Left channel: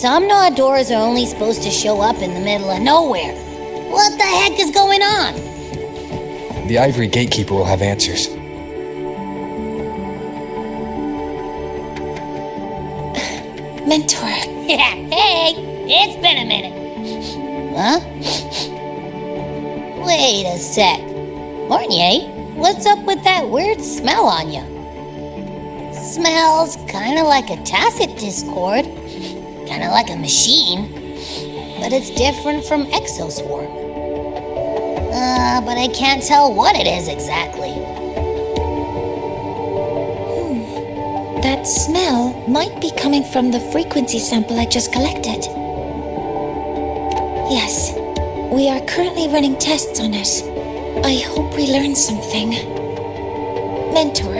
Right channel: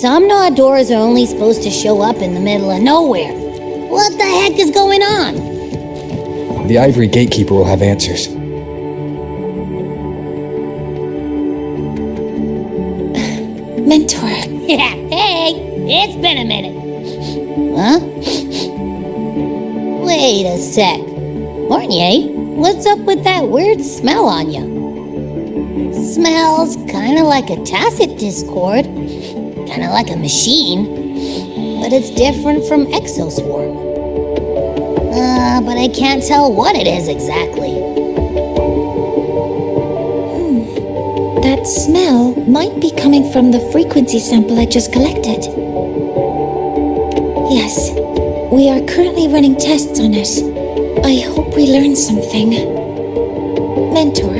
Somnoire doors are only supposed to show up in the middle of nowhere. What the heck is going on? The Ivory Gatekeeper will have answers. Mentor. Yeah, hey, it's been a minute. Huh? Wait a sec. Mornier, what's up with that weird smell on you? Smells kinda like a tacit discord. Kinda like a machine. But it's different from Exoswarm. But I can't tell what it is exactly. That smell might be coming from the frequency sample I just collected. Yes, we are currently running tests on it. I hope we learn something. Mentor,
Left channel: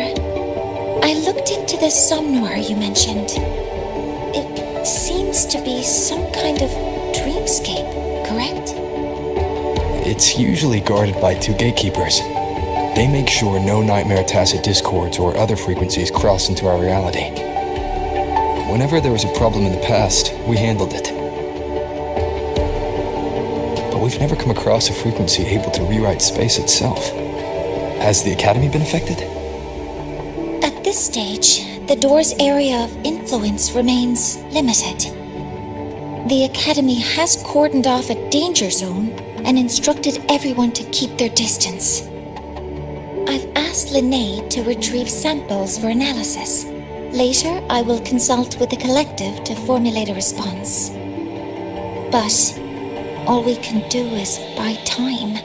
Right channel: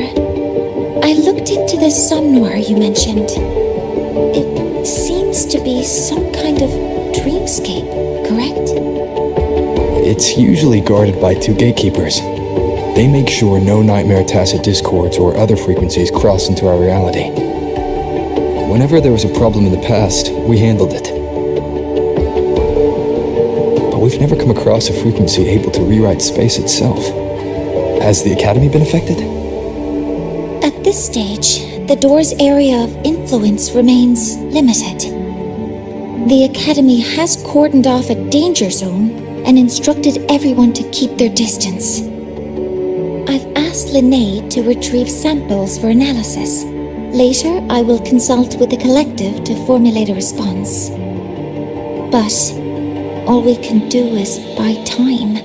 I looked into the Somnoire you mentioned. It seems to be some kind of dreamscape, correct? It's usually guarded by 2 gatekeepers. They make sure no nightmare tacit discords or other frequencies cross into our reality. Whenever there was a problem in the past, we handled it. But we've never come across a frequency able to rewrite space itself. Has the Academy been affected? At this stage, the door's area of influence remains limited. The Academy has cordoned off a danger zone and instructed everyone to keep their distance. I've asked Linnae to retrieve samples for analysis. Later, I will consult with the collective to formulate a response. But all we can do is buy time.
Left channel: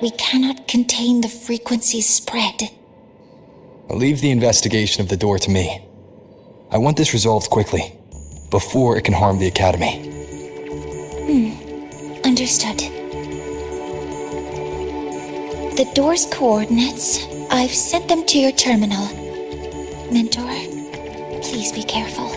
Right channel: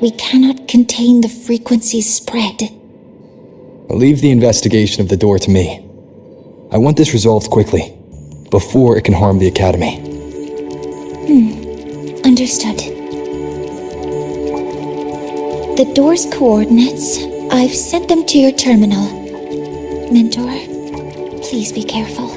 We cannot contain the frequency's spread. I'll leave the investigation of the door to me. I want this resolved quickly, before it can harm the Academy. Understood. The door's coordinates, I've sent them to your terminal. Mentor, please be careful.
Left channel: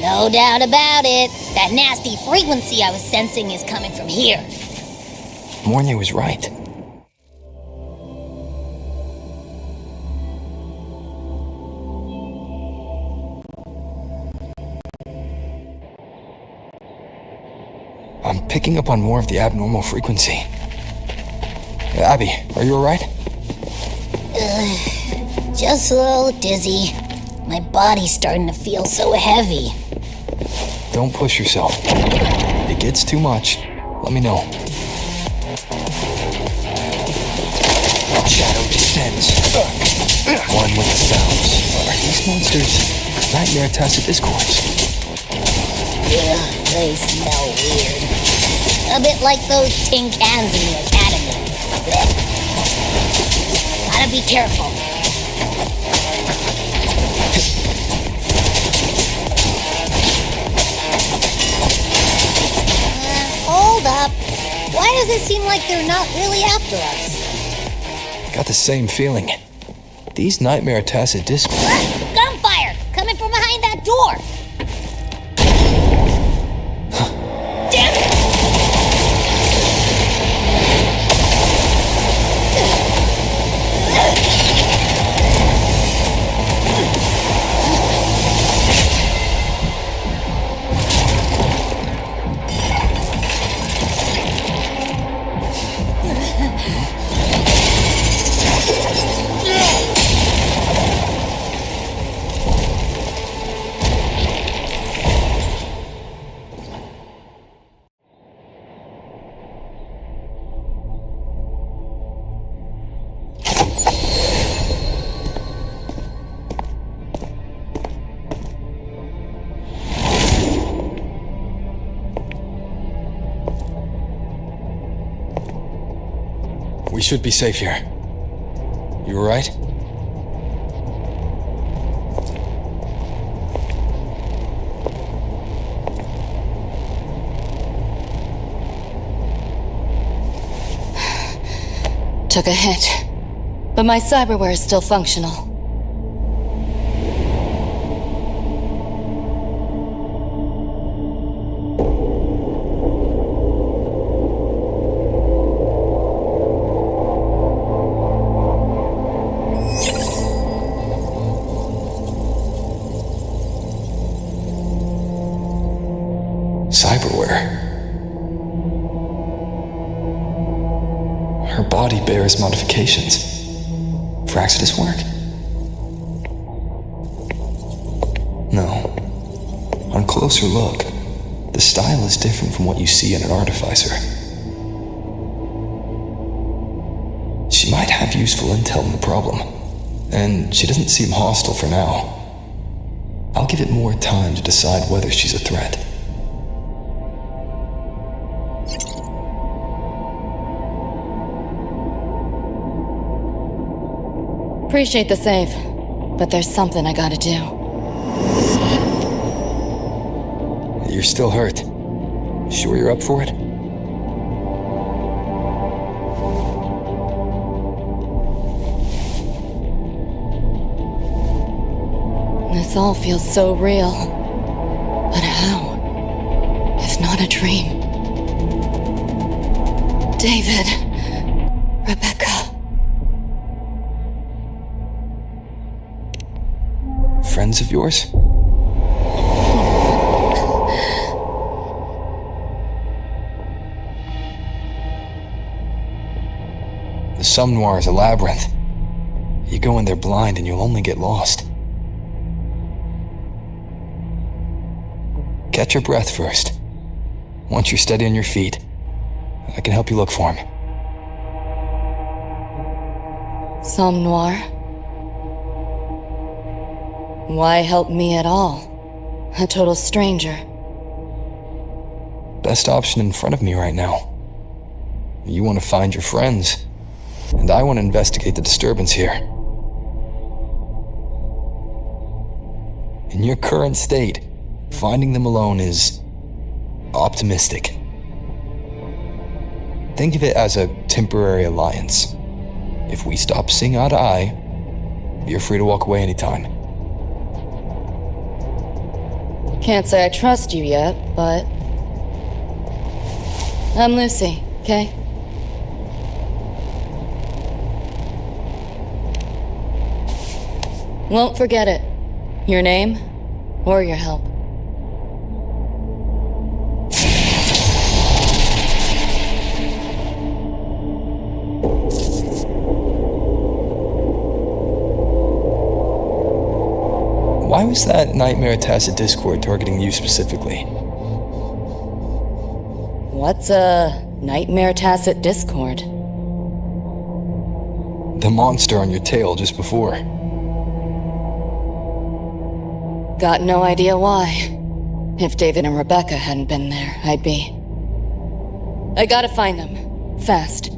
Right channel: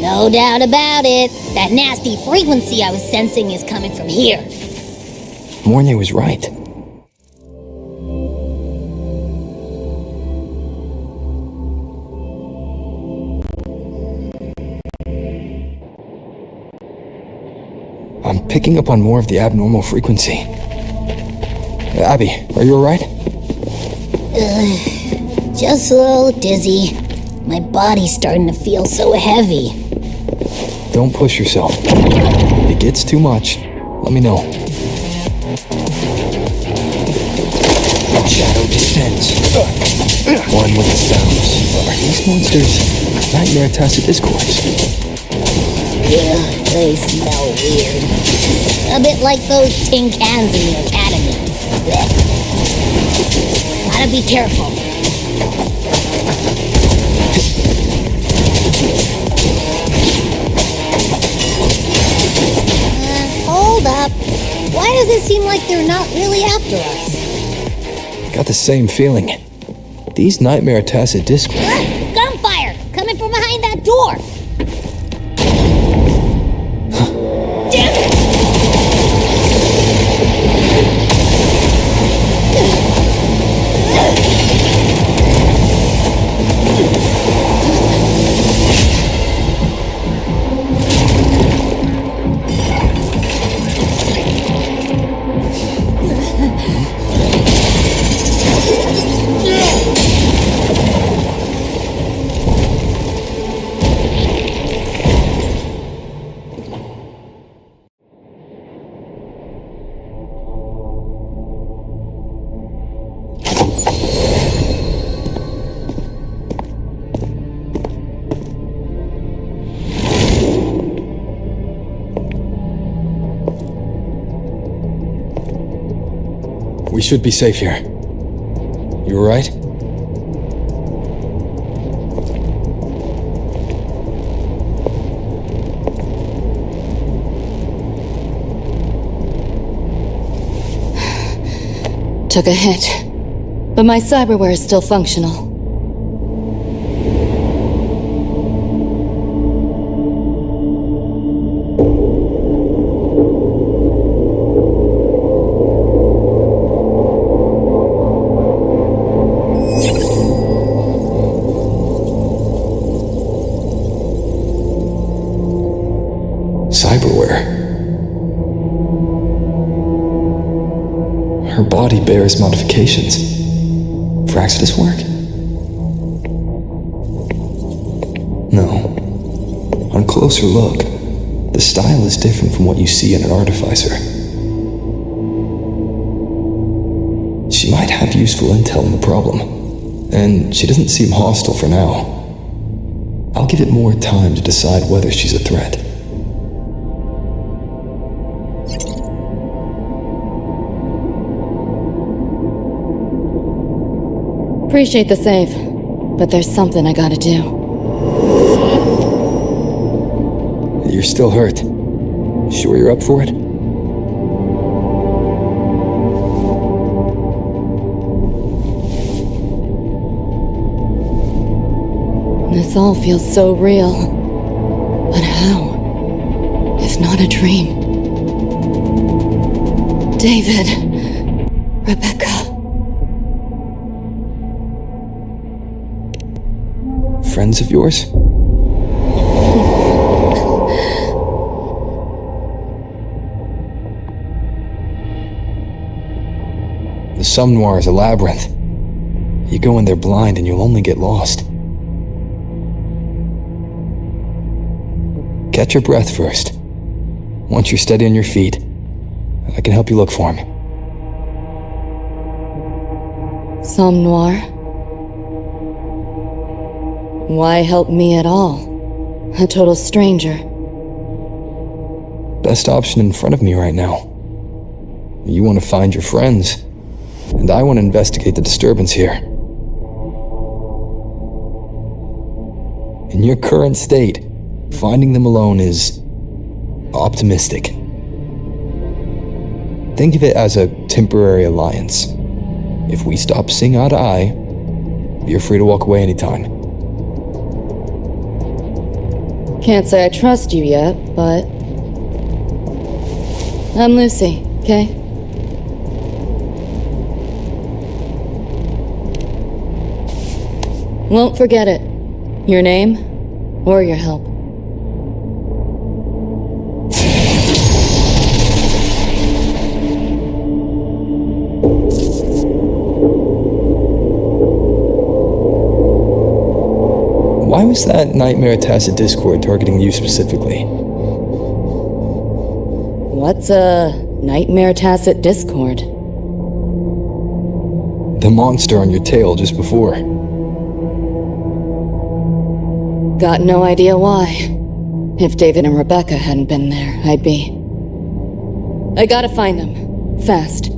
No doubt about it. That nasty frequency I was sensing is coming from here. Mornay was right. I'm picking up on more of the abnormal frequency. Abby, are you alright? Just a little dizzy. My body's starting to feel so heavy. Don't push yourself. If it gets too much, let me know. Shadow descends. One with the sounds. Are these monsters nightmare tacit discords? Yeah, they smell weird. A bit like those tin cans in the Academy. Blech. Gotta be careful. Hold up. Why does it seem like they're not really after us? Got the same feeling. These Nightmare Tacit Discords... Gunfire! Coming from behind that door! Damn it! We should be safe here. You alright? Took a hit, but my cyberware is still functional. Cyberware. Her body bears modifications. For Exodus work? No. On closer look, the style is different from what you see in an artificer. She might have useful intel on the problem, and she doesn't seem hostile for now. I'll give it more time to decide whether she's a threat. Appreciate the save, but there's something I gotta do. You're still hurt. Sure you're up for it? This all feels so real. But how? If not a dream? David. Rebecca. Friends of yours? The Somnoire is a labyrinth. You go in there blind and you'll only get lost. Catch your breath first. Once you're steady on your feet, I can help you look for him. Somnoire? Why help me at all? A total stranger. Best option in front of me right now. You want to find your friends, and I want to investigate the disturbance here. In your current state, finding them alone is optimistic. Think of it as a temporary alliance. If we stop seeing eye to eye, you're free to walk away anytime. Can't say I trust you yet, but... I'm Lucy, okay? Won't forget it. Your name, or your help. Why was that Nightmare Tacit Discord targeting you specifically? What's a Nightmare Tacit Discord? The monster on your tail just before. Got no idea why. If David and Rebecca hadn't been there, I'd be... I gotta find them. Fast.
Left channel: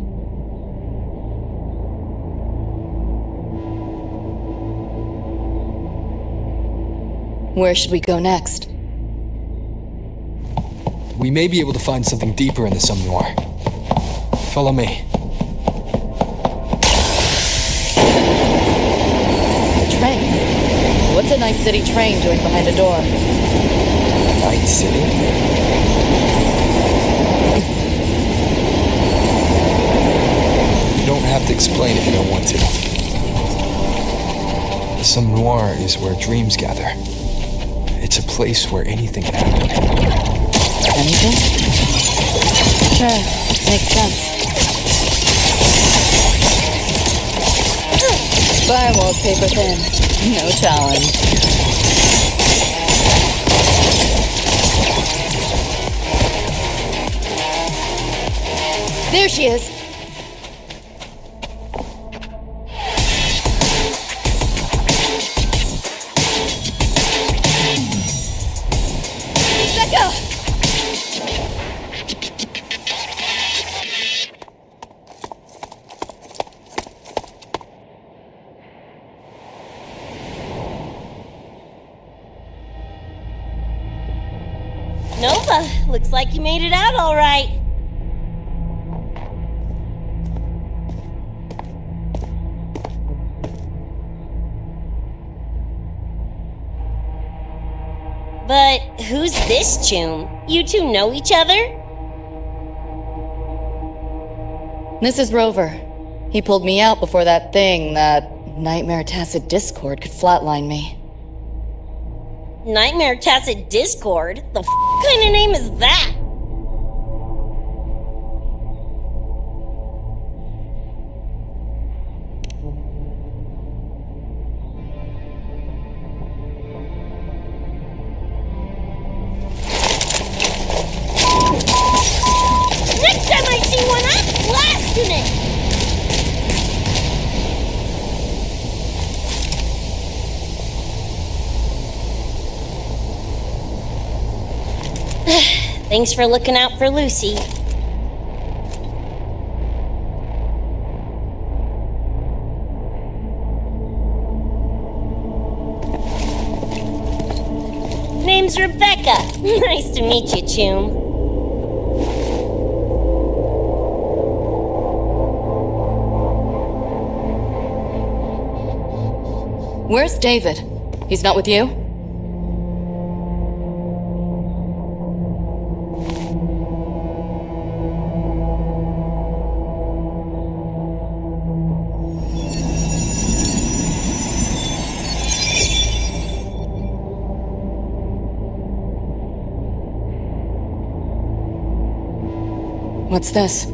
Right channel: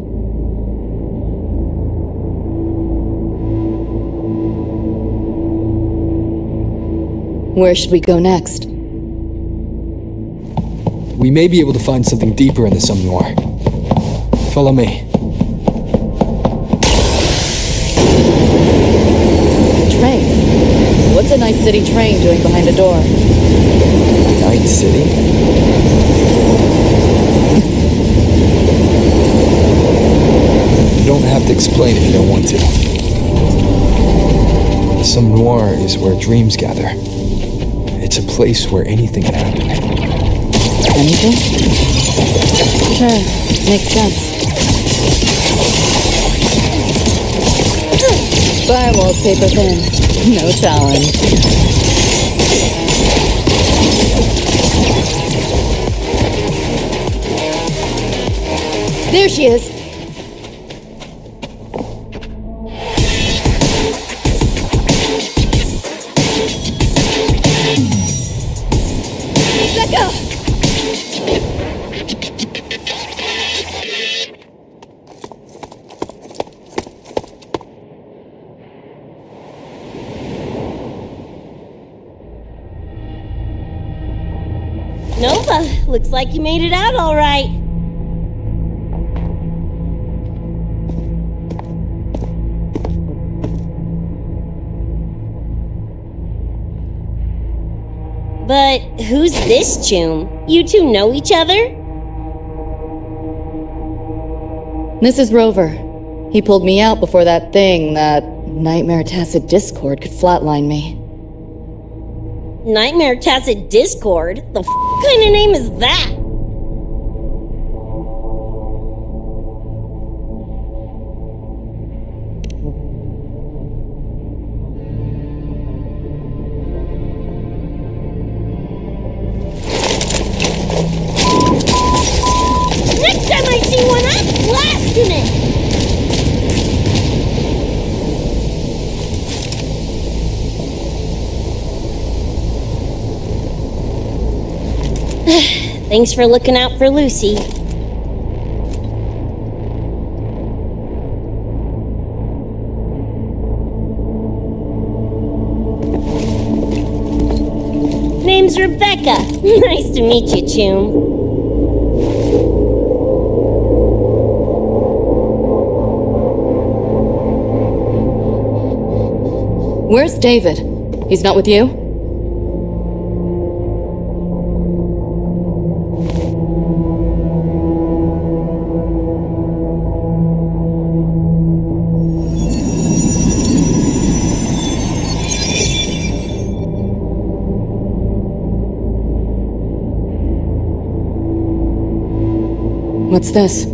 Where should we go next? We may be able to find something deeper in the Somnoire. Follow me. The train. What's a Night City train doing behind a door? Night City? You don't have to explain if you don't want to. The Somnoire is where dreams gather. It's a place where anything can happen. Anything? Sure, makes sense. Firewall's paper thin. No challenge. There she is! Becca! Nova, looks like you made it out all right. But who's this Choom? You two know each other? This is Rover. He pulled me out before that Nightmare Tacit Discord could flatline me. Nightmare Tacit Discord? The kind of name is that? Next time I see one, I'm blasting it! Thanks for looking out for Lucy. Name's Rebecca. Nice to meet you, Choom. Where's David? He's not with you? What's this?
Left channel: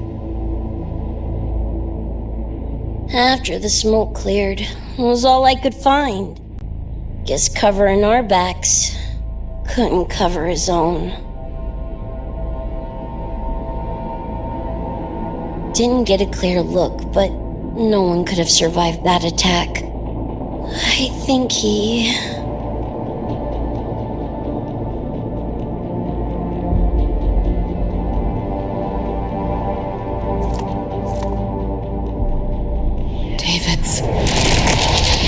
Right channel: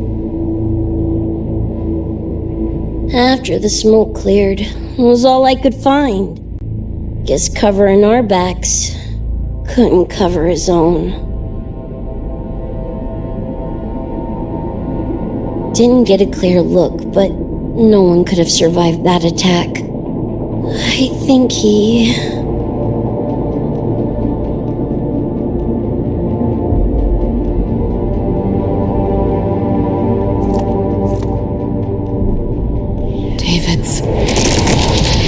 After the smoke cleared, it was all I could find. Guess covering our backs couldn't cover his own. Didn't get a clear look, but no one could have survived that attack. I think he... David's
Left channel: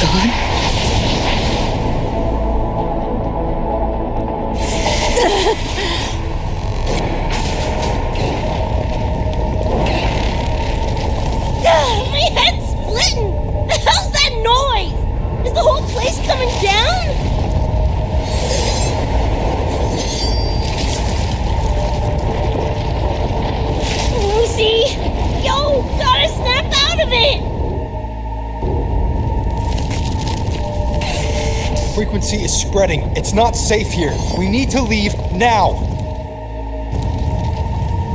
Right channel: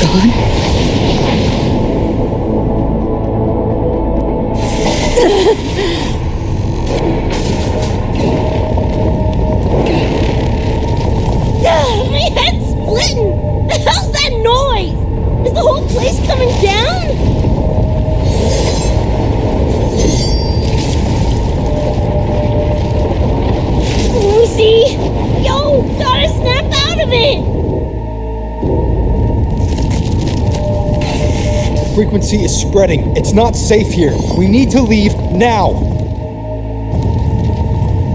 gone? My head's splitting! The hell's that noise? Is the whole place coming down? Lucy! Yo, gotta snap out of it! Frequency is spreading. It's not safe here. We need to leave now.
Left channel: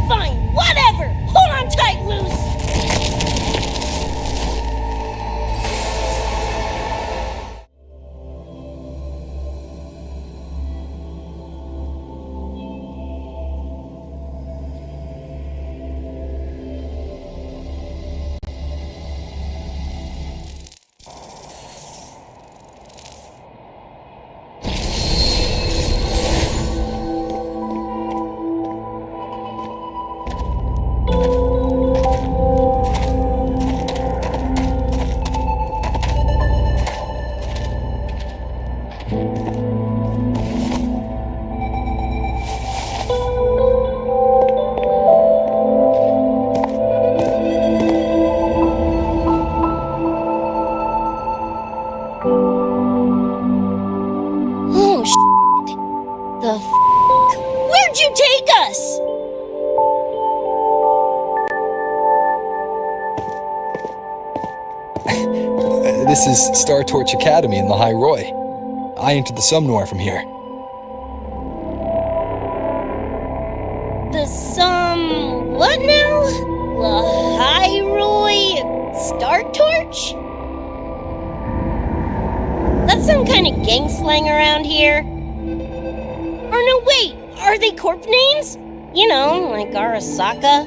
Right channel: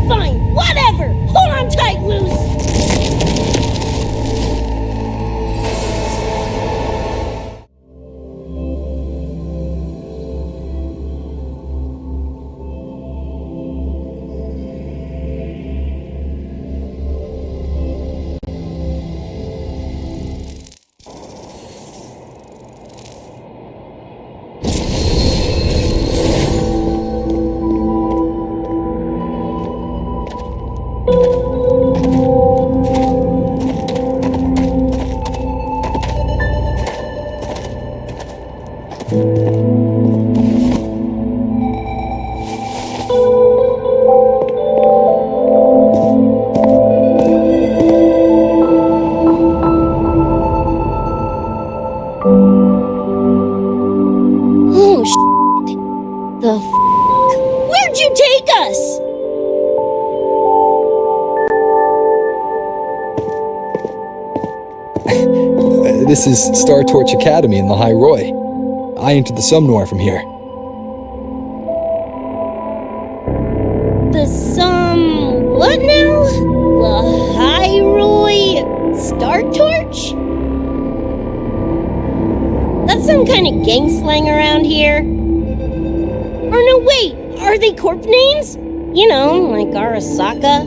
Fine, whatever! Hold on tight, Luce! The f***? Where'd you take us? This is Star Torch Academy in the High Roy. I entered the Somnoire from here. The what now? The High Roy Star Torch? That's some kind of gang slang around here. Or no, wait, are they corp names? You know, like Arasaka.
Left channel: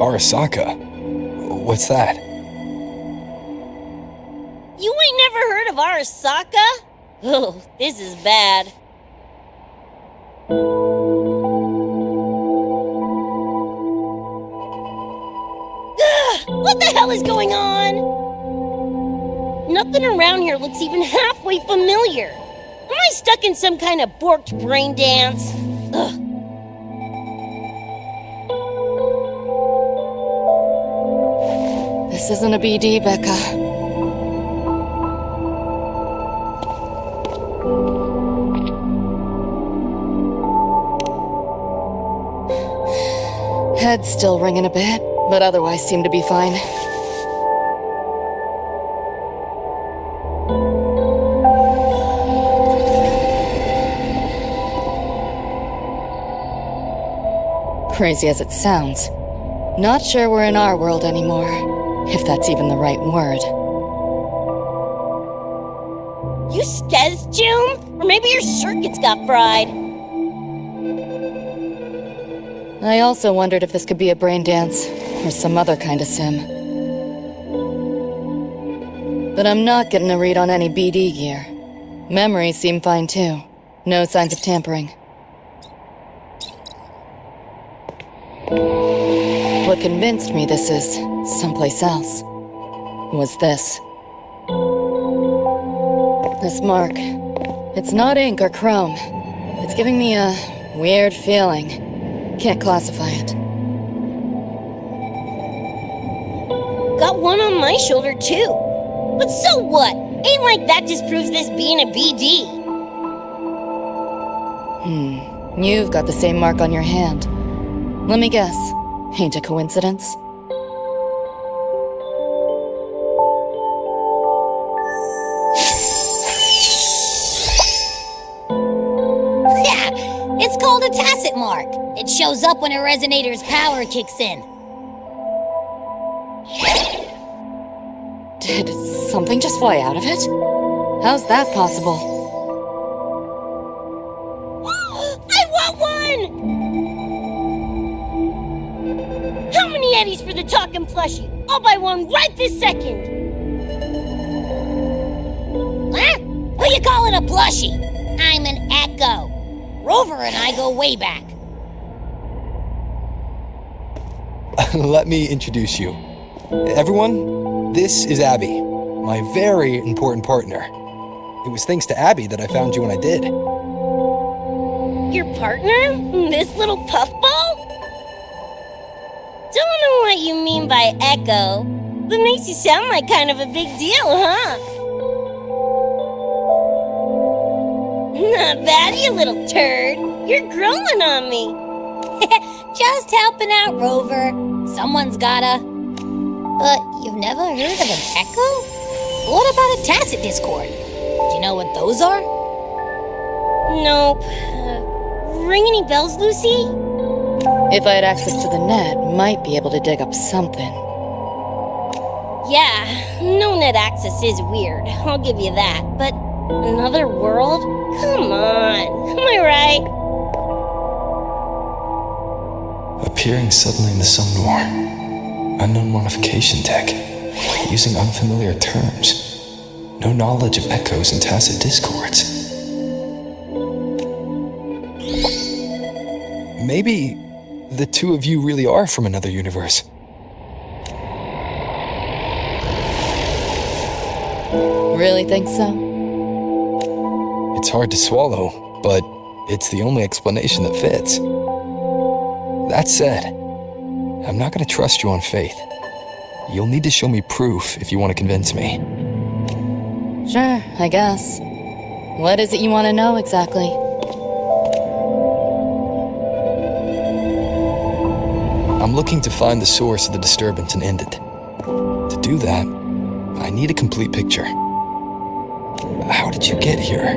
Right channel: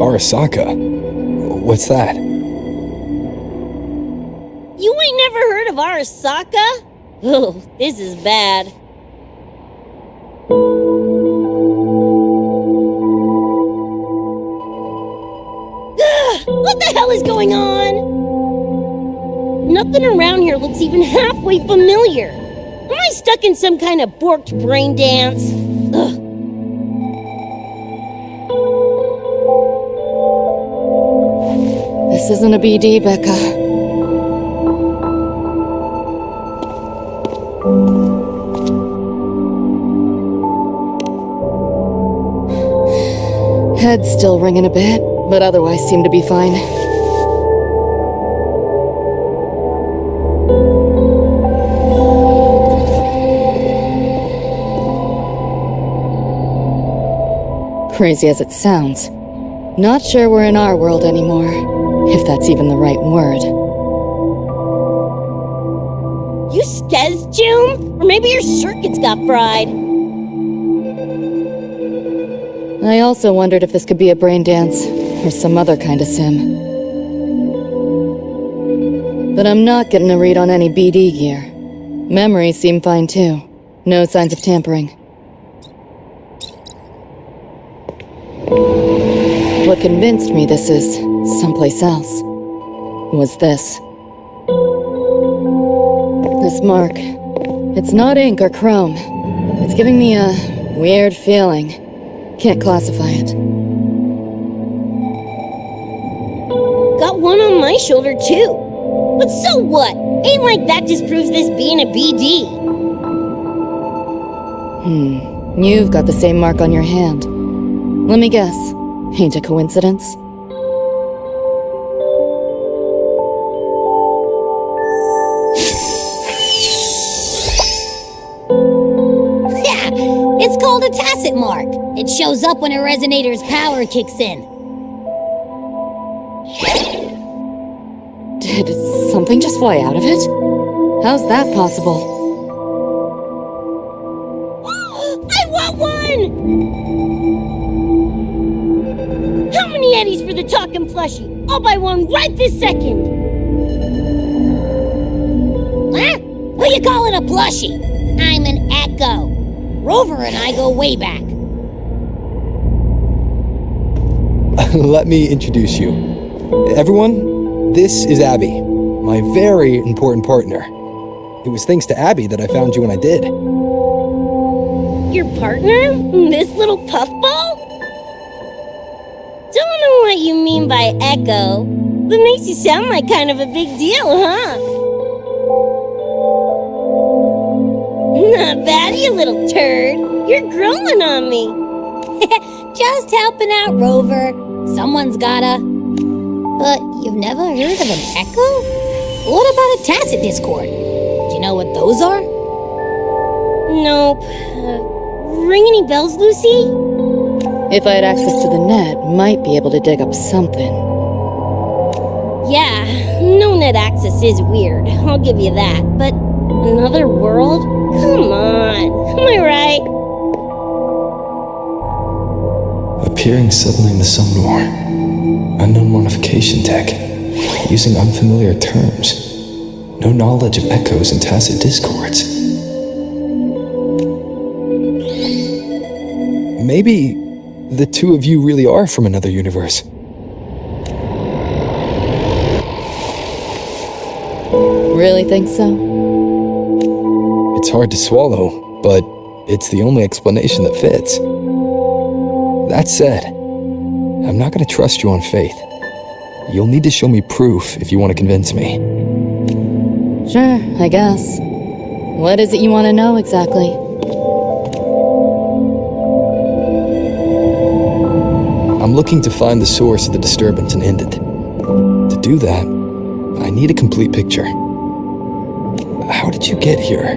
Arasaka? What's that? You ain't never heard of Arasaka? Oh, this is bad. What the hell is going on? Nothing around here looks even halfway familiar. Am I stuck in some kind of borked brain dance? Ugh. This isn't a BD, Becca. Head's still ringing a bit, but otherwise seem to be fine. Crazy as it sounds, not sure we're in our world anymore, if that's even the right word. You skez, Choom? Or maybe your circuits got fried. I also wondered if this could be a brain dance, or some other kind of sim. But I'm not getting a read on any BD gear. Memories seem fine too. No signs of tampering. What convinced me this is someplace else was this. This mark. It's not ink or chrome. It's giving me a weird feeling. Can't classify it. Got one on my shoulder too. But so what? Ain't like that disproves this being a BD. You've got the same mark on your hand. Let me guess. Ain't a coincidence? Yeah, it's called a tacit mark. It shows up when a resonator's power kicks in. Did something just fly out of it? How's that possible? I want one! How many eddies for the talking plushie? I'll buy one right this second! Huh? Who you calling a plushie? I'm an Echo. Rover and I go way back. Let me introduce you. Everyone, this is Abby, my very important partner. It was thanks to Abby that I found you when I did. Your partner? This little puffball? Don't know what you mean by Echo, but makes you sound like kind of a big deal, huh? Not bad, you little turd. You're growing on me. Just helping out, Rover. Someone's gotta. But you've never heard of an Echo? What about a tacit discord? Do you know what those are? Nope. Ring any bells, Lucy? If I had access to the net, might be able to dig up something. Yeah, no net access is weird. I'll give you that. But another world? Come on. Am I right? Appearing suddenly in the Somnoire. Unknown modification tech. Using unfamiliar terms. No knowledge of echoes and tacit discords. Maybe the two of you really are from another universe. Really think so? It's hard to swallow, but it's the only explanation that fits. That said, I'm not going to trust you on faith. You'll need to show me proof if you want to convince me. Sure, I guess. What is it you want to know exactly? I'm looking to find the source of the disturbance and end it. To do that, I need a complete picture. How did you get here?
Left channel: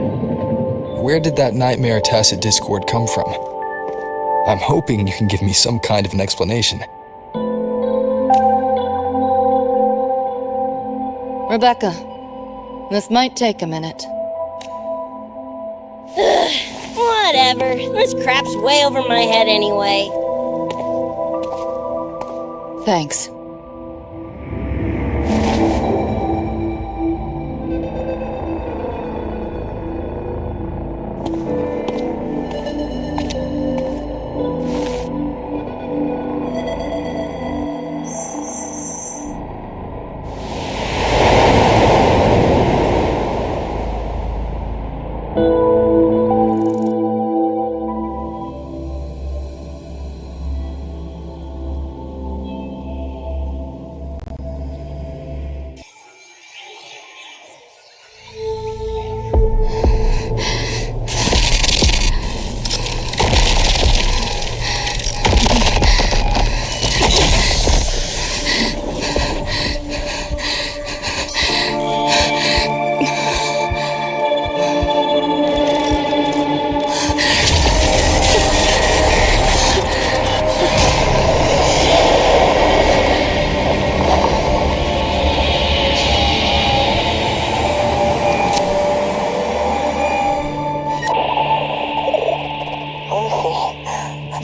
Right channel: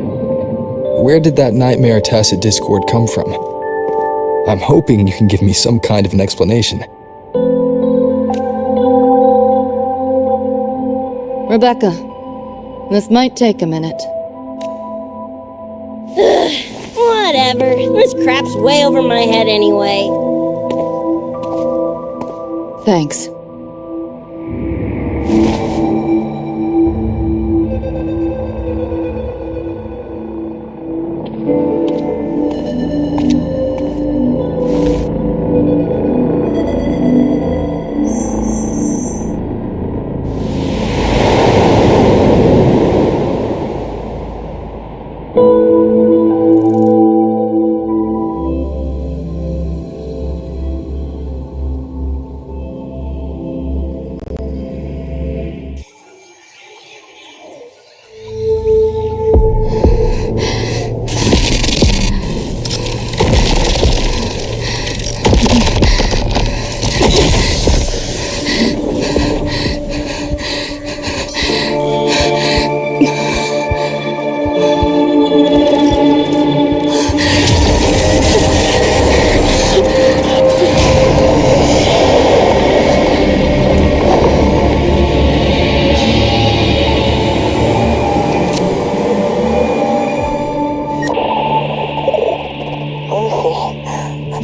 Where did that nightmare tacit discord come from? I'm hoping you can give me some kind of an explanation. Rebecca, this might take a minute. Whatever. This crap's way over my head anyway. Thanks.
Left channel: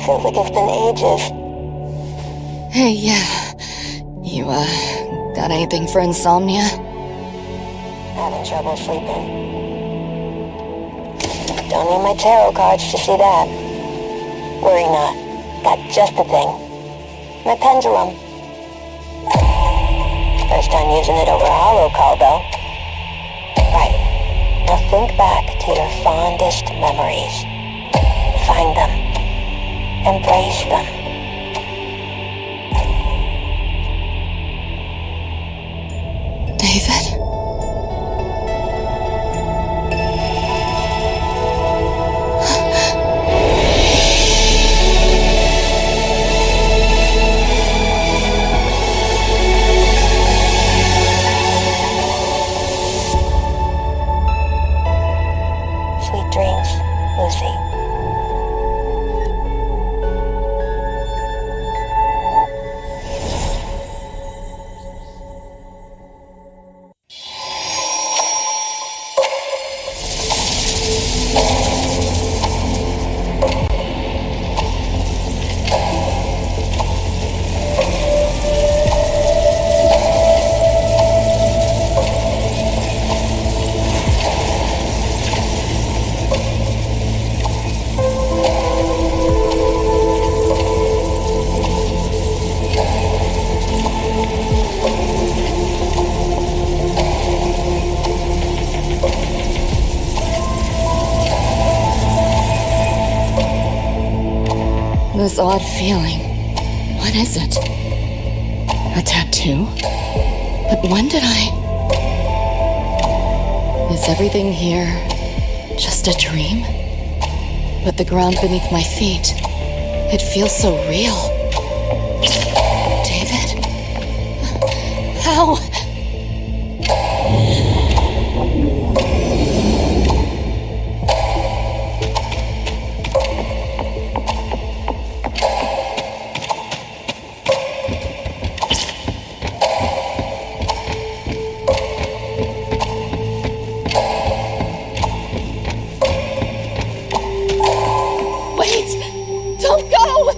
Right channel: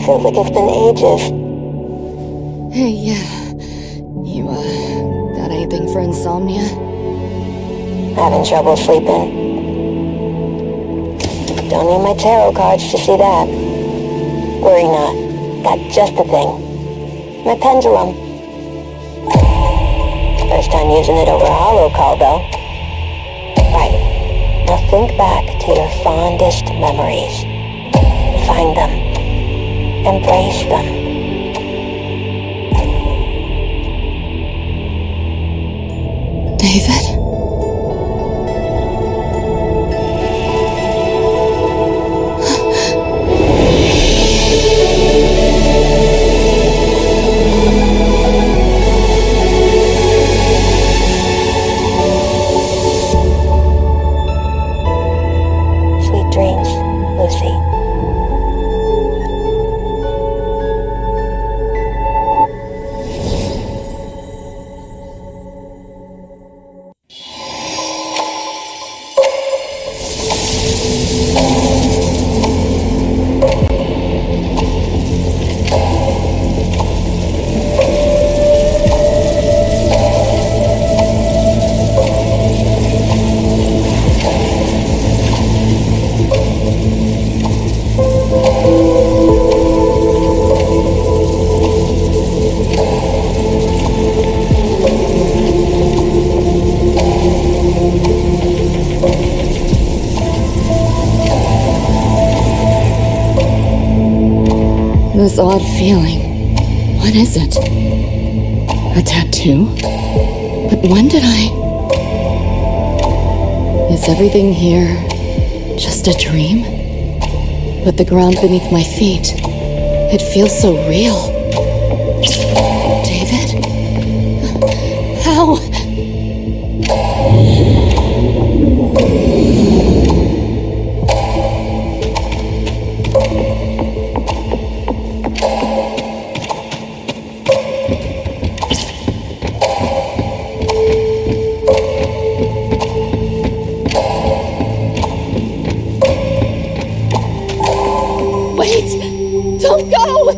Feels like it's been ages. Hey, yeah. You, got anything for insomnia? Having trouble sleeping. Don't need my tarot cards to see that. Worry not. Got just the thing. My pendulum. First time using it over holocall, though. Right. Now think back to your fondest memories. Find them. Embrace them. David? Sweet dreams, Lucy. This odd feeling. What is it? A tattoo? But when did I... Is everything here just a dream? But the ground beneath my feet, it feels so real. David? How? Don't go!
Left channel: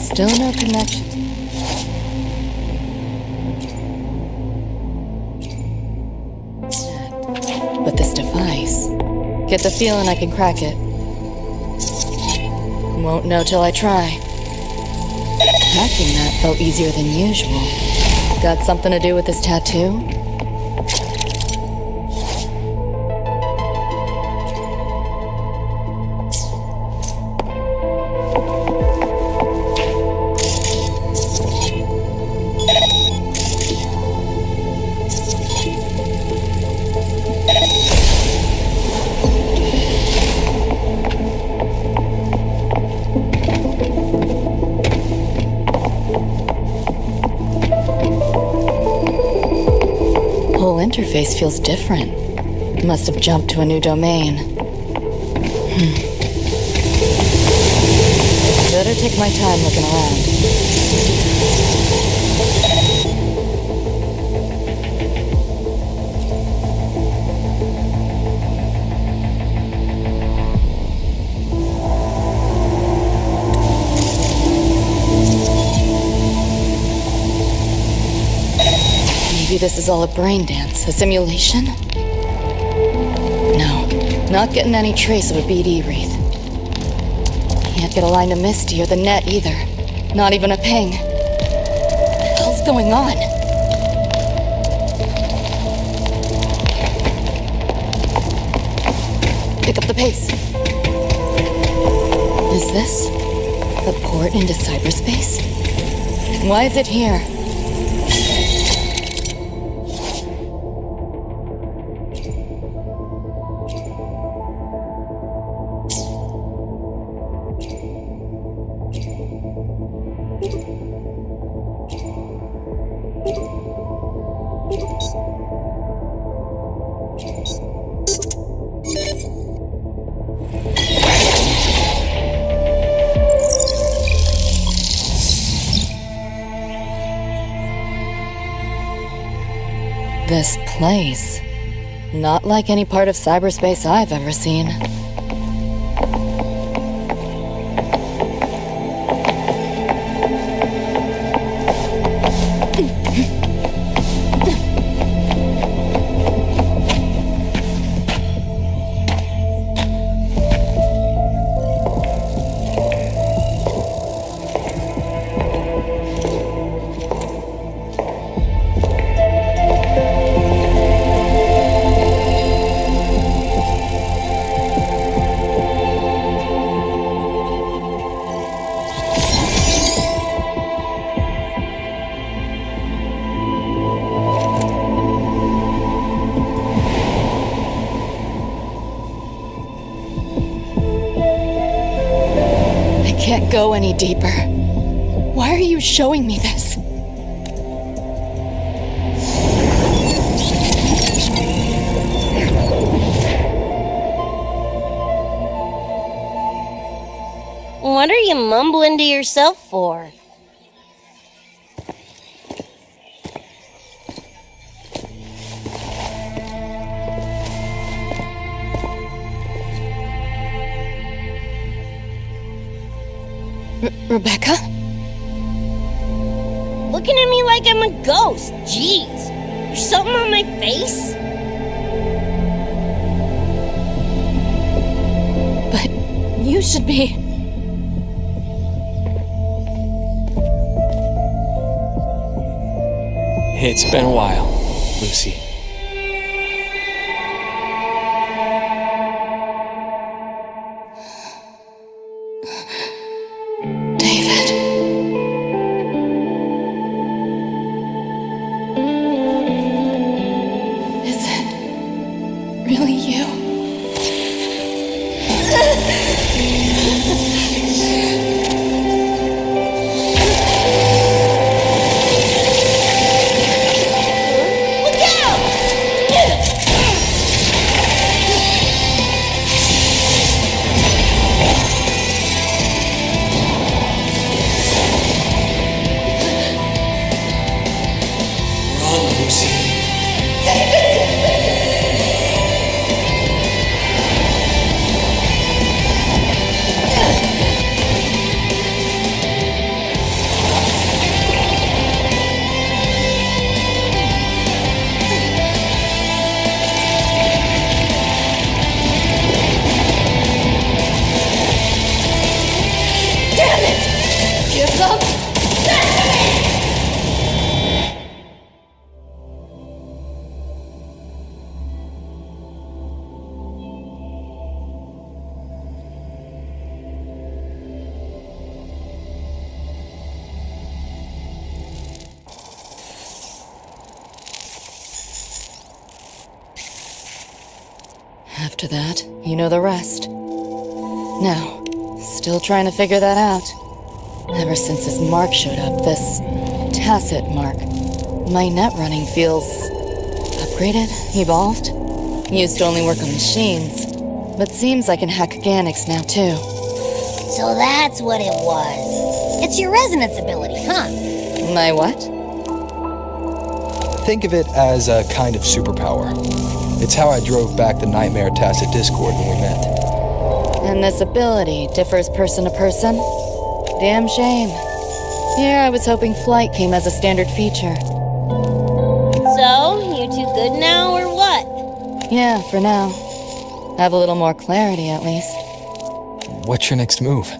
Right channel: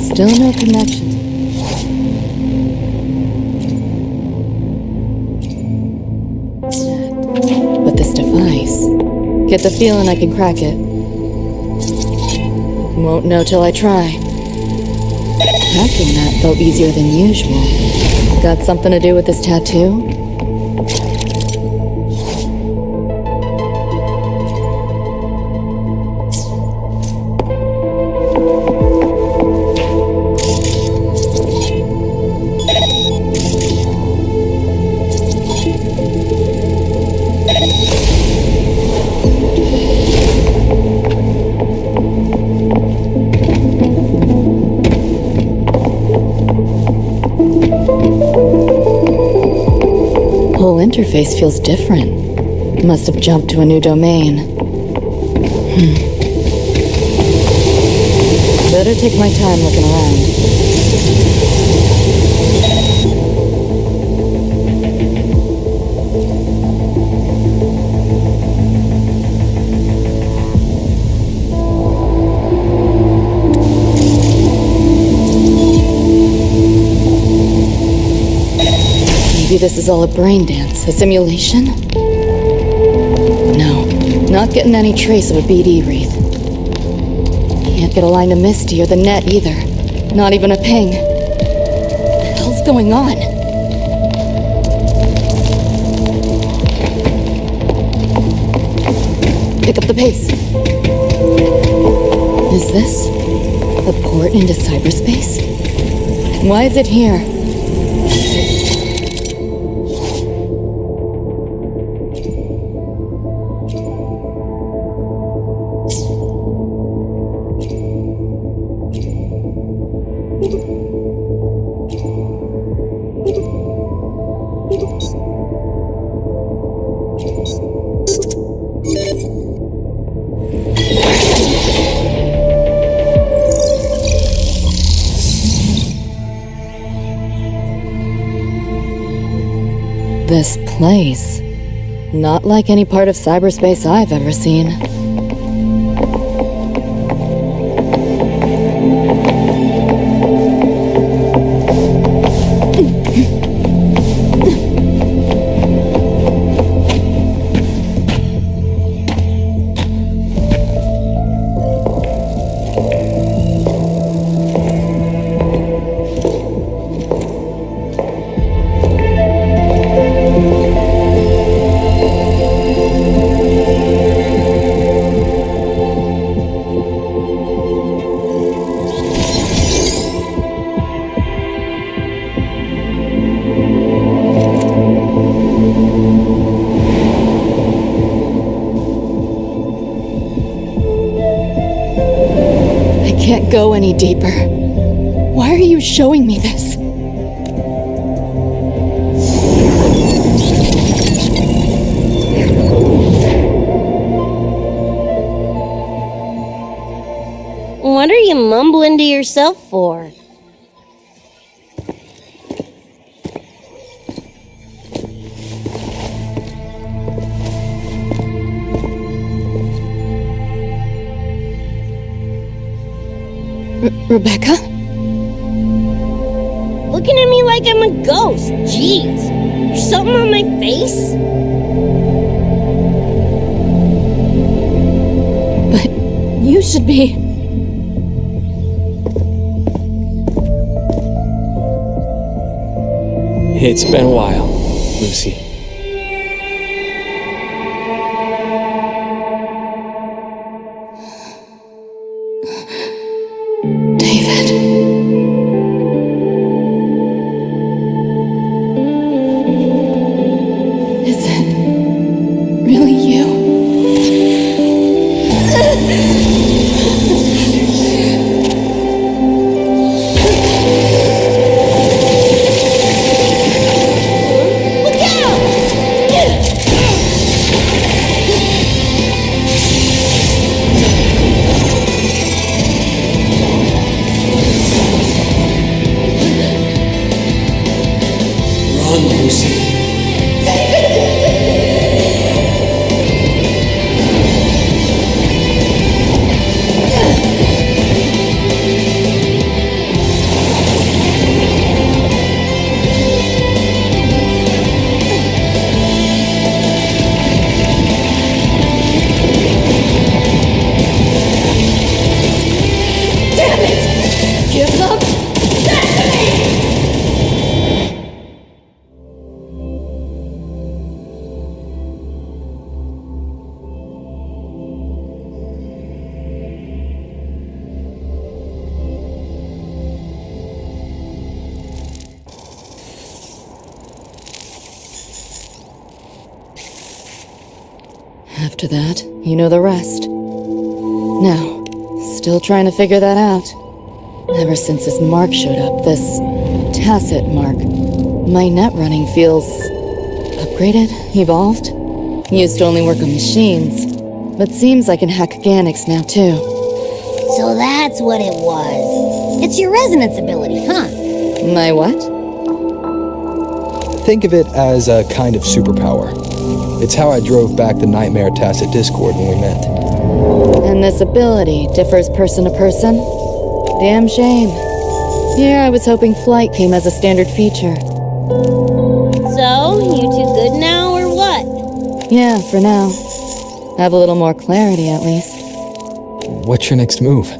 Still no connection. With this device, get the feeling I can crack it. Won't know till I try. Cracking that felt easier than usual. Got something to do with this tattoo? interface feels different. Must have jumped to a new domain. Better take my time looking around. Maybe this is all a brain dance, a simulation? No, not getting any trace of a BD wreath. Can't get a line to Misty or the net either. Not even a ping. What the hell's going on? Pick up the pace. Is this the port into cyberspace? Why is it here? This place. Not like any part of cyberspace I've ever seen. Can't go any deeper. Why are you showing me this? What are you mumbling to yourself for? Rebecca? Looking at me like I'm a ghost. Jeez. There's something on my face? But you should be... It's been a while, Lucy. After that, you know the rest. Now, still trying to figure that out. Ever since this mark showed up, this tacit mark, my net running feels Upgraded? Evolved? Used to only work on machines, but seems I can hack organics now too. So that's what it was. It's your resonance ability, huh? My what? Think of it as a kind of superpower. It's how I drove back the Nightmare Tacit Discord when we met. And this ability differs person to person? Damn shame. Here I was hoping flight came as a standard feature. So, you two good now, or what? Yeah, for now. Have a little more clarity, at least. What's your next move?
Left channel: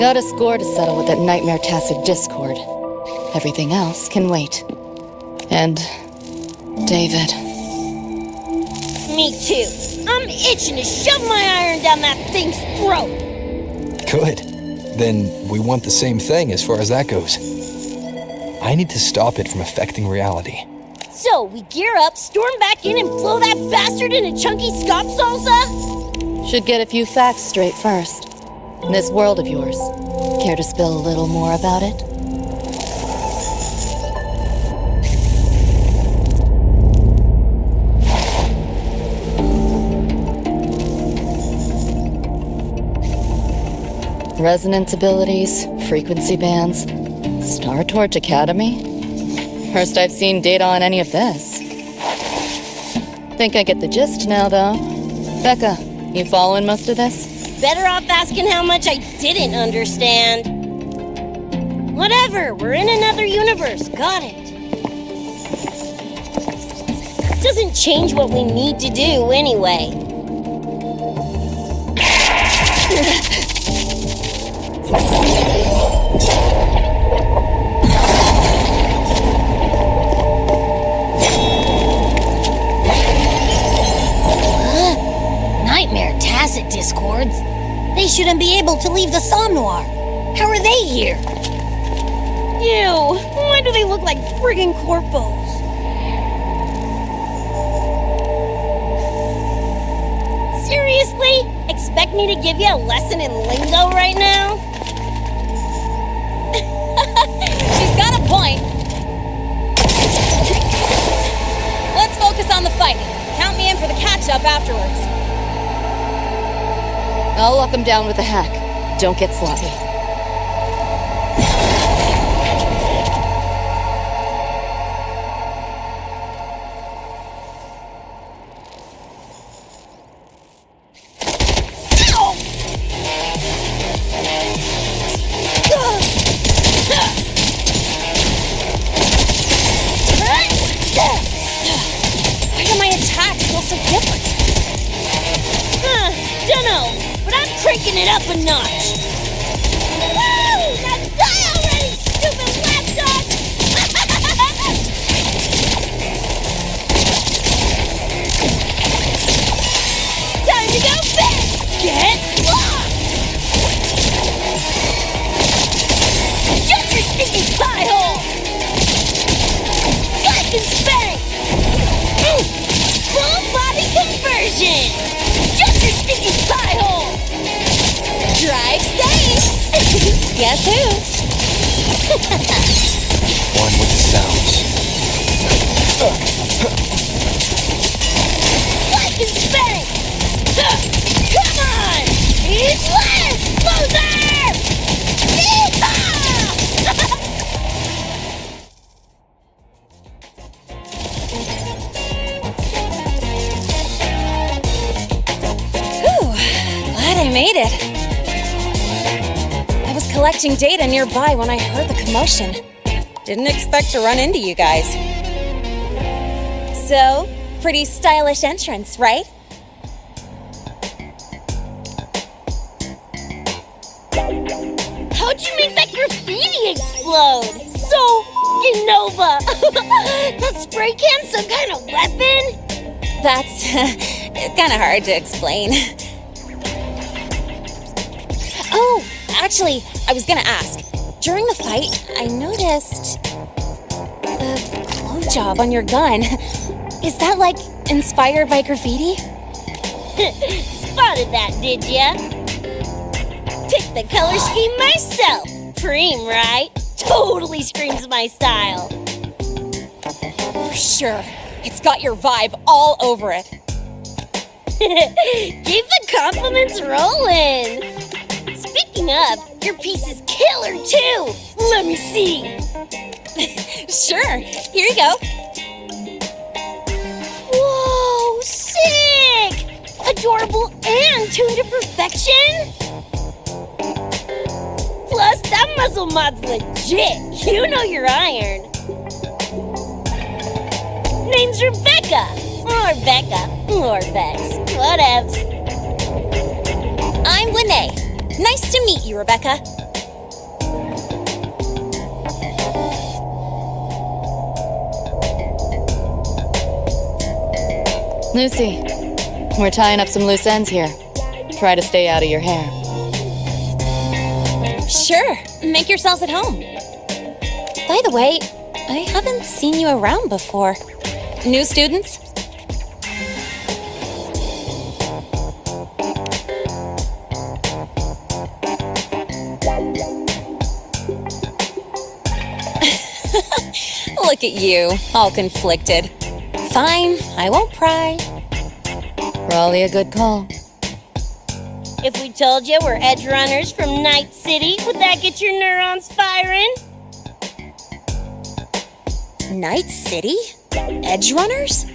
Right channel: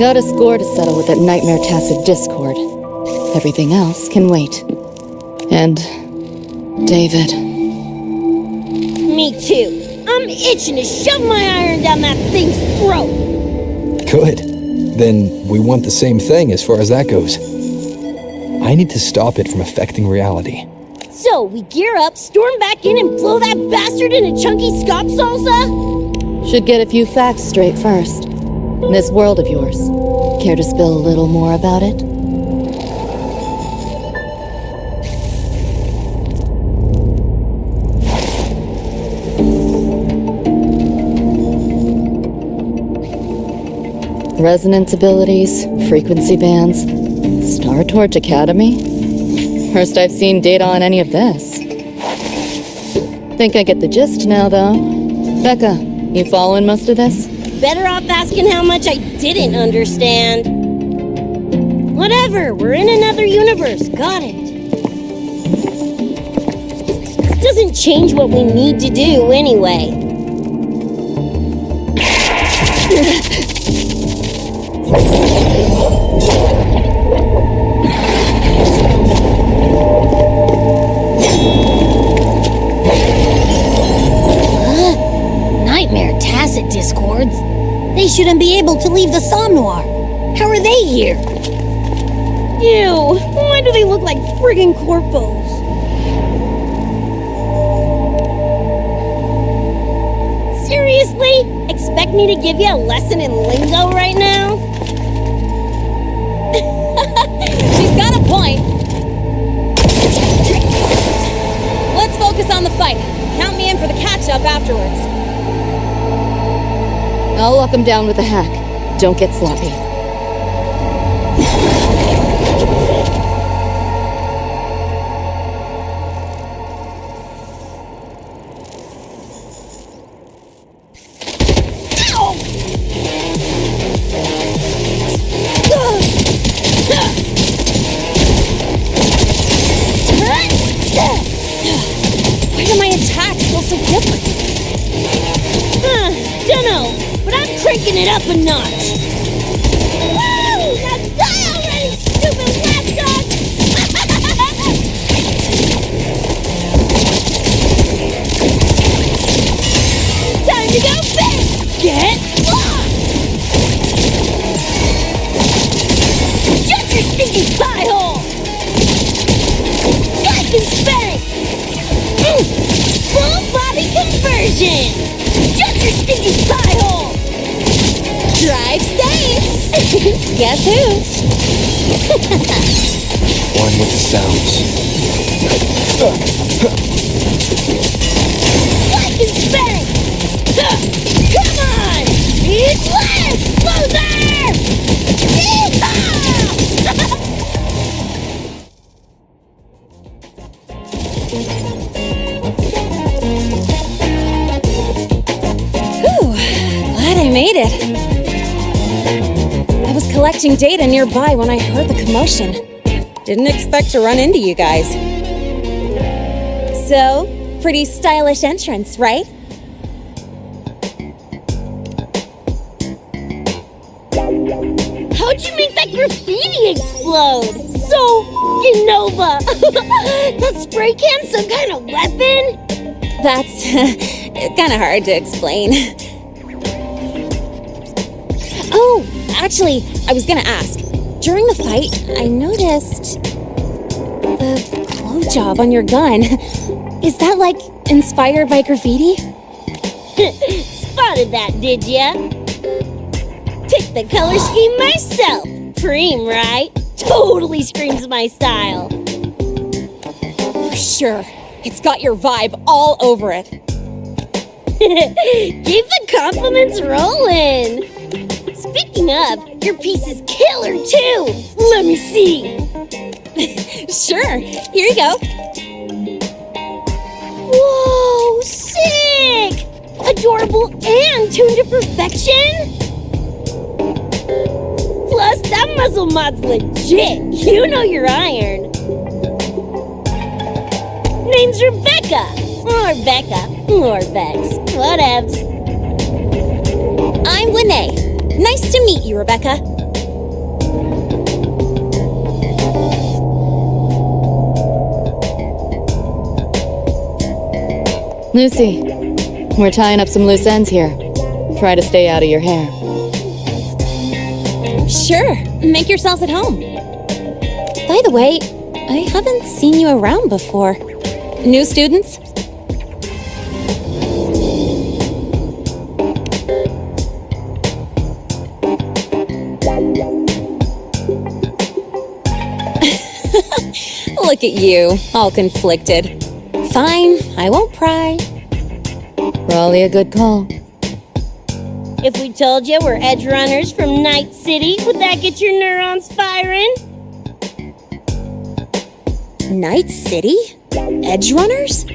Got a score to settle with that Nightmare Tacit Discord. Everything else can wait. And... David. Me too. I'm itching to shove my iron down that thing's throat. Good. Then we want the same thing as far as that goes. I need to stop it from affecting reality. So, we gear up, storm back in, and blow that bastard into chunky scop salsa? Should get a few facts straight first. This world of yours. Care to spill a little more about it? Resonance abilities, frequency bands, Star Torch Academy? First I've seen data on any of this. Think I get the gist now, though. Becca, you following most of this? Better off asking how much I didn't understand. Whatever, we're in another universe, got it. Doesn't change what we need to do anyway. Nightmare Tacit Discords? They shouldn't be able to leave the Somnoire. How are they here? Ew, why do they look like friggin' corpos? Seriously? Expect me to give you a lesson in lingo right now? She's got a point. Let's focus on the fight. Count me in for the catch-up afterwards. I'll lock him down with a hack. Don't get sloppy. Why do my attacks feel so different? Dunno, but I'm cranking it up a notch. Woo! Now die already, stupid lapdog! Time to go big! Get lost! Shut your stinking pie hole! Spike and spank! Full body conversion! Shut your stinking pie hole! Drive safe! Guess who? One with the sounds. Spike and spank! Come on! Eat less, loser! Yeehaw! Glad I made it. I was collecting data nearby when I heard the commotion. Didn't expect to run into you guys. So, pretty stylish entrance, right? How'd you make that graffiti explode? So Nova! That spray can some kind of weapon? That's kind of hard to explain. Oh, actually, I was gonna ask. During the fight, I noticed the glow job on your gun. Is that, like, inspired by graffiti? Spotted that, did ya? Picked the color scheme myself. Preem, right? Totally screams my style. Sure. It's got your vibe all over it. Keep the compliments rolling. Speaking of, your piece is killer too. Let me see. Sure. Here you go. Whoa, sick! Adorable and tuned to perfection. Plus, that muzzle mod's legit. You know your iron. Name's Rebecca. Or Becca. Or Bex. Whatevs. I'm Lene. Nice to meet you, Rebecca. Lucy, we're tying up some loose ends here. Try to stay out of your hair. Sure. Make yourselves at home. By the way, I haven't seen you around before. New students? Look at you, all conflicted. Fine, I won't pry. Probably a good call. If we told you we're Edgerunners from Night City, would that get your neurons firing? Night City? Edgerunners?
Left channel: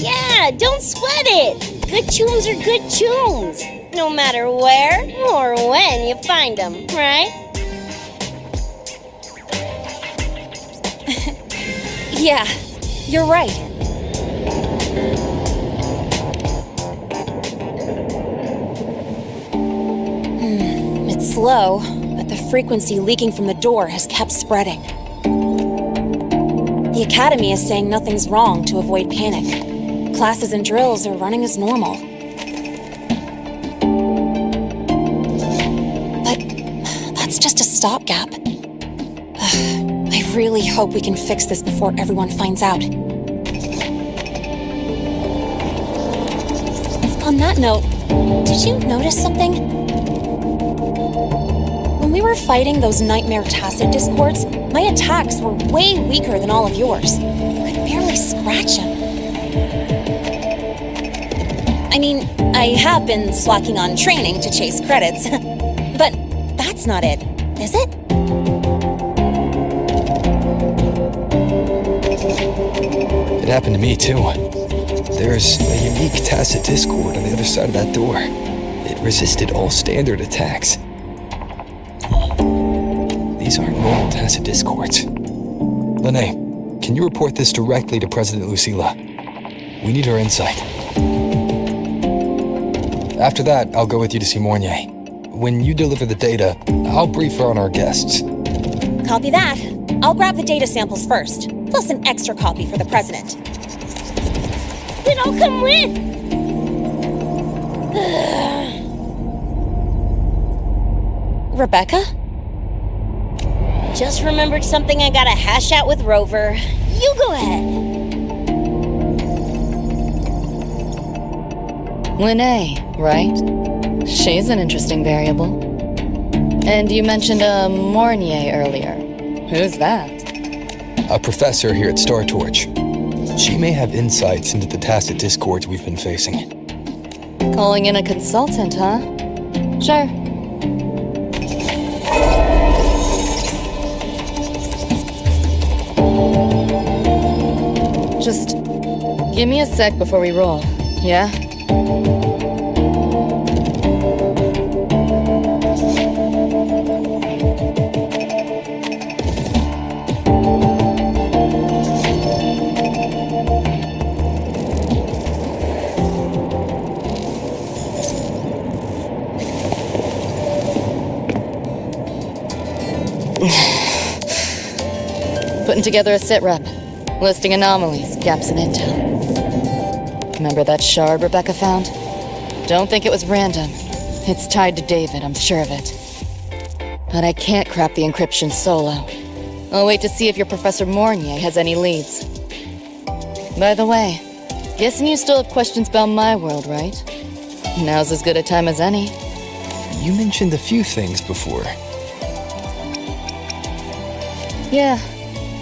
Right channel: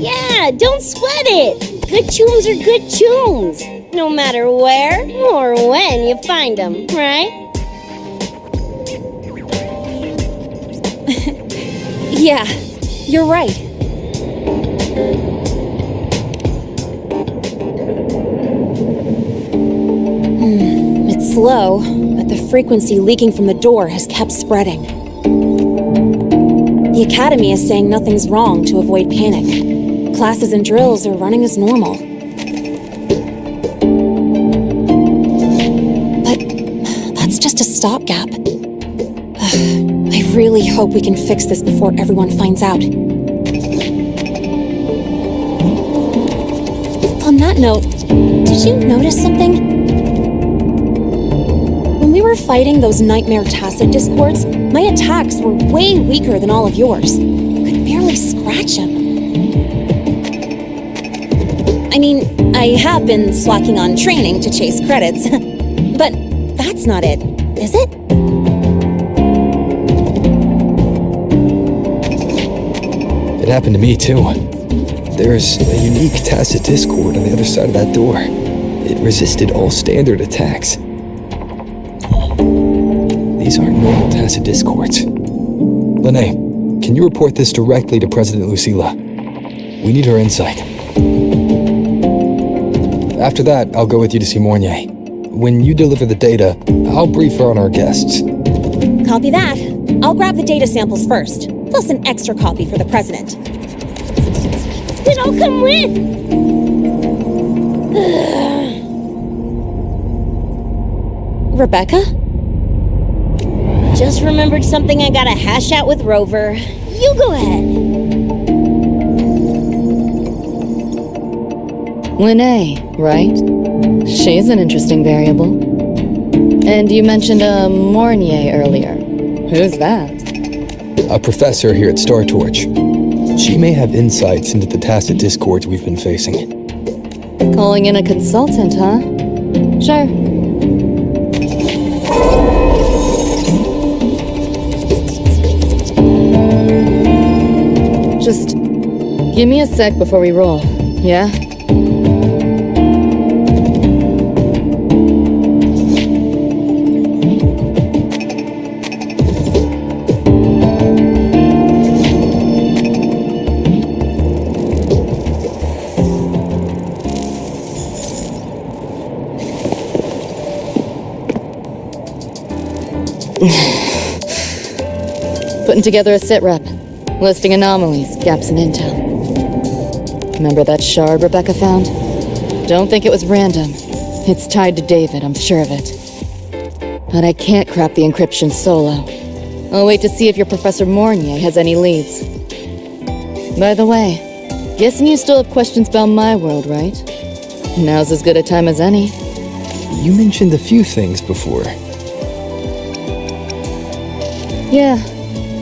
Yeah, don't sweat it. Good chooms are good chooms. No matter where or when you find them, right? Yeah, you're right. It's slow, but the frequency leaking from the door has kept spreading. The Academy is saying nothing's wrong to avoid panic. Classes and drills are running as normal. But that's just a stopgap. I really hope we can fix this before everyone finds out. On that note, did you notice something? When we were fighting those nightmare tacit discords, my attacks were way weaker than all of yours. Could barely scratch him. I mean, I have been slacking on training to chase credits, but that's not it, is it? It happened to me, too. There's a unique tacit discord on the other side of that door. It resisted all standard attacks. These aren't normal tacit discords. Lene, can you report this directly to President Lucilla? We need her insight. After that, I'll go with you to see Mornier. When you deliver the data, I'll brief her on our guests. Copy that. I'll grab the data samples first, plus an extra copy for the president. Then I'll come with. Rebecca? Just remembered something I gotta hash out with Rover. You go ahead. Lene, right? She's an interesting variable. And you mentioned a Mornier earlier. Who's that? A professor here at Star Torch. She may have insights into the tacit discords we've been facing. Calling in a consultant, huh? Sure. Just give me a sec before we roll, yeah? Putting together a sit rep, listing anomalies, gaps in intel. Remember that shard Rebecca found? Don't think it was random. It's tied to David, I'm sure of it. But I can't crack the encryption solo. I'll wait to see if your Professor Mornier has any leads. By the way, guessing you still have questions about my world, right? Now's as good a time as any. You mentioned a few things before. Yeah,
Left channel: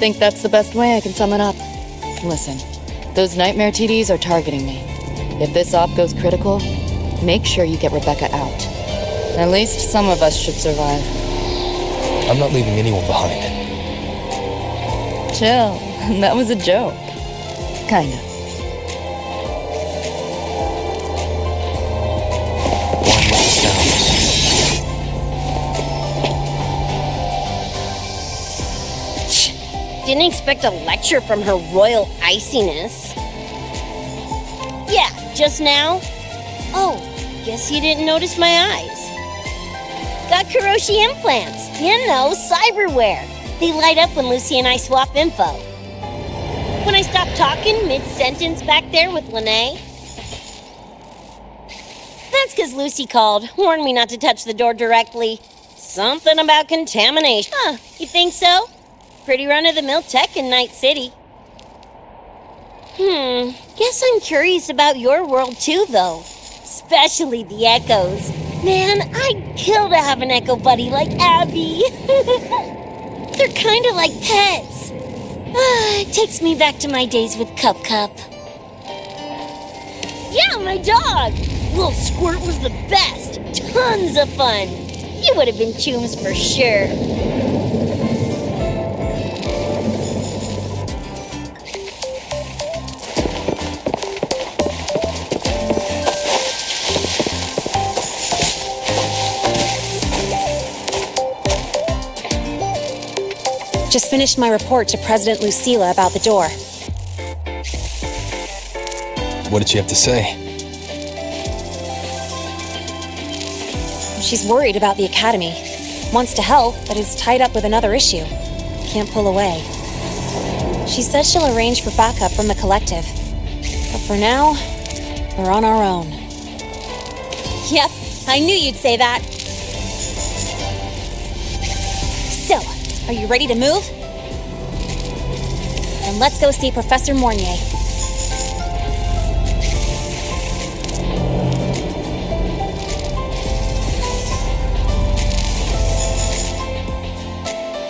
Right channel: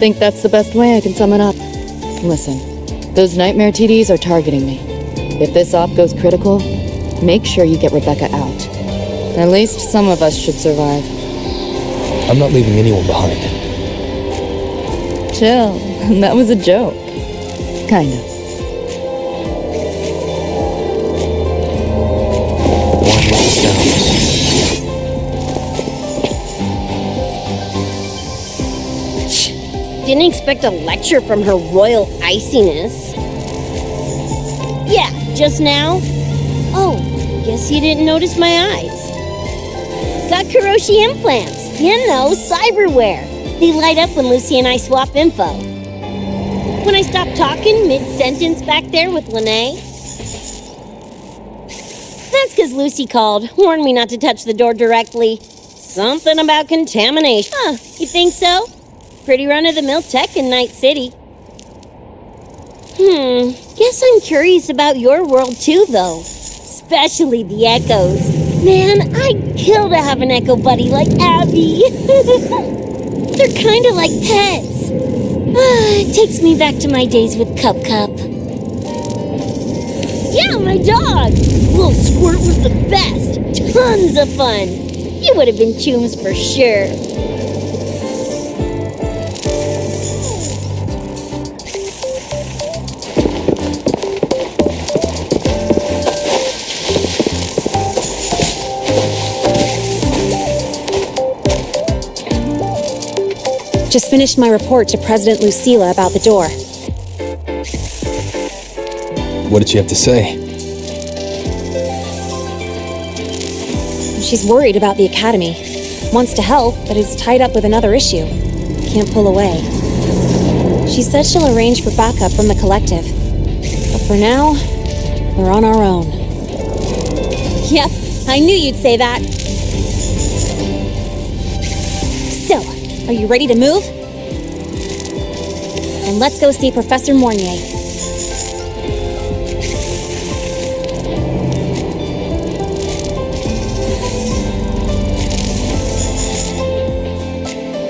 think that's the best way I can sum it up. Listen, those nightmare TDs are targeting me. If this op goes critical, make sure you get Rebecca out. At least some of us should survive. I'm not leaving anyone behind. Chill, that was a joke. Kinda. One with the sounds. Didn't expect a lecture from her royal iciness. Yeah, just now? Oh, guess you didn't notice my eyes. Got Kuroshi implants. You know, cyberware. They light up when Lucy and I swap info. When I stop talking mid-sentence back there with Lene. That's because Lucy called, warned me not to touch the door directly. Something about contamination. Huh, you think so? Pretty run-of-the-mill tech in Night City. Guess I'm curious about your world too, though. Especially the echoes. Man, I'd kill to have an echo buddy like Abby. They're kind of like pets. It takes me back to my days with Cup. Yeah, my dog. Little Squirt was the best. Tons of fun. You would have been Choom's for sure. Just finished my report to President Lucilla about the door. What did she have to say? She's worried about the Academy. Wants to help, but is tied up with another issue. Can't pull away. She said she'll arrange for backup from the collective. But for now, we're on our own. Yep, I knew you'd say that. So, are you ready to move? And let's go see Professor Mornier.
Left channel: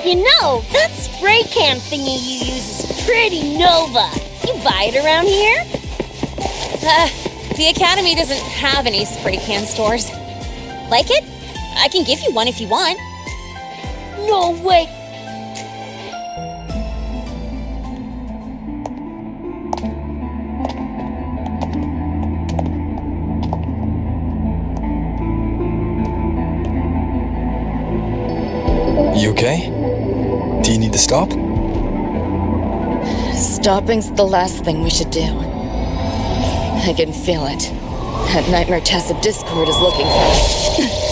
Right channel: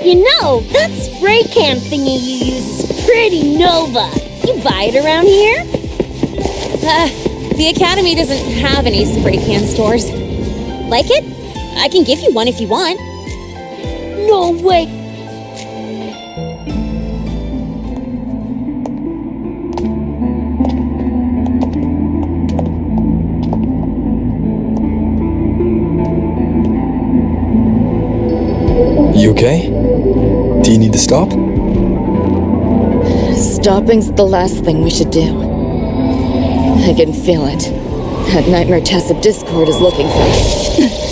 You know, that spray can thingy you use is pretty Nova. You buy it around here? The Academy doesn't have any spray can stores. Like it? I can give you one if you want. No way. You okay? Do you need to stop? Stopping's the last thing we should do. I can feel it. That nightmare Tacit Discord is looking for us. Lucy!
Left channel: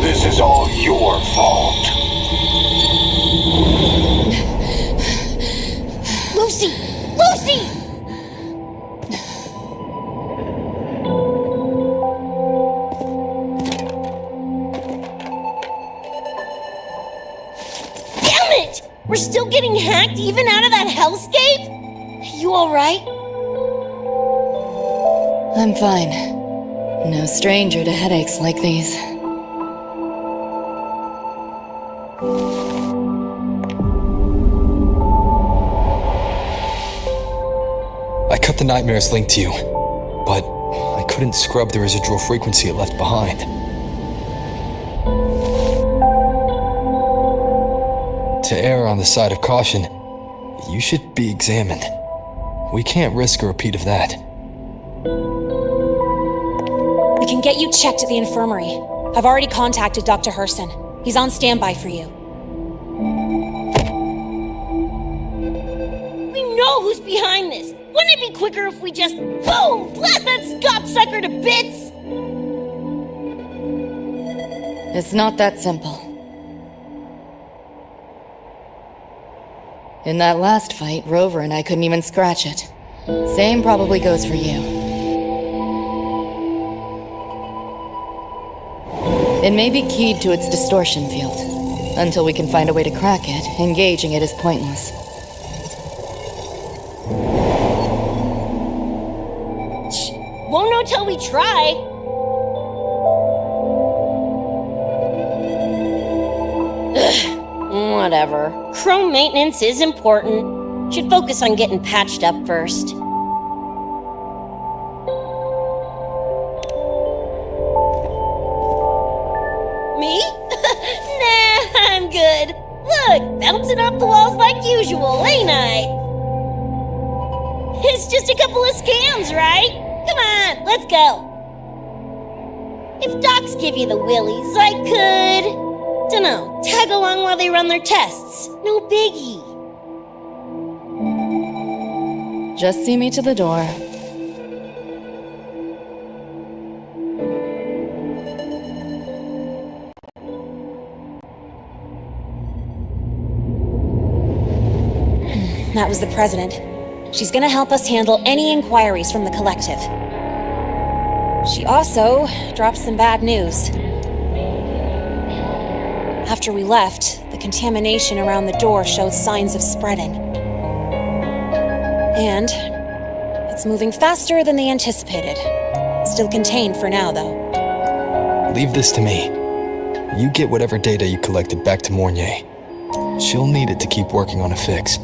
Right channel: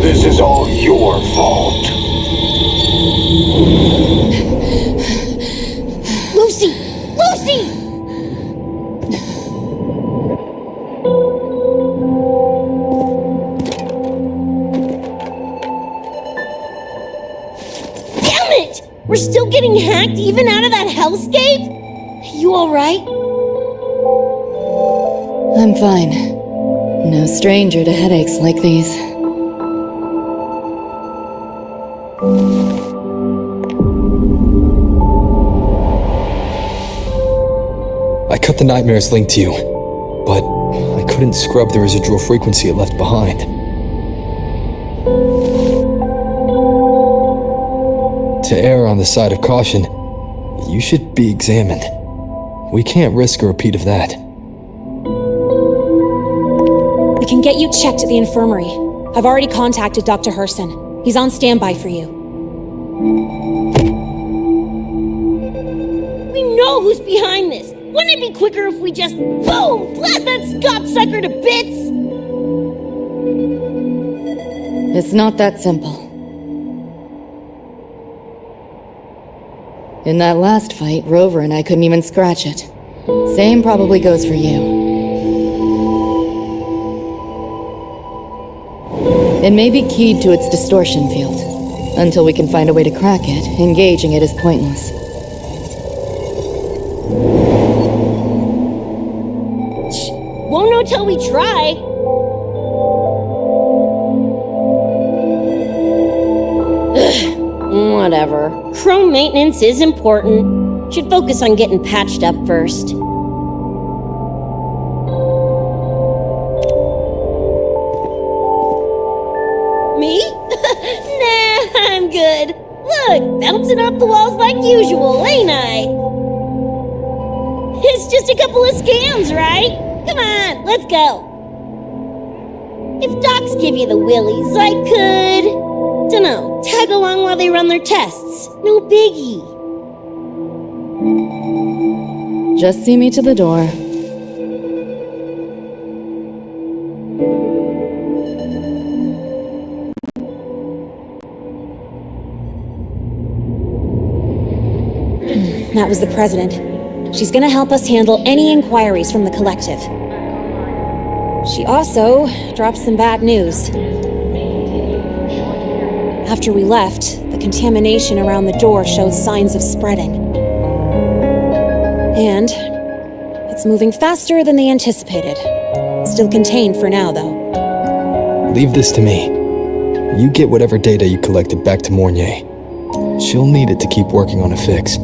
This is all your fault. Lucy! Lucy! Damn it! We're still getting hacked even out of that hellscape? You alright? I'm fine. No stranger to headaches like these. I cut the nightmare's link to you, but I couldn't scrub the residual frequency it left behind. To err on the side of caution, you should be examined. We can't risk a repeat of that. can get you checked at the infirmary. I've already contacted Dr. Herson. He's on standby for you. We know who's behind this. Wouldn't it be quicker if we just, boom, blast that gobsucker to bits? It's not that simple. In that last fight, Rover and I couldn't even scratch it. Same probably goes for you. It may be keyed to its distortion field. Until we can find a way to crack it, engaging it is pointless. Won't know till we try. Ugh, whatever. Chrome maintenance is important. Should focus on getting patched up first. Me? Nah, I'm good. Look, bouncing off the walls like usual, ain't I? It's just a couple of scams, right? Come on, let's go. If docs give you the willies, I could... dunno, tag along while they run their tests. No biggie. Just see me to the door. That was the president. She's gonna help us handle any inquiries from the collective. She also dropped some bad news. After we left, the contamination around the door showed signs of spreading. And it's moving faster than they anticipated. Still contained for now, though. Leave this to me. You get whatever data you collected back to Mornier. She'll need it to keep working on a fix.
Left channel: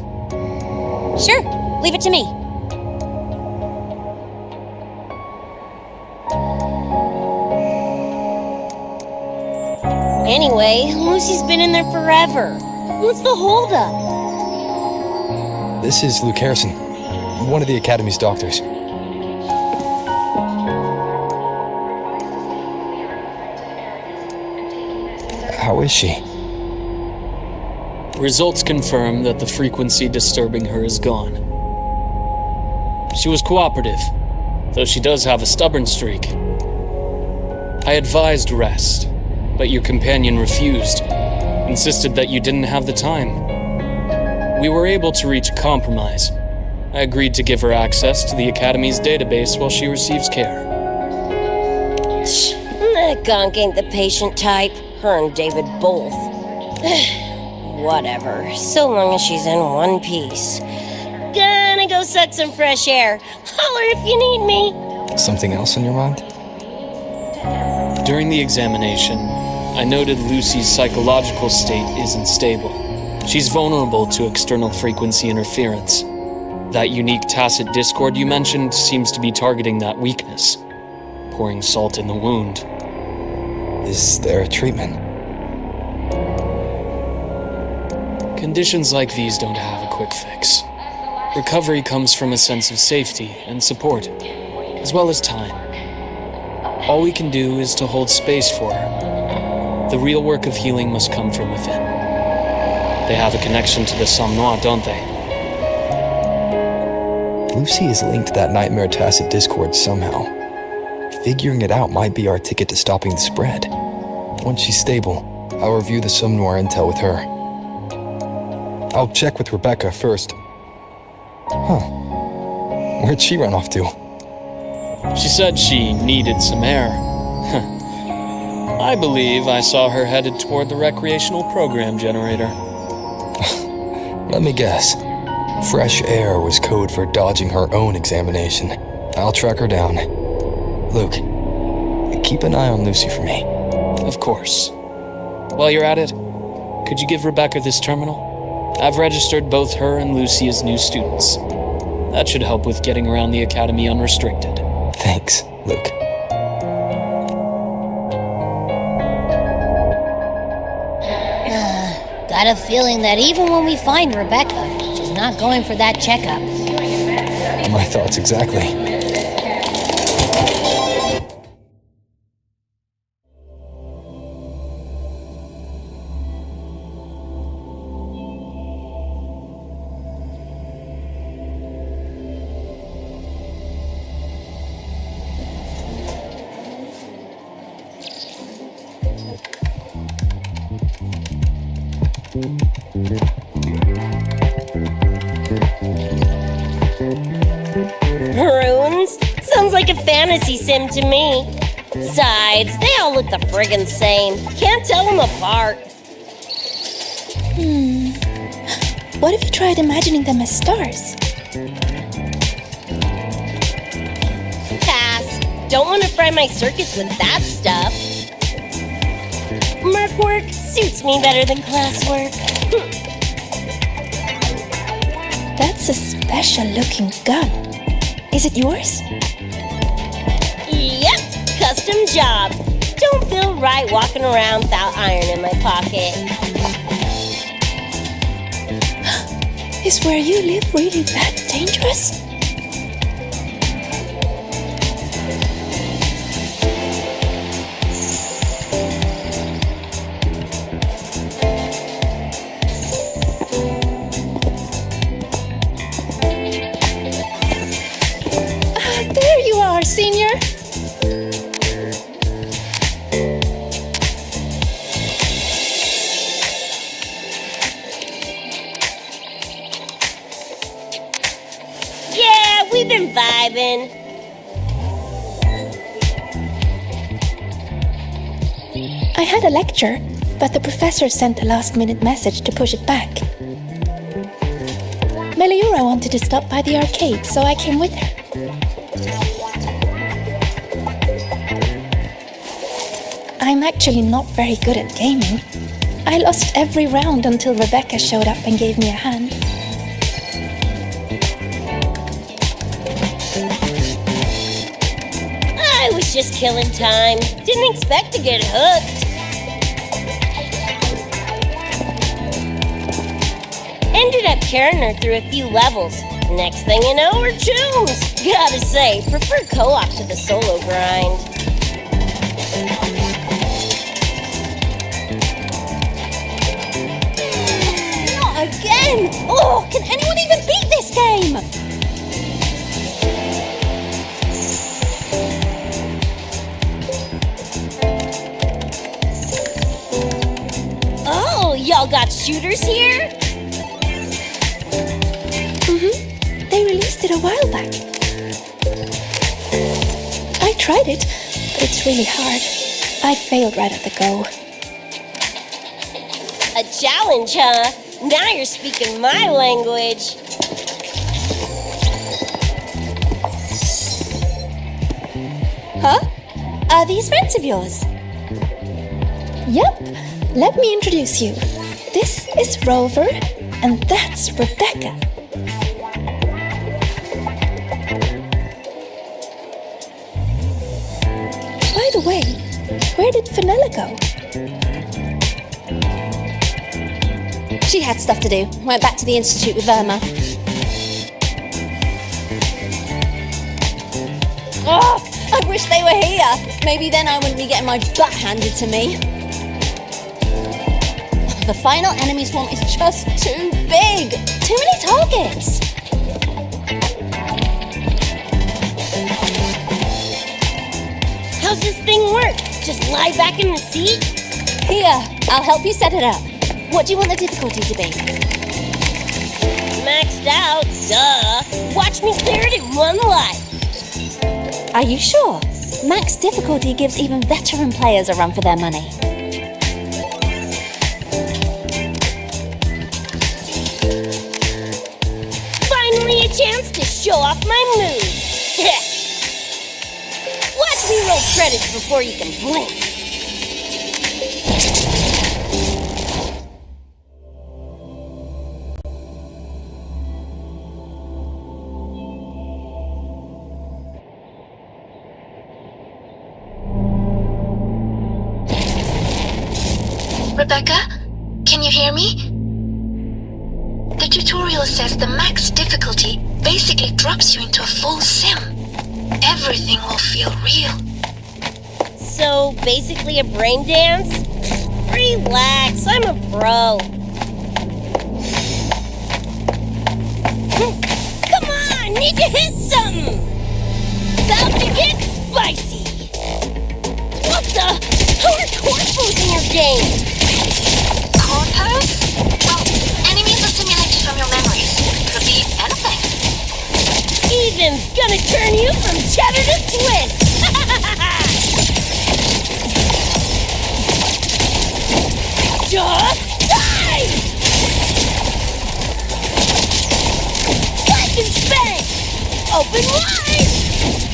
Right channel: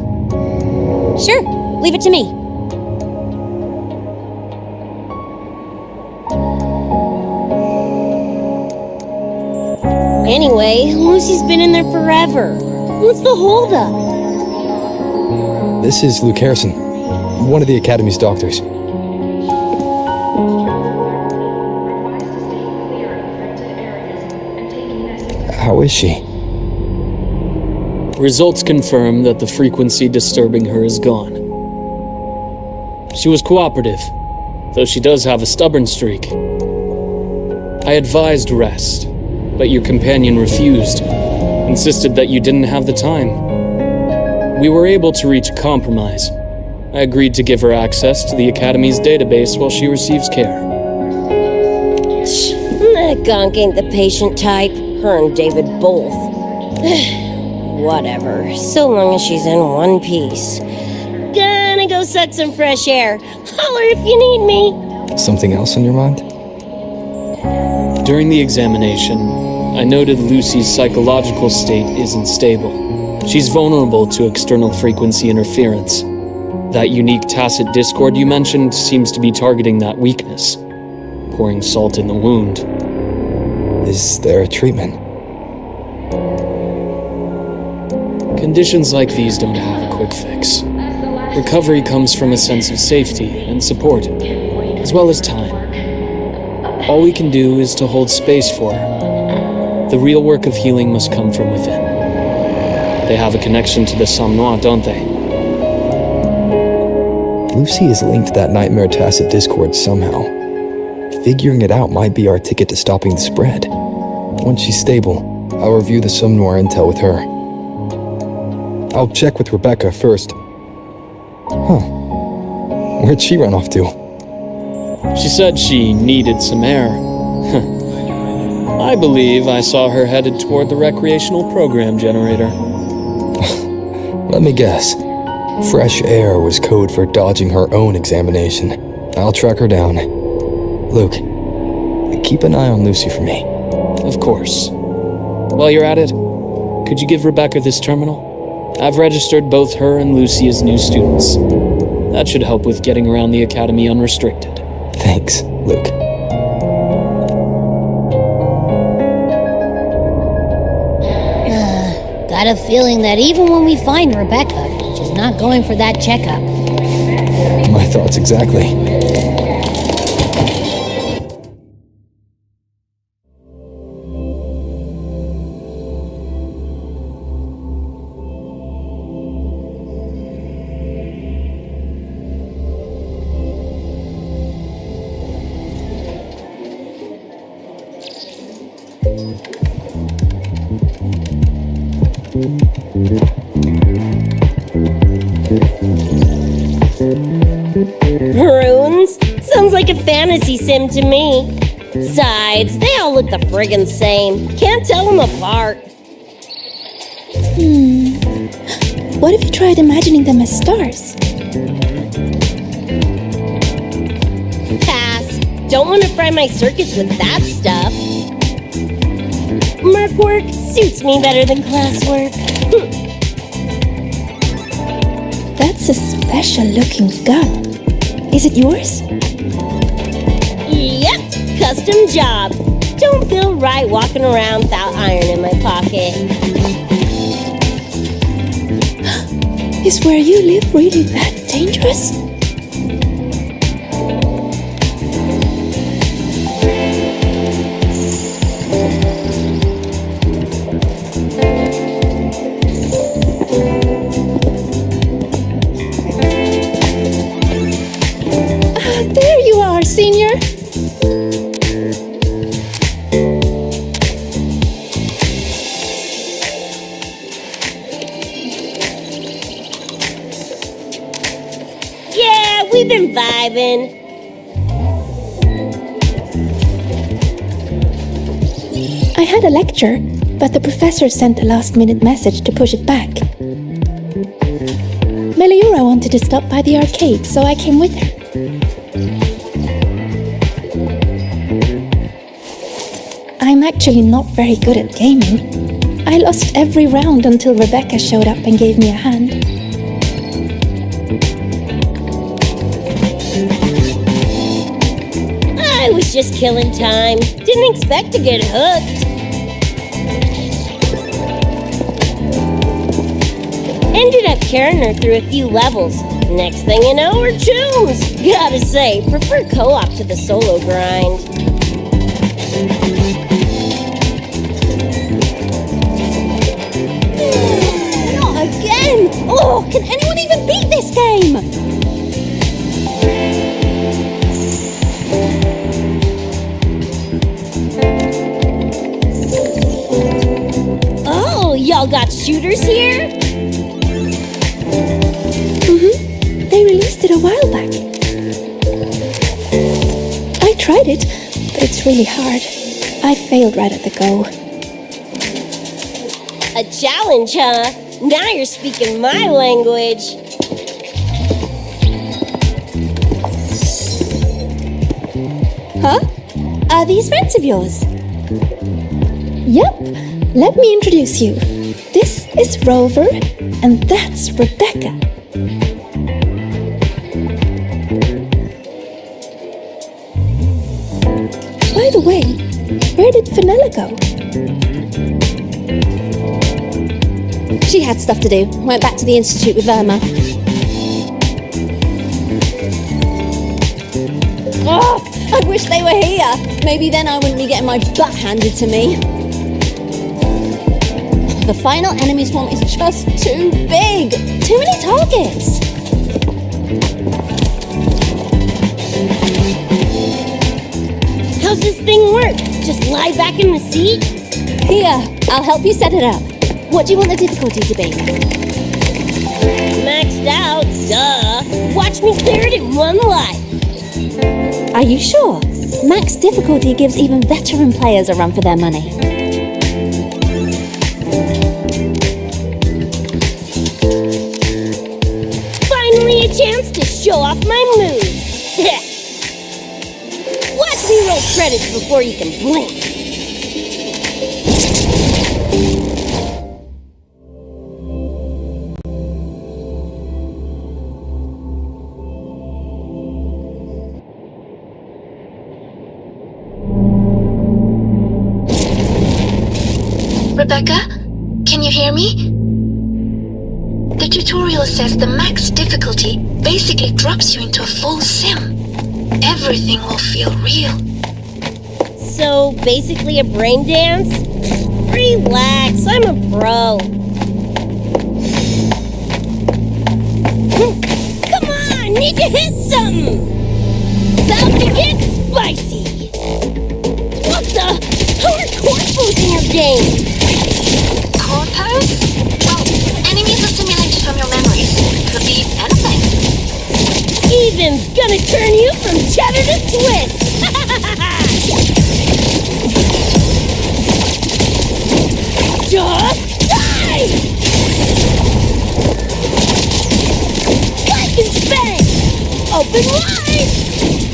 Sure, leave it to me. Anyway, Lucy's been in there forever. What's the holdup? This is Luke Harrison, one of the Academy's doctors. How is she? Results confirm that the frequency disturbing her is gone. She was cooperative, though she does have a stubborn streak. I advised rest, but your companion refused, insisted that you didn't have the time. We were able to reach a compromise. I agreed to give her access to the Academy's database while she receives care. That gonk ain't the patient type. Her and David both. Whatever, so long as she's in one piece. Gonna go suck some fresh air. Holler if you need me. Something else on your mind? During the examination, I noted Lucy's psychological state isn't stable. She's vulnerable to external frequency interference. That unique tacit discord you mentioned seems to be targeting that weakness, pouring salt in the wound. Is there a treatment? Conditions like these don't have a quick fix. Recovery comes from a sense of safety and support, as well as time. All we can do is to hold space for her. The real work of healing must come from within. They have a connection to the Somnoire, don't they? Lucy is linked to that nightmare tacit discord somehow. Figuring it out might be our ticket to stopping the spread. Once she's stable, I'll review the Somnoire intel with her. I'll check with Rebecca first. Huh. Where'd she run off to? She said she needed some air. I believe I saw her headed toward the recreational program generator. Let me guess. Fresh air was code for dodging her own examination. I'll track her down. Luke, keep an eye on Lucy for me. Of course. While you're at it, could you give Rebecca this terminal? I've registered both her and Lucy as new students. That should help with getting around the Academy unrestricted. Thanks, Luke. Got a feeling that even when we find Rebecca, she's not going for that checkup. My thoughts exactly. Runes? Sounds like a fantasy sim to me. Besides, they all look the friggin' same. Can't tell them apart. What if you tried imagining them as stars? Pass. Don't want to fry my circuits with that stuff. Merc work suits me better than classwork. That's a special-looking gun. Is it yours? Yep, custom job. Don't feel right walking around without iron in my pocket. Is where you live really that dangerous? There you are, Senior. Yeah, we've been vibing. I had a lecture, but the professor sent a last-minute message to push it back. Meliora wanted to stop by the arcade, so I came with her. I'm actually not very good at gaming. I lost every round until Rebecca showed up and gave me a hand. I was just killing time. Didn't expect to get hooked. Ended up carrying her through a few levels. Next thing you know, we're chooms. Gotta say, prefer co-op to the solo grind. Not again! Oh, can anyone even beat this game? Oh, y'all got shooters here? They released it a while back. I tried it, but it's really hard. I failed right at the go. A challenge, huh? Now you're speaking my language. Huh? Are these friends of yours? Yep, let me introduce you. This is Rover, and that's Rebecca. By the way, where did Fenella go? She had stuff to do. Went back to the Institute with Irma. Oh, I wish they were here. Maybe then I wouldn't be getting my butt handed to me. The final enemy swarm is just too big. Too many targets. How's this thing work? Just lie back in the seat? Here, I'll help you set it up. What do you want the difficulty to be? Maxed out, duh. Watch me clear it in one life. Are you sure? Max difficulty gives even veteran players a run for their money. Finally a chance to show off my moves. Watch me roll credits before you can blink. Rebecca, can you hear me? The tutorial says the max difficulty basically drops you into a full sim. Everything will feel real. So, basically a brain dance? Relax, I'm a pro. Come on, need to hit something! About to get spicy! What the? How are corpos in your game? Corpos? gonna turn you from cheddar to Swiss! Just die! Life is spent! Open wide!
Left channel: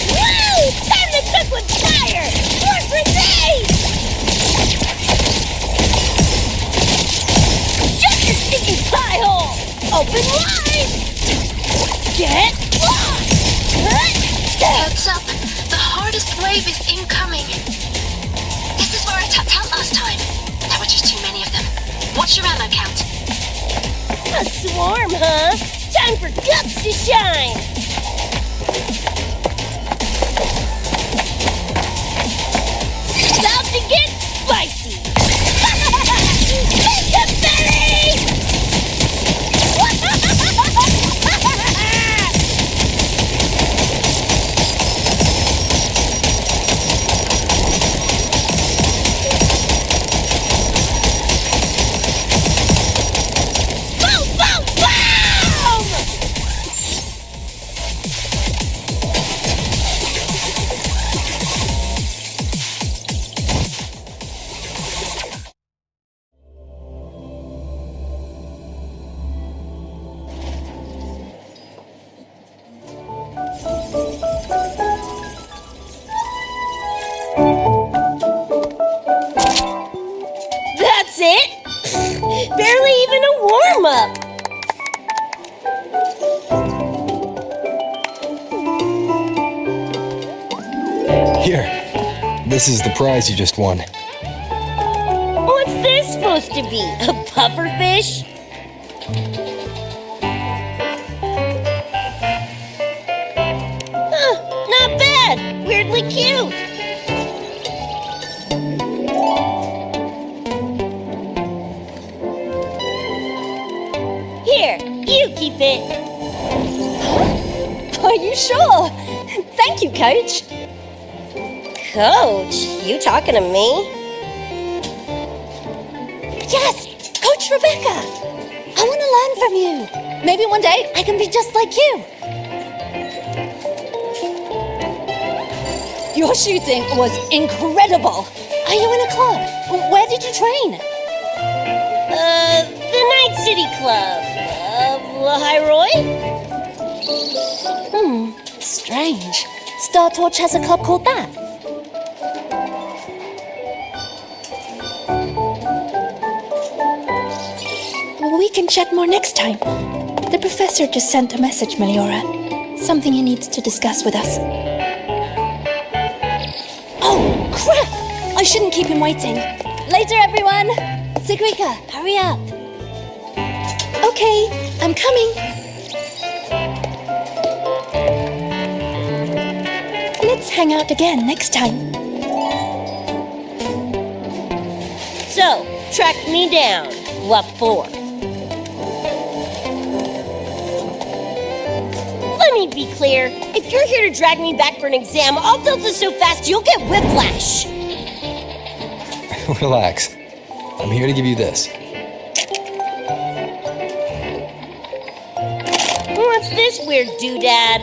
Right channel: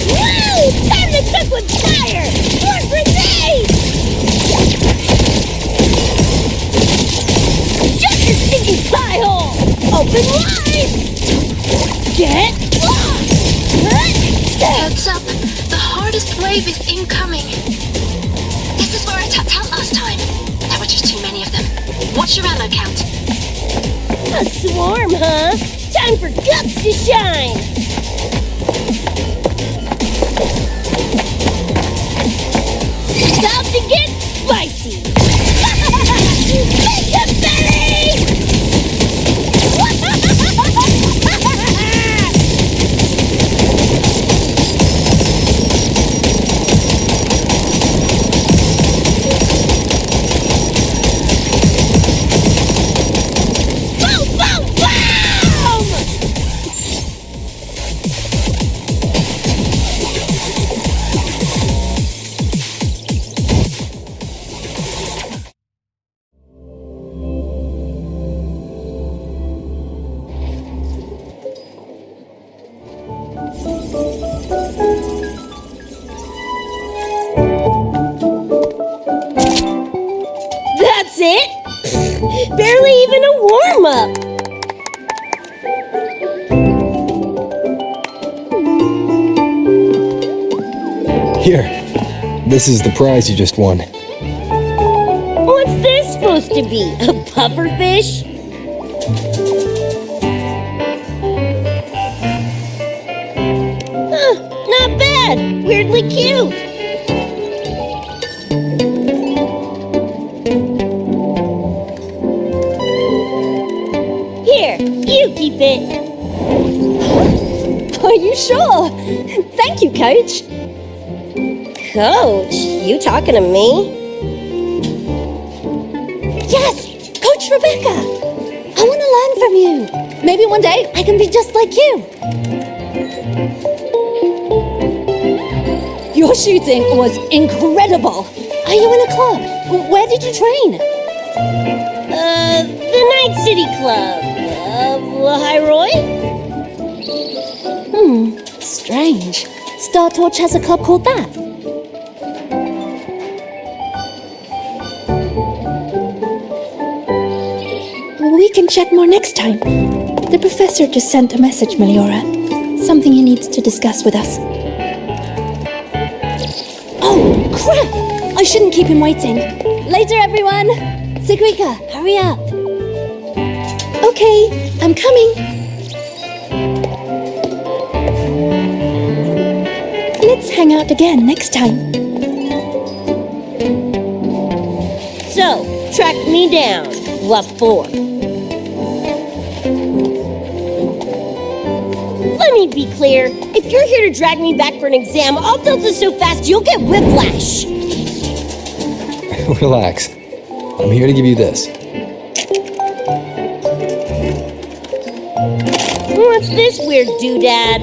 Woo! Time to cook with fire! More grenades! Shut your stinking pie hole! Open wide! Get lost! Heads up! The hardest wave is incoming! This is where I tapped out last time. There were just too many of them. What's your ammo count? A swarm, huh? Time for guts to shine! About to get spicy! Make a belly! Boom, boom, boom! That's it? Barely even a warm-up. Here, this is the prize you just won. What's this supposed to be? A pufferfish? Huh, not bad. Weirdly cute. Here, you keep it. Huh? Are you sure? Thank you, Coach. Coach, you talking to me? Yes! Coach Rebecca! I want to learn from you. Maybe one day I can be just like you. Your shooting was incredible. Are you in a club? Where did you train? The Night City Club of Lahiroy? Strange. Star Torch has a club called that. We can check more next time. The professor just sent a message, Meliora. Something he needs to discuss with us. Oh, crap! I shouldn't keep him waiting. Later, everyone! Sigrika, hurry up. Okay, I'm coming. Let's hang out again next time. So, track me down. What for? Let me be clear. If you're here to drag me back for an exam, I'll tilt it so fast you'll get whiplash. Relax. I'm here to give you this. What's this weird doodad?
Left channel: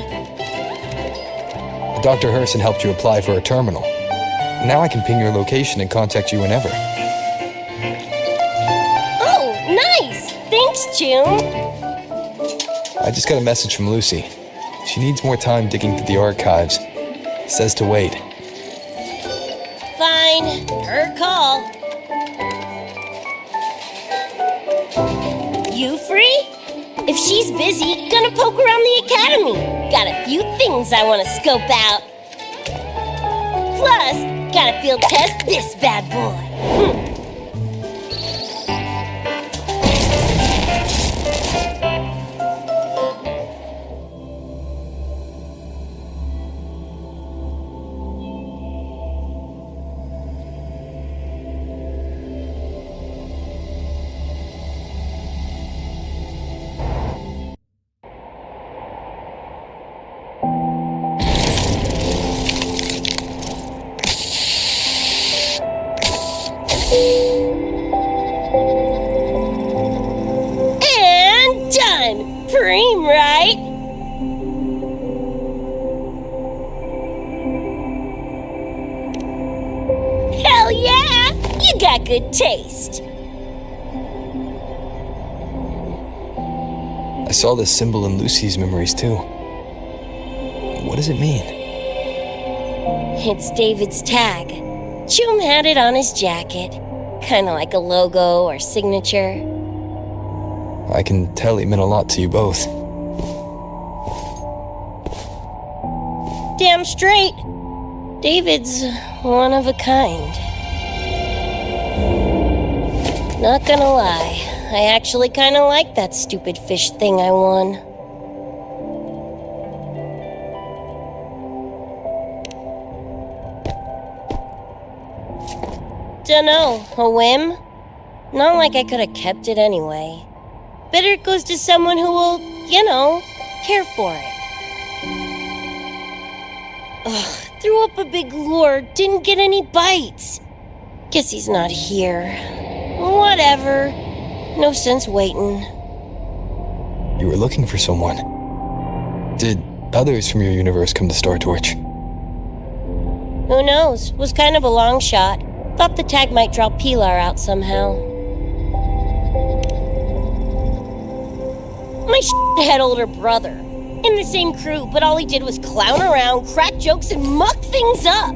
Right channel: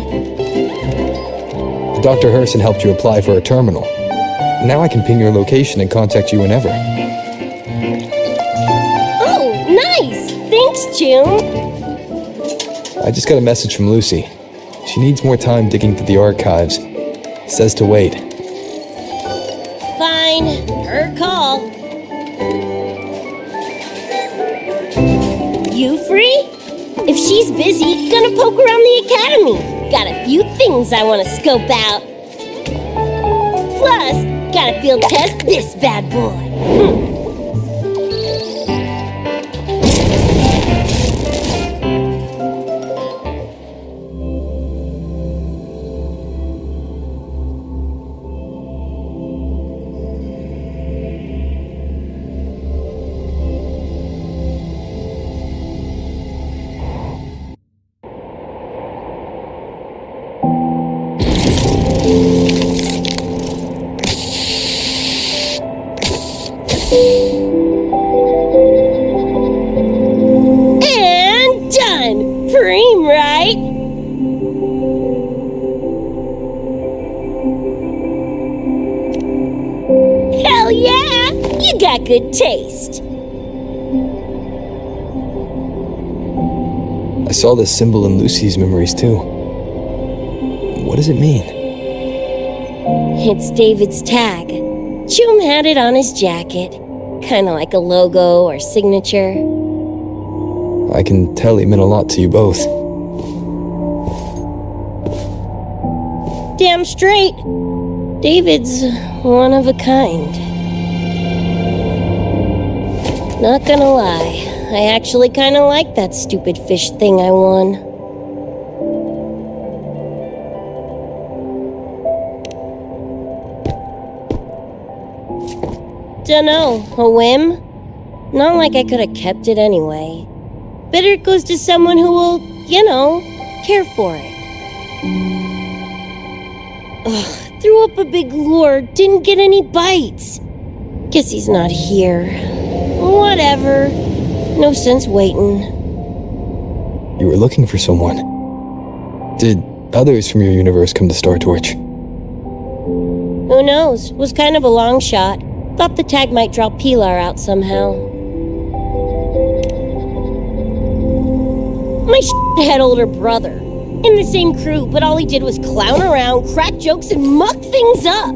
Dr. Herson helped you apply for a terminal. Now I can ping your location and contact you whenever. Oh, nice! Thanks, Choom. I just got a message from Lucy. She needs more time digging through the archives. Says to wait. Fine. Her call. You free? If she's busy, gonna poke around the academy. Got a few things I want to scope out. Plus, gotta field test this bad boy. got good taste. I saw this symbol in Lucy's memories too. What does it mean? It's David's tag. Choom had it on his jacket. Kinda like a logo or signature. I can tell it meant a lot to you both. Damn straight. David's one of a kind. Not gonna lie, I actually kinda like that stupid fish thing I won. Dunno, a whim? Not like I could have kept it anyway. Better it goes to someone who will, care for it. Ugh, threw up a big lure, didn't get any bites. Guess he's not here. Whatever. No sense waiting. You were looking for someone. Did others from your universe come to Star Torch? Who knows? Was kind of a long shot. Thought the tag might draw Pilar out somehow. My had older brother. In the same crew, but all he did was clown around, crack jokes, and muck things up.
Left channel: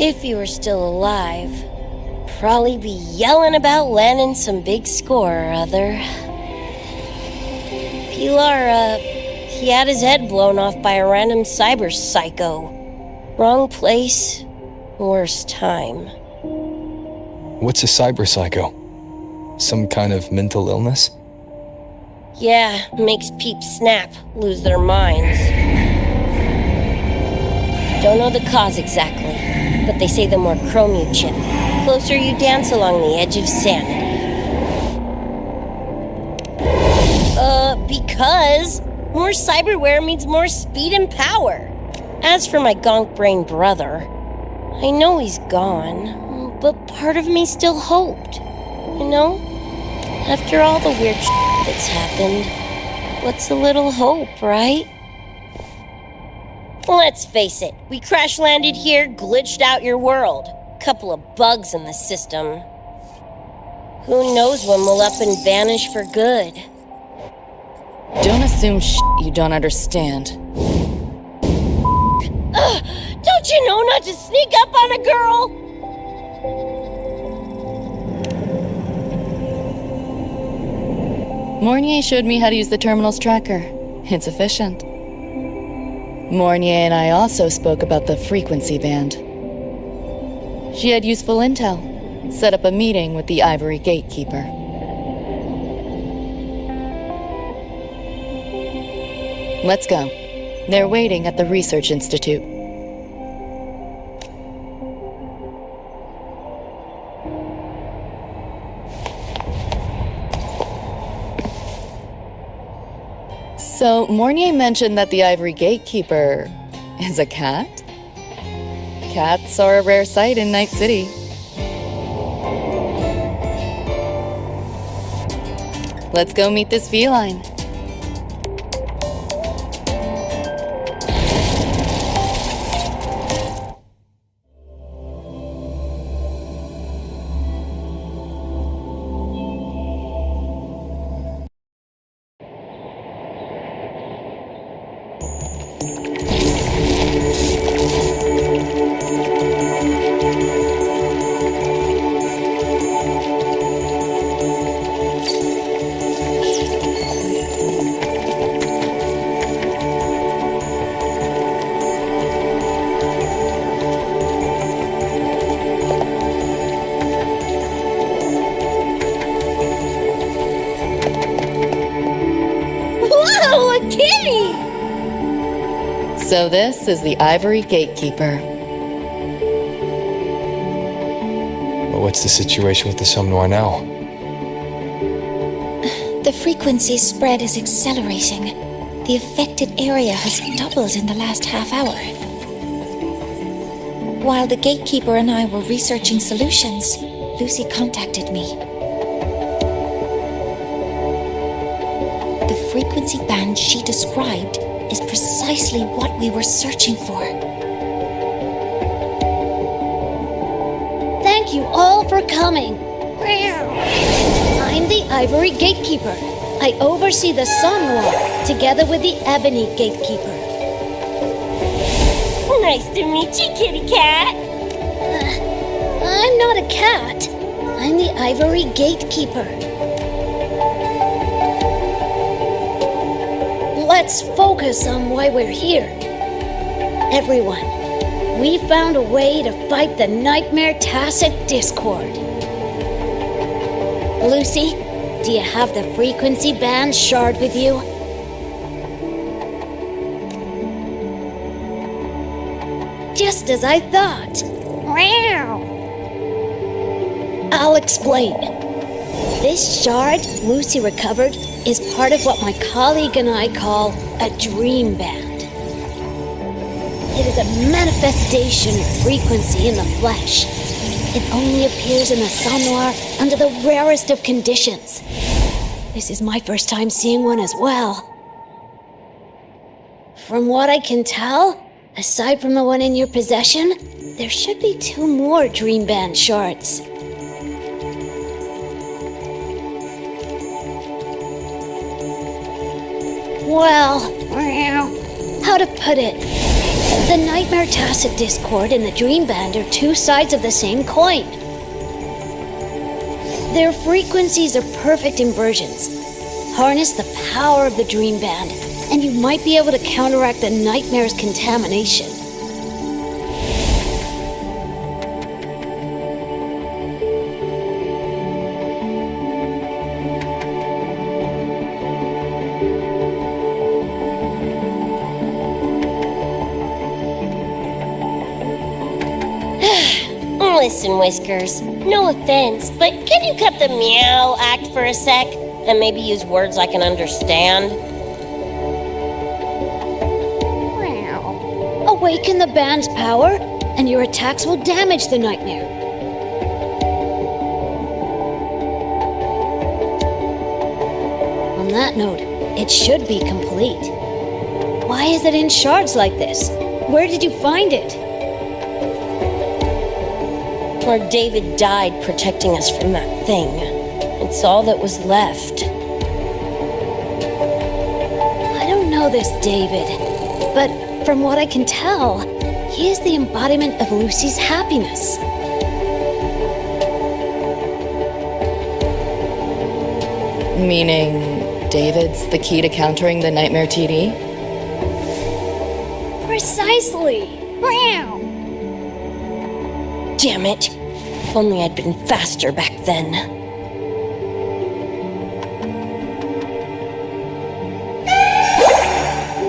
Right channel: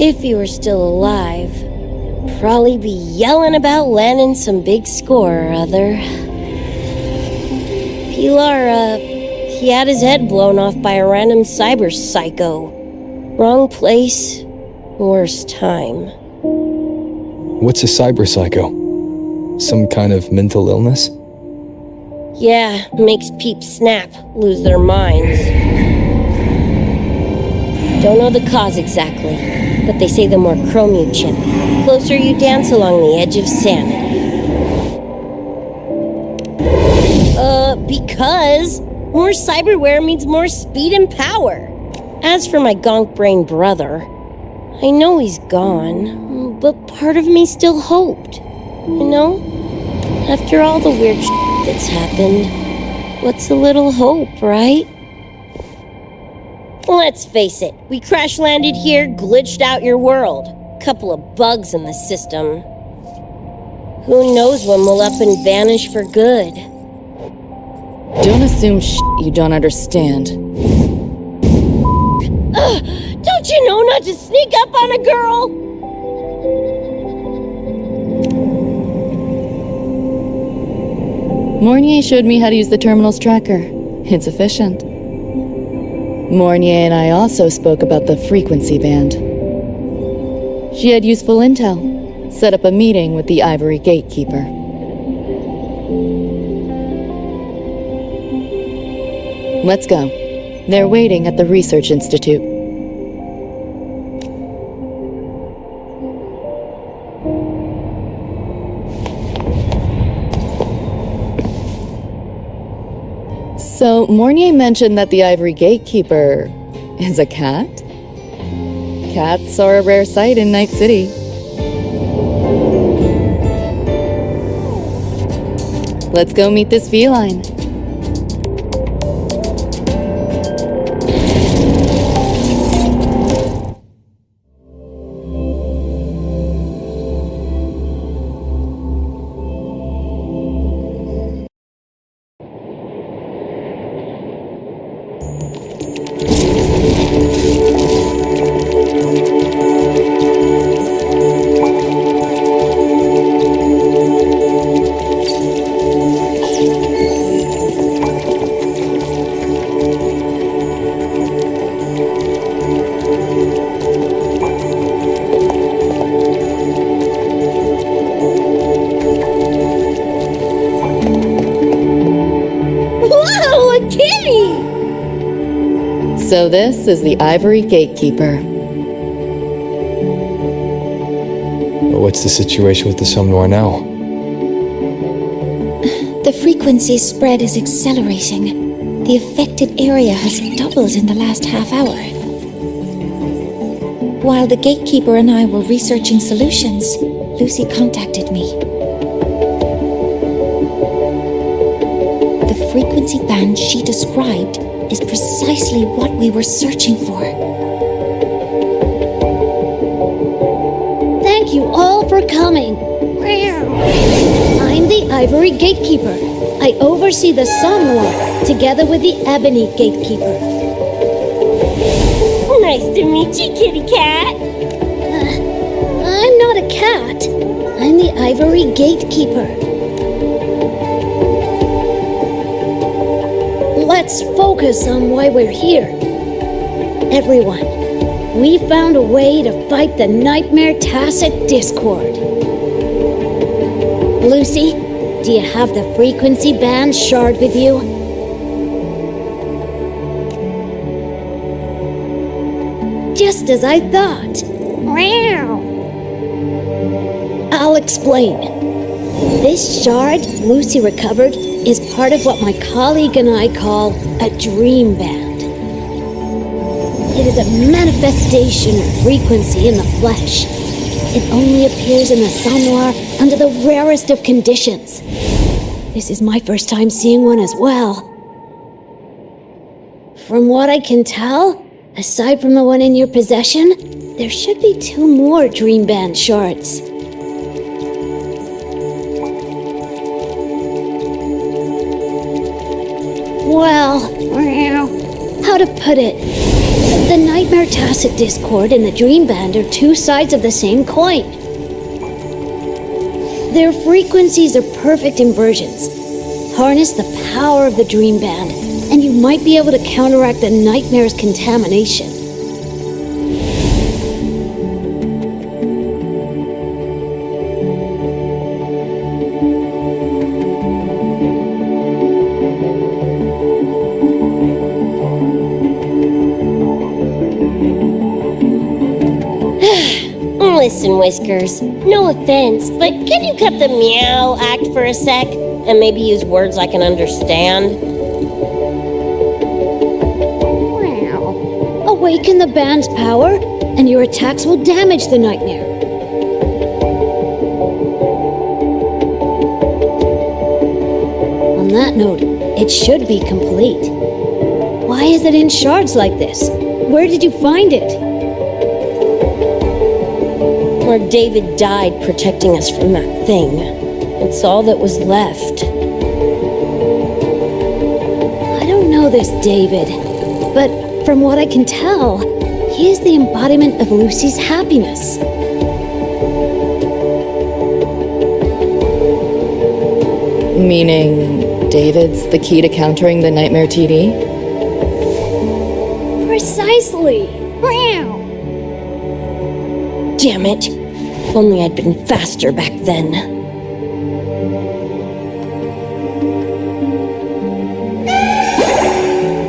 If he were still alive, probably be yelling about landing some big score or other. Pilar, he had his head blown off by a random cyber psycho. Wrong place, worst time. What's a cyber psycho? Some kind of mental illness? Yeah, makes peeps snap, lose their minds. Don't know the cause exactly, but they say the more chrome you chip, closer you dance along the edge of sanity. Because more cyberware means more speed and power. As for my gonk-brain brother, I know he's gone, but part of me still hoped. After all the weird that's happened, what's a little hope, right? Let's face it, we crash-landed here, glitched out your world. Couple of bugs in the system. Who knows when we'll up and vanish for good? Don't assume you don't understand. Don't you know not to sneak up on a girl? Mornier showed me how to use the terminal's tracker. It's efficient. Mornier and I also spoke about the frequency band. She had useful intel. Set up a meeting with the Ivory Gatekeeper. Let's go. They're waiting at the Research Institute. So, Mornier mentioned that the Ivory Gatekeeper is a cat? Cats are a rare sight in Night City. Let's go meet this feline. So this is the Ivory Gatekeeper. What's the situation with the Somnoire now? The frequency spread is accelerating. The affected area has doubled in the last half hour. While the Gatekeeper and I were researching solutions, Lucy contacted me. The frequency band she described is precisely what we were searching for. Thank you all for coming. I'm the Ivory Gatekeeper. I oversee the Somnoire, together with the Ebony Gatekeeper. Nice to meet you, kitty cat. I'm not a cat. I'm the Ivory Gatekeeper. Let's focus on why we're here. Everyone, we found a way to fight the Nightmare Tacit Discord. Lucy, do you have the frequency band shard with you? Just as I thought. I'll explain. This shard Lucy recovered is part of what my colleague and I call a dream band. It is a manifestation of frequency in the flesh. It only appears in the Somnoire under the rarest of conditions. This is my first time seeing one as well. From what I can tell, aside from the one in your possession, there should be 2 more dream band shards. Well, how to put it? The Nightmare Tacit Discord and the Dream Band are 2 sides of the same coin. Their frequencies are perfect inversions. Harness the power of the Dream Band, and you might be able to counteract the Nightmare's contamination. Listen, Whiskers, no offense, but can you cut the meow act for a sec and maybe use words I can understand? Awaken the band's power, and your attacks will damage the Nightmare. On that note, it should be complete. Why is it in shards like this? Where did you find it? Where David died protecting us from that thing. It's all that was left. I don't know this David, but from what I can tell, he is the embodiment of Lucy's happiness. Meaning David's the key to countering the Nightmare TD? Precisely! Damn it. If only I'd been faster back then.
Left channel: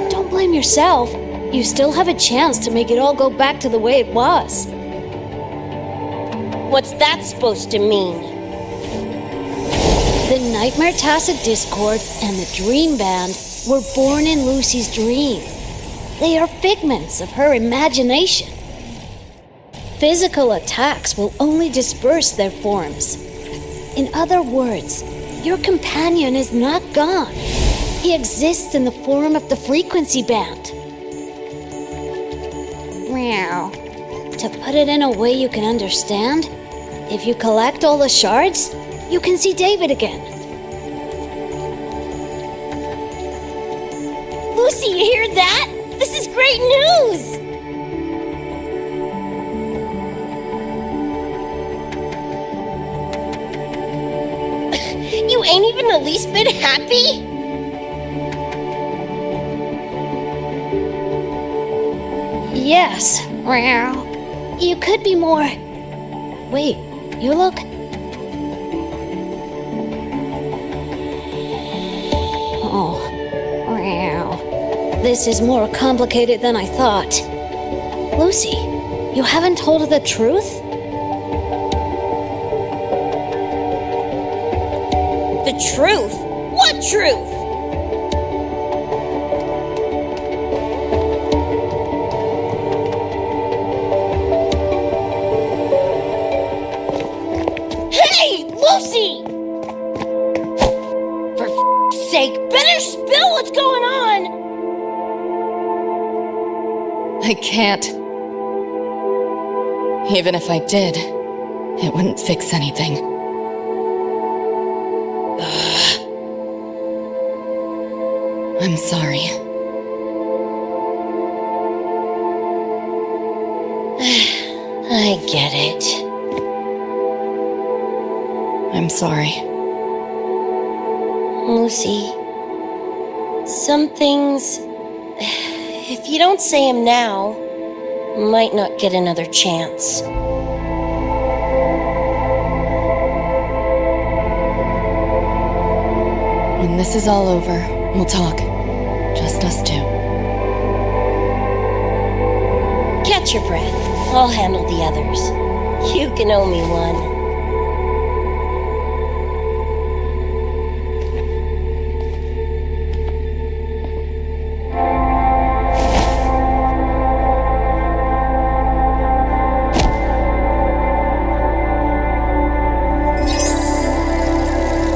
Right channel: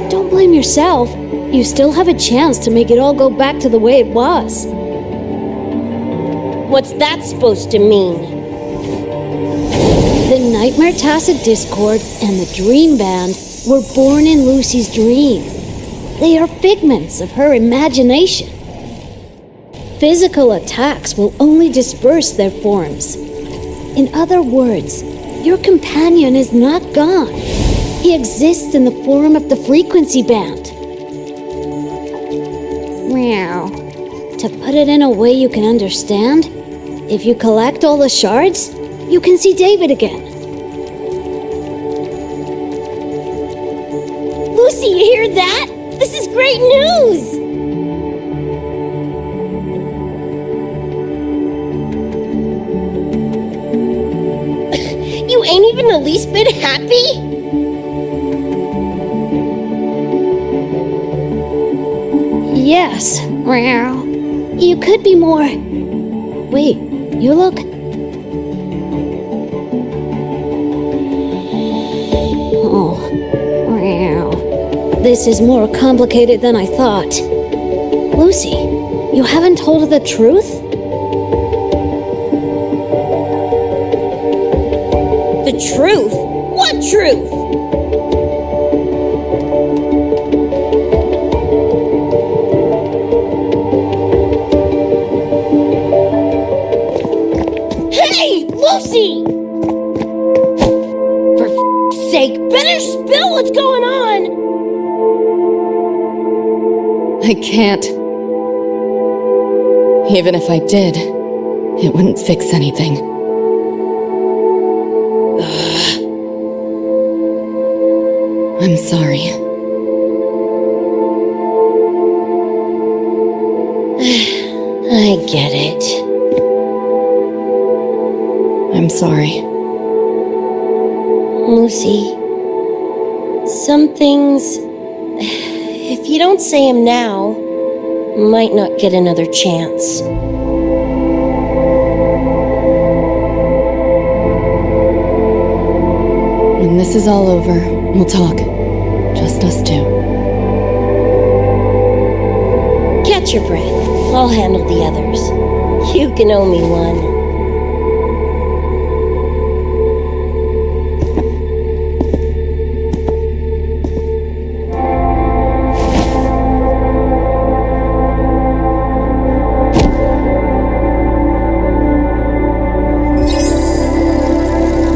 Don't blame yourself. You still have a chance to make it all go back to the way it was. What's that supposed to mean? The Nightmare Tacit Discord and the Dream Band were born in Lucy's dream. They are figments of her imagination. Physical attacks will only disperse their forms. In other words, your companion is not gone. He exists in the form of the frequency band. Meow. To put it in a way you can understand, if you collect all the shards, you can see David again. Lucy, you hear that? This is great news! You ain't even the least bit happy? Yes. You could be more... Wait, you look... Oh. This is more complicated than I thought. Lucy, you haven't told her the truth? The truth? What truth? Hey, Lucy! For f***'s sake, better spill what's going on! I can't. Even if I did, It wouldn't fix anything. I'm sorry. I get it. I'm sorry. Lucy, some things, if you don't say them now, might not get another chance. When this is all over, we'll talk. Just us two. Catch your breath. I'll handle the others. You can owe me one.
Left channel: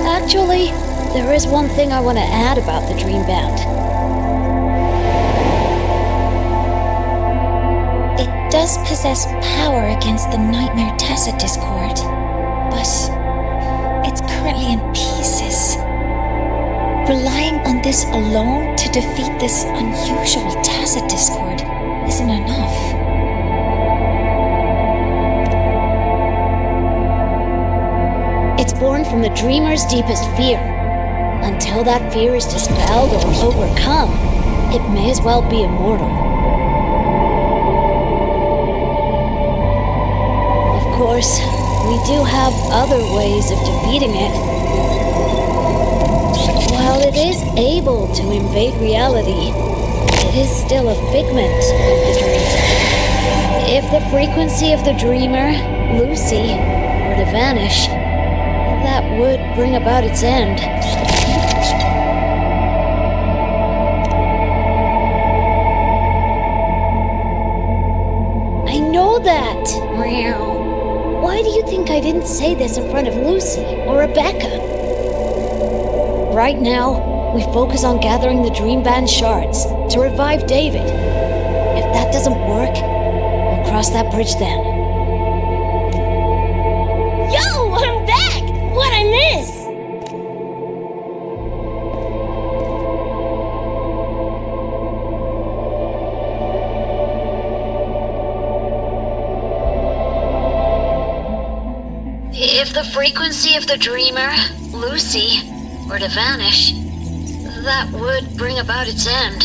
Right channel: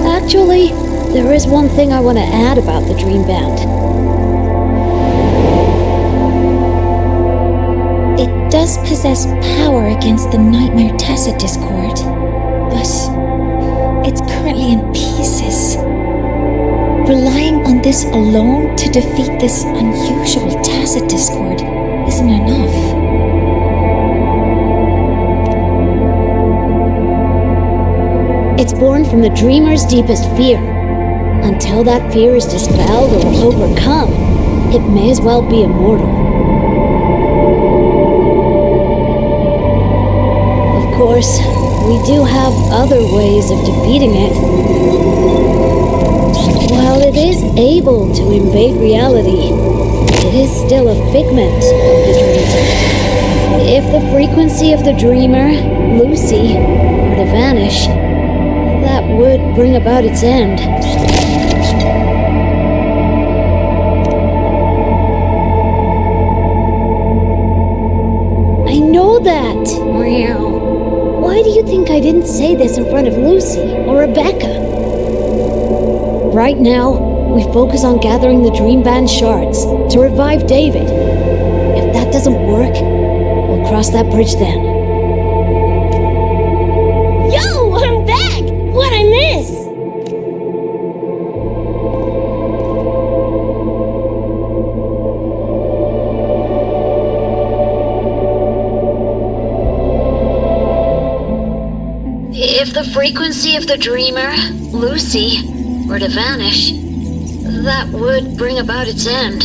Actually, there is one thing I want to add about the Dream Band. It does possess power against the Nightmare Tacit Discord, but it's currently in pieces. Relying on this alone to defeat this unusual Tacit Discord isn't enough. It's born from the dreamer's deepest fear. Until that fear is dispelled or overcome, it may as well be immortal. Of course, we do have other ways of defeating it. While it is able to invade reality, it is still a figment of the dreamer. If the frequency of the dreamer, Lucy, were to vanish, that would bring about its end. I know that! Why do you think I didn't say this in front of Lucy or Rebecca? Right now, we focus on gathering the Dream Band shards to revive David. If that doesn't work, we'll cross that bridge then. Yo, I'm back! What'd I miss? If the frequency of the dreamer, Lucy, were to vanish, that would bring about its end.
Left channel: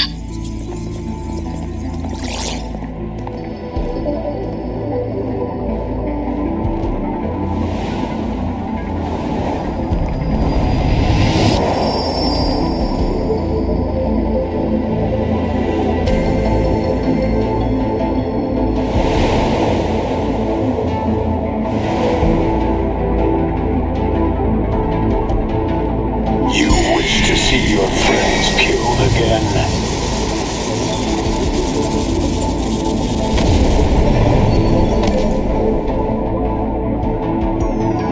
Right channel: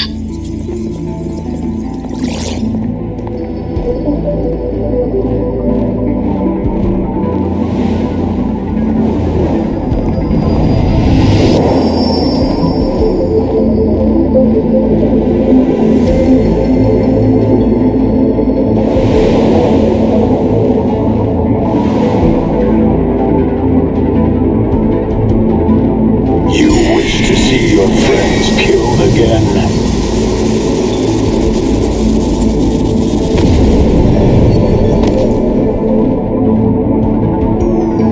See your friends killed again.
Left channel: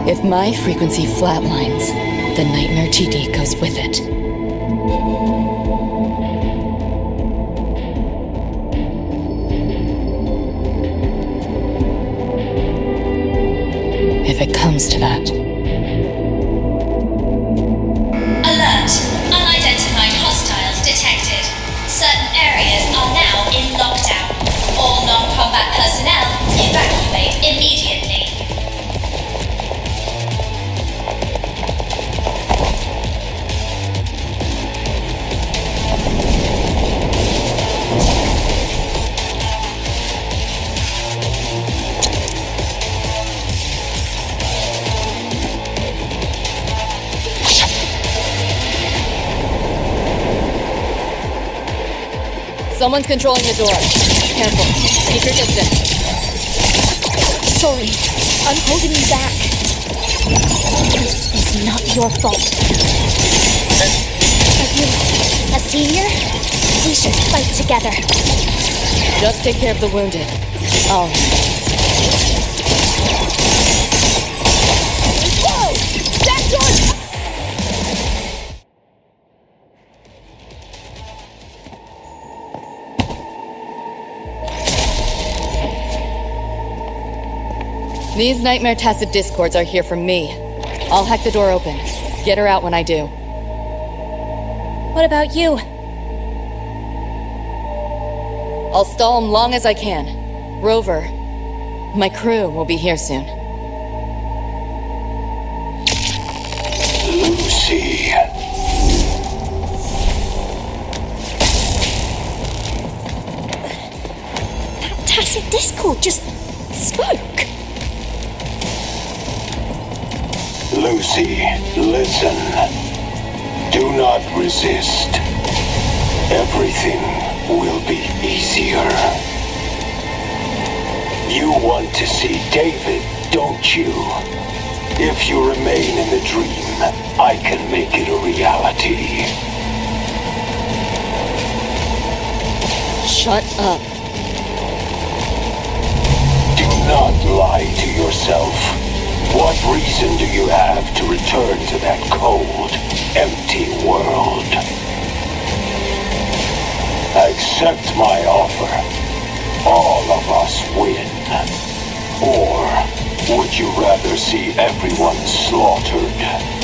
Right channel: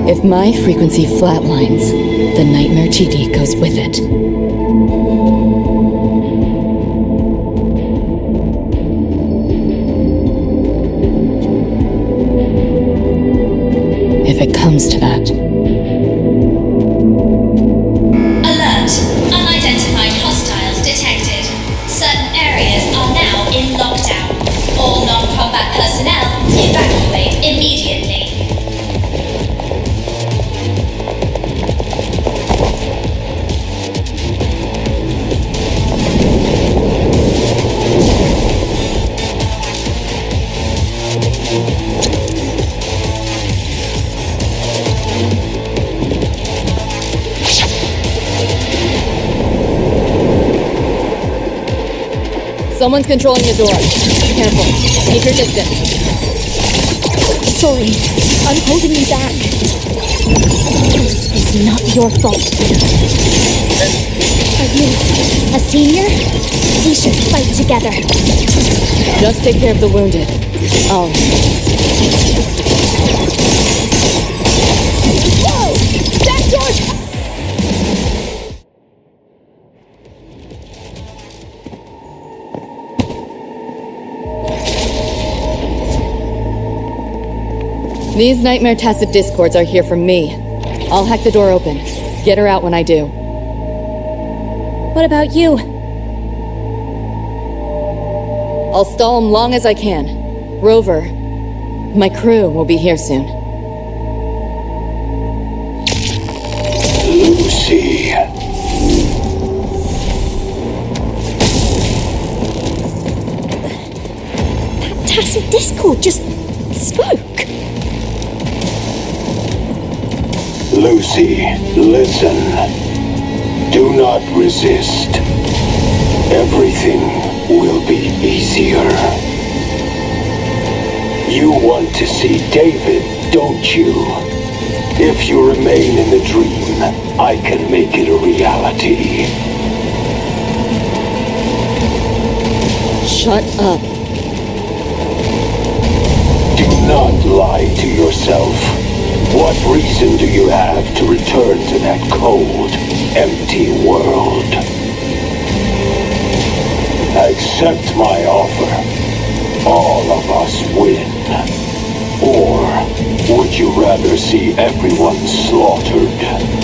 If my frequency flatlines, the Nightmare TD goes with it. If it comes to that. Unidentified hostiles detected. Certain areas are now in lockdown. All non-combat personnel evacuate immediately. Someone's controlling the door. Careful. Keep your distance. Sorry, I'm holding you back. This is not your fault. Are you a senior? We should fight together. Just take care of the wounded. I'll... Whoa! That door... These Nightmare Tacit Discords are here for me. I'll hack the door open. Get her out when I do. What about you? I'll stall them long as I can. Rover, my crew will be here soon. Lucy. That Tacit Discord just spoke. Lucy, listen. Do not resist. Everything will be easier. You want to see David, don't you? If you remain in the dream, I can make it a reality. Shut up. Do not lie to yourself. What reason do you have to return to that cold, empty world? Accept my offer. All of us win. Or would you rather see everyone slaughtered?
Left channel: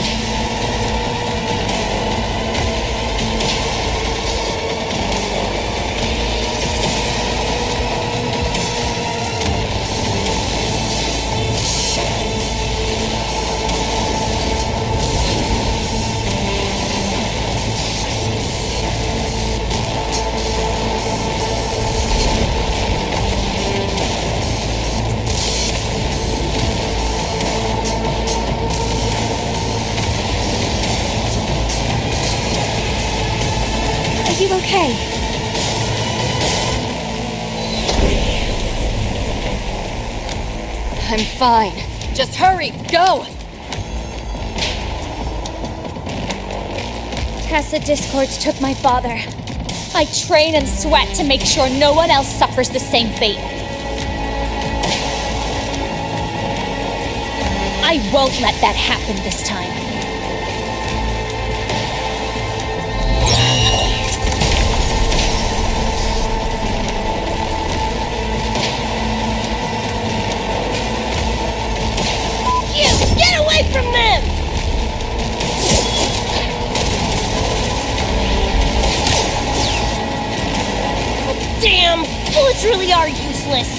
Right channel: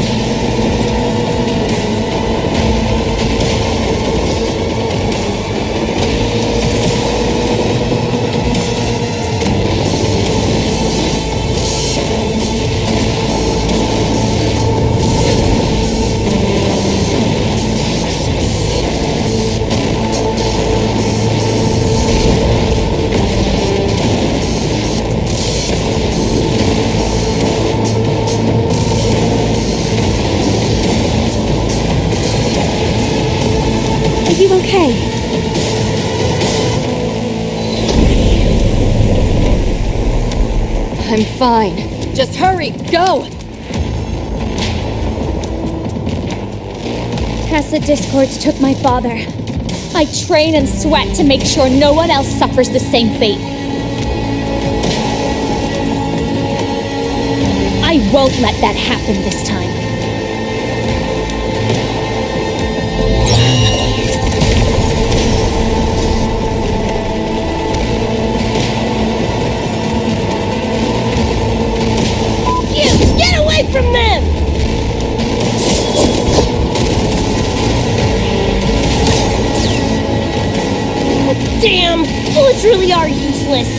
Are you okay? I'm fine. Just hurry, go! Tacit Discords took my father. I train and sweat to make sure no one else suffers the same fate. I won't let that happen this time. Get away from them! Oh, damn! Bullets really are useless.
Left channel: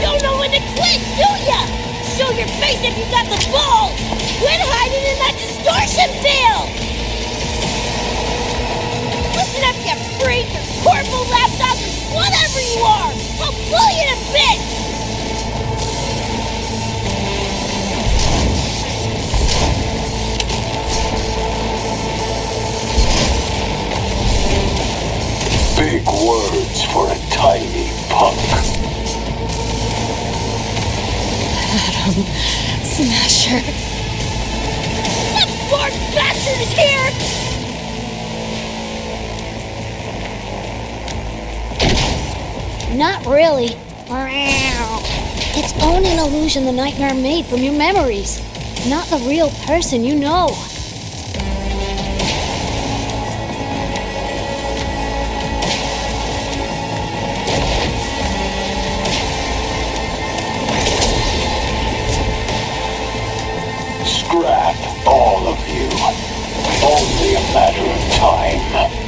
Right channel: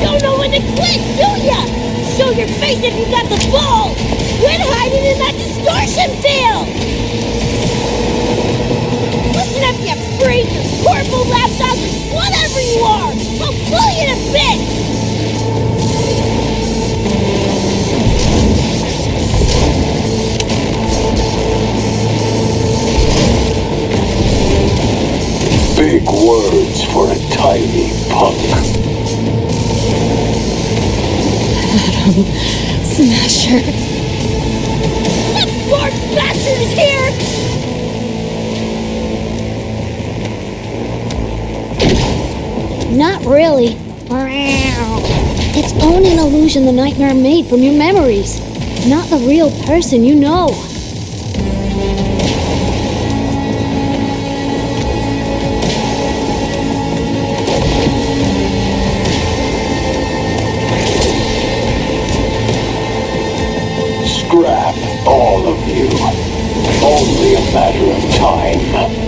Don't know when to quit, do ya? Show your face if you got the balls! Quit hiding in that distortion field! Listen up, you freak, or corporal lapdog, whatever you are! I'll pull you to bits! Big words for a tiny punk. Adam Smasher. That bark bastard is here! Not really. Its own an illusion the nightmare made from your memories. Not the real person you know. Scrap, all of you. Only a matter of time.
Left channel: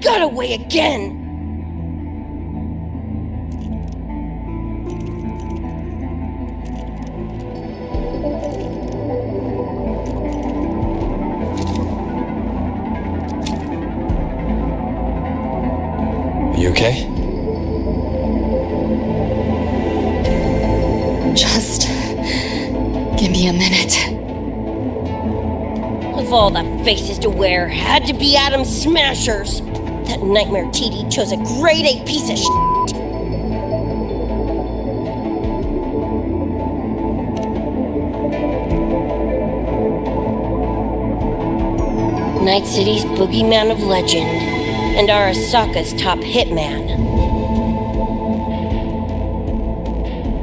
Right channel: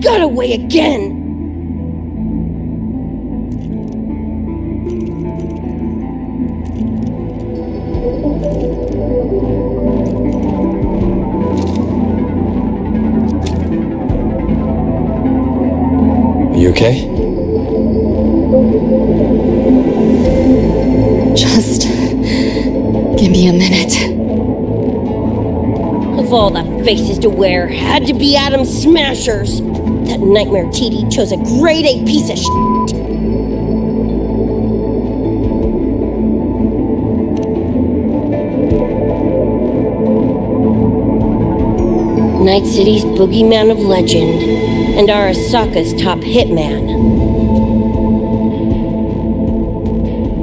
Got away again! You okay? Just give me a minute. Of all the faces to wear, had to be Adam Smashers. That nightmare TD chose a grade A piece of shit. Night City's boogeyman of legend, and Arasaka's top hitman.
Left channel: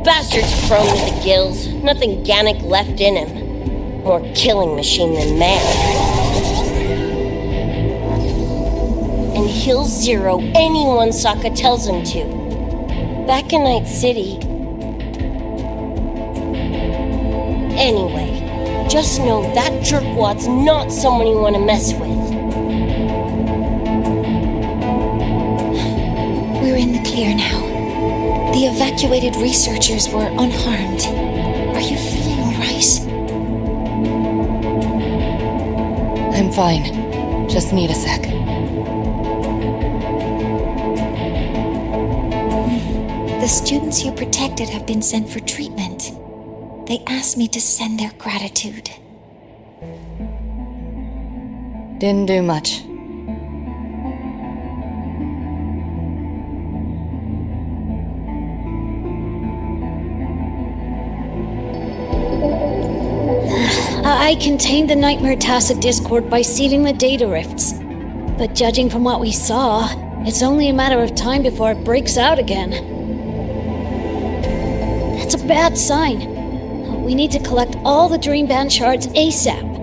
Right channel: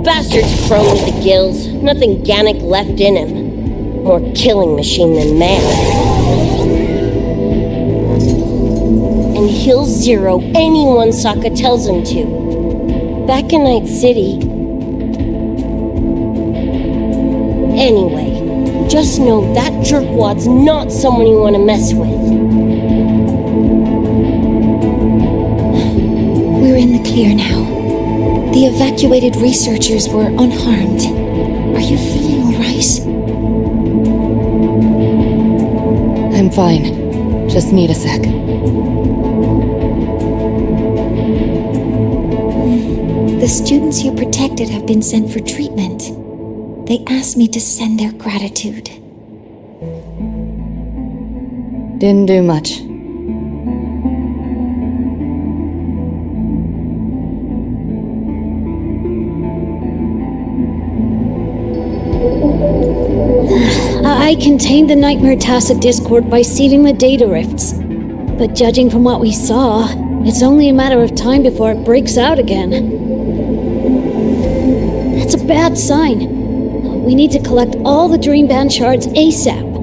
Bastard's prone to the gills, nothing Gannic left in him. More killing machine than man. And he'll zero anyone Sokka tells him to. Back in Night City. Anyway, just know that jerkwad's not someone you want to mess with. We're in the clear now. The evacuated researchers were unharmed. Are you feeling all right? I'm fine. Just need a sec. The students you protected have been sent for treatment. They asked me to send their gratitude. Didn't do much. I contained the Nightmare Tacit Discord by sealing the data rifts. But judging from what we saw, it's only a matter of time before it breaks out again. That's a bad sign. We need to collect all the Dream Band shards ASAP.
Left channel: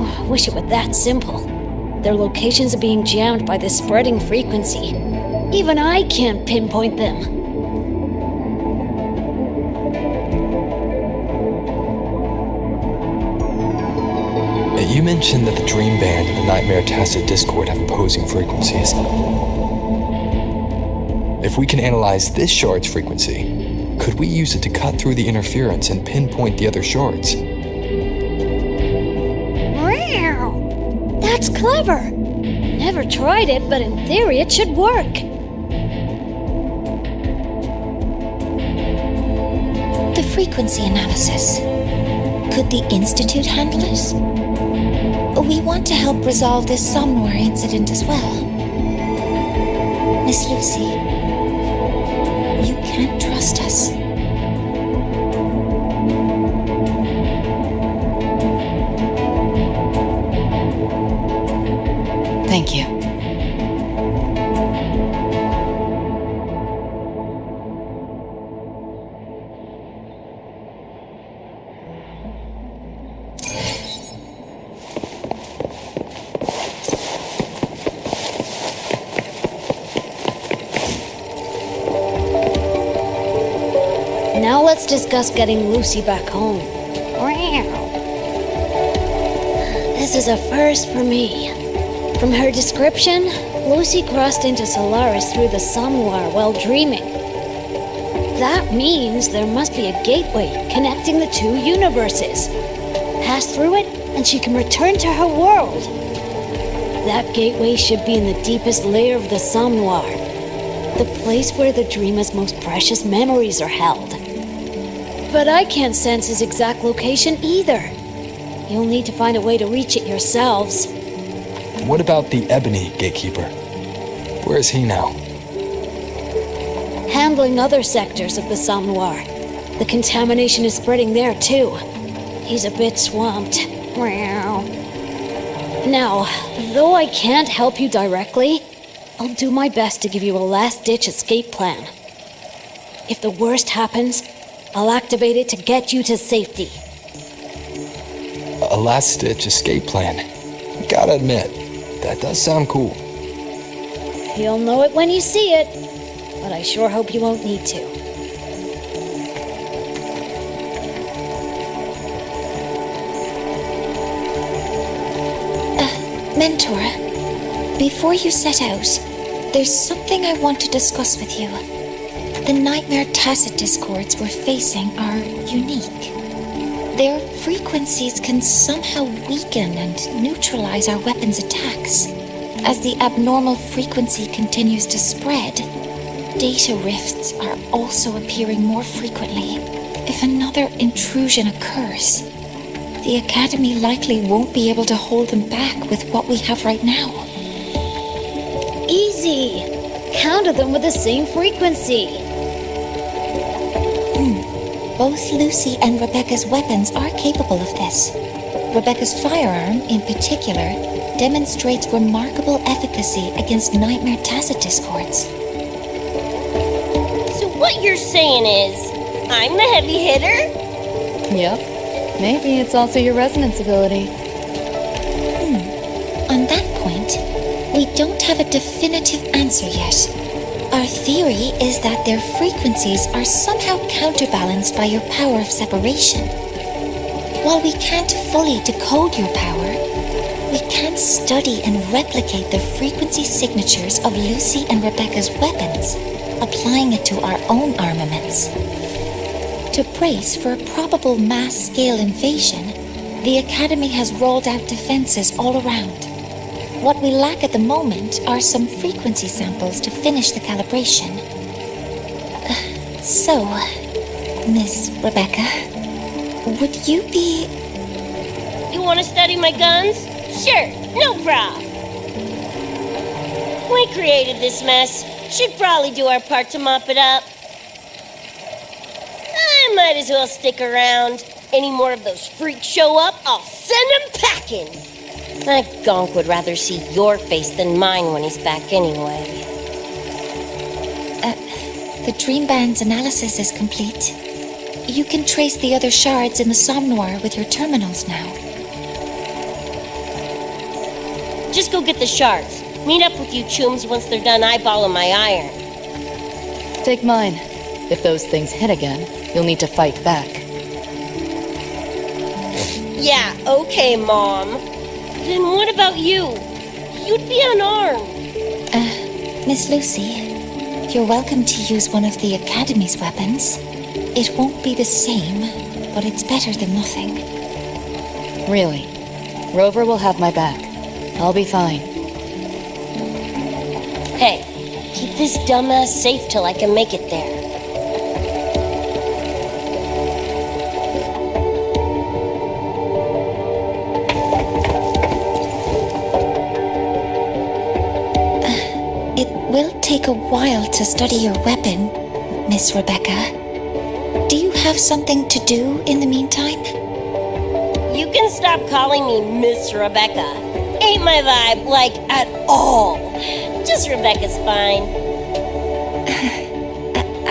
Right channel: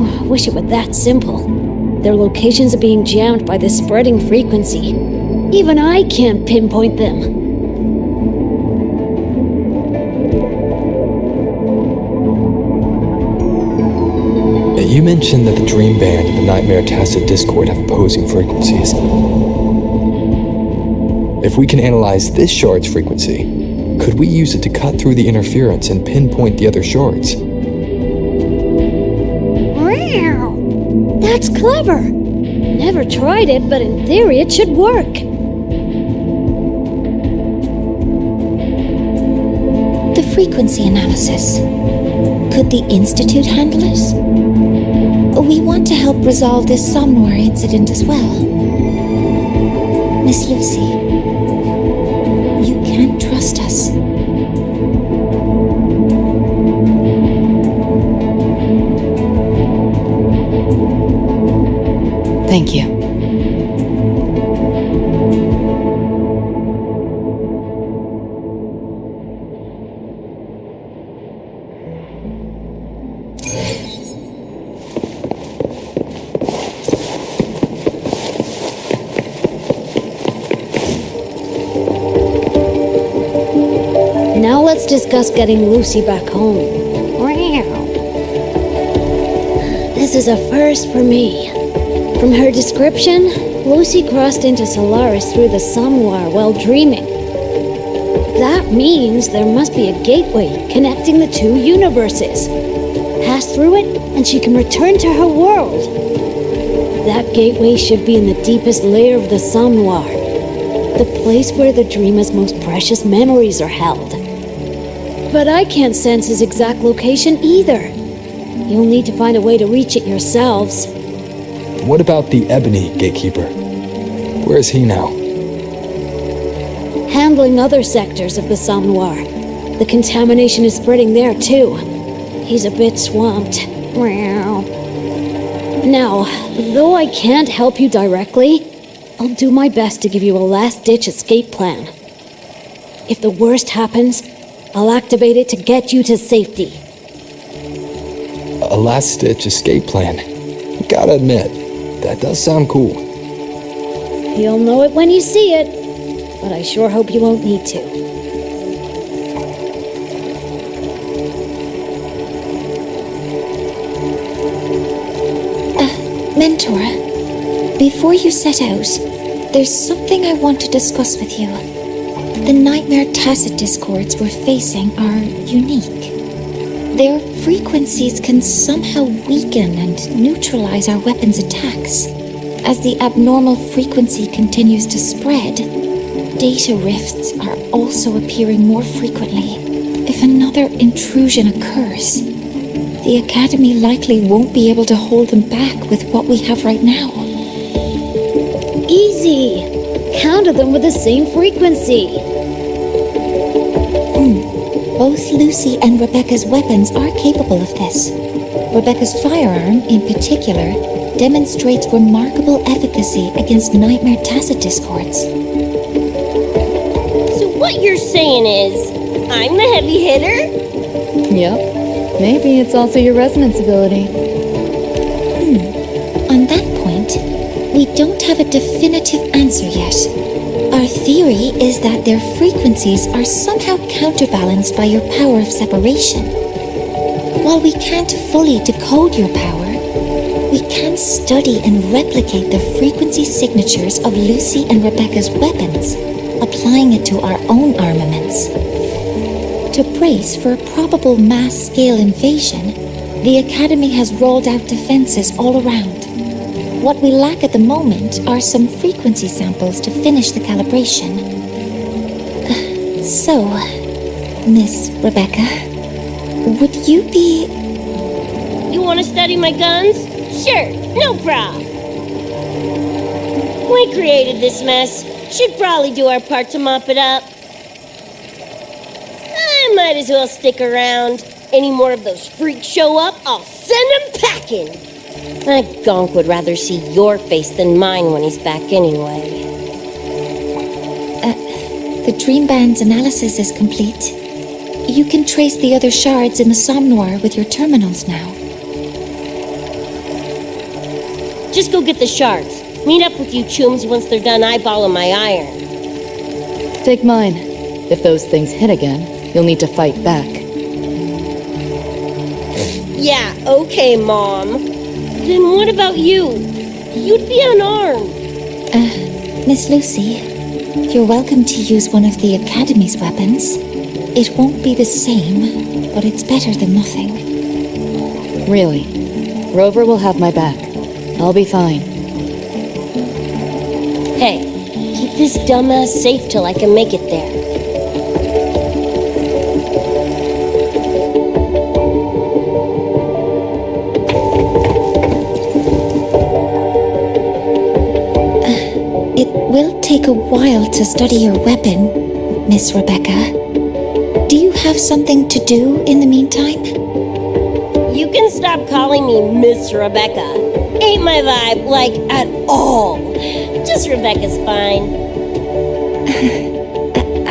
I wish it were that simple. Their locations are being jammed by this spreading frequency. Even I can't pinpoint them. You mentioned that the Dream Band and the Nightmare Tacit Discord have opposing frequencies. If we can analyze this shard's frequency, could we use it to cut through the interference and pinpoint the other shards? That's clever! Never tried it, but in theory it should work. The frequency analysis. Could the Institute handle it? We want to help resolve this Somnoire incident as well. Miss Lucy, you can't trust us. Thank you. Now let's discuss getting Lucy back home. This is a first for me. From her description, Lucy crossed into Solaris through the Somnoire while dreaming. That means there must be a gateway connecting the two universes. Pass through it, and she can return to her world. That gateway should be in the deepest layer of the Somnoire, the place where the dreamer's most precious memories are held. But I can't sense his exact location either. You'll need to find a way to reach it yourselves. What about the Ebony Gatekeeper? Where is he now? Handling other sectors of the Somnoire. The contamination is spreading there too. He's a bit swamped. Now, though I can't help you directly, I'll do my best to give you a last-ditch escape plan. If the worst happens, I'll activate it to get you to safety. A last-ditch escape plan. Gotta admit, that does sound cool. You'll know it when you see it, but I sure hope you won't need to. Mentor, before you set out, there's something I want to discuss with you. The Nightmare Tacit Discords we're facing are unique. Their frequencies can somehow weaken and neutralize our weapons' attacks. As the abnormal frequency continues to spread, data rifts are also appearing more frequently. If another intrusion occurs, the Academy likely won't be able to hold them back with what we have right now. Easy! Counter them with the same frequency. Both Lucy and Rebecca's weapons are capable of this. Rebecca's firearm, in particular, demonstrates remarkable efficacy against nightmare tacit discords. So what you're saying is, I'm the heavy hitter? Yep. Maybe it's also your resonance ability. On that point, we don't have a definitive answer yet. Our theory is that their frequencies are somehow counterbalanced by your power of separation. While we can't fully decode your power, we can study and replicate the frequency signatures of Lucy and Rebecca's weapons, applying it to our own armaments. To brace for a probable mass-scale invasion, the Academy has rolled out defenses all around. What we lack at the moment are some frequency samples to finish the calibration. So, Miss Rebecca, would you be... You want to study my guns? Sure, no prob. We created this mess. Should probably do our part to mop it up. I might as well stick around. Any more of those freaks show up, I'll send them packing. That gonk would rather see your face than mine when he's back anyway. The Dream Band's analysis is complete. You can trace the other shards in the Somnoire with your terminals now. Just go get the shards. Meet up with you Chooms once they're done eyeballing my iron. Take mine. If those things hit again, you'll need to fight back. Yeah, okay, Mom. Then what about you? You'd be unarmed. Miss Lucy, you're welcome to use one of the Academy's weapons. It won't be the same, but it's better than nothing. Really? Rover will have my back. I'll be fine. Hey, keep this dumbass safe till I can make it there. It will take a while to study your weapon, Miss Rebecca. Do you have something to do in the meantime? You can stop calling me Miss Rebecca. Ain't my vibe, like, at all. Just Rebecca's fine.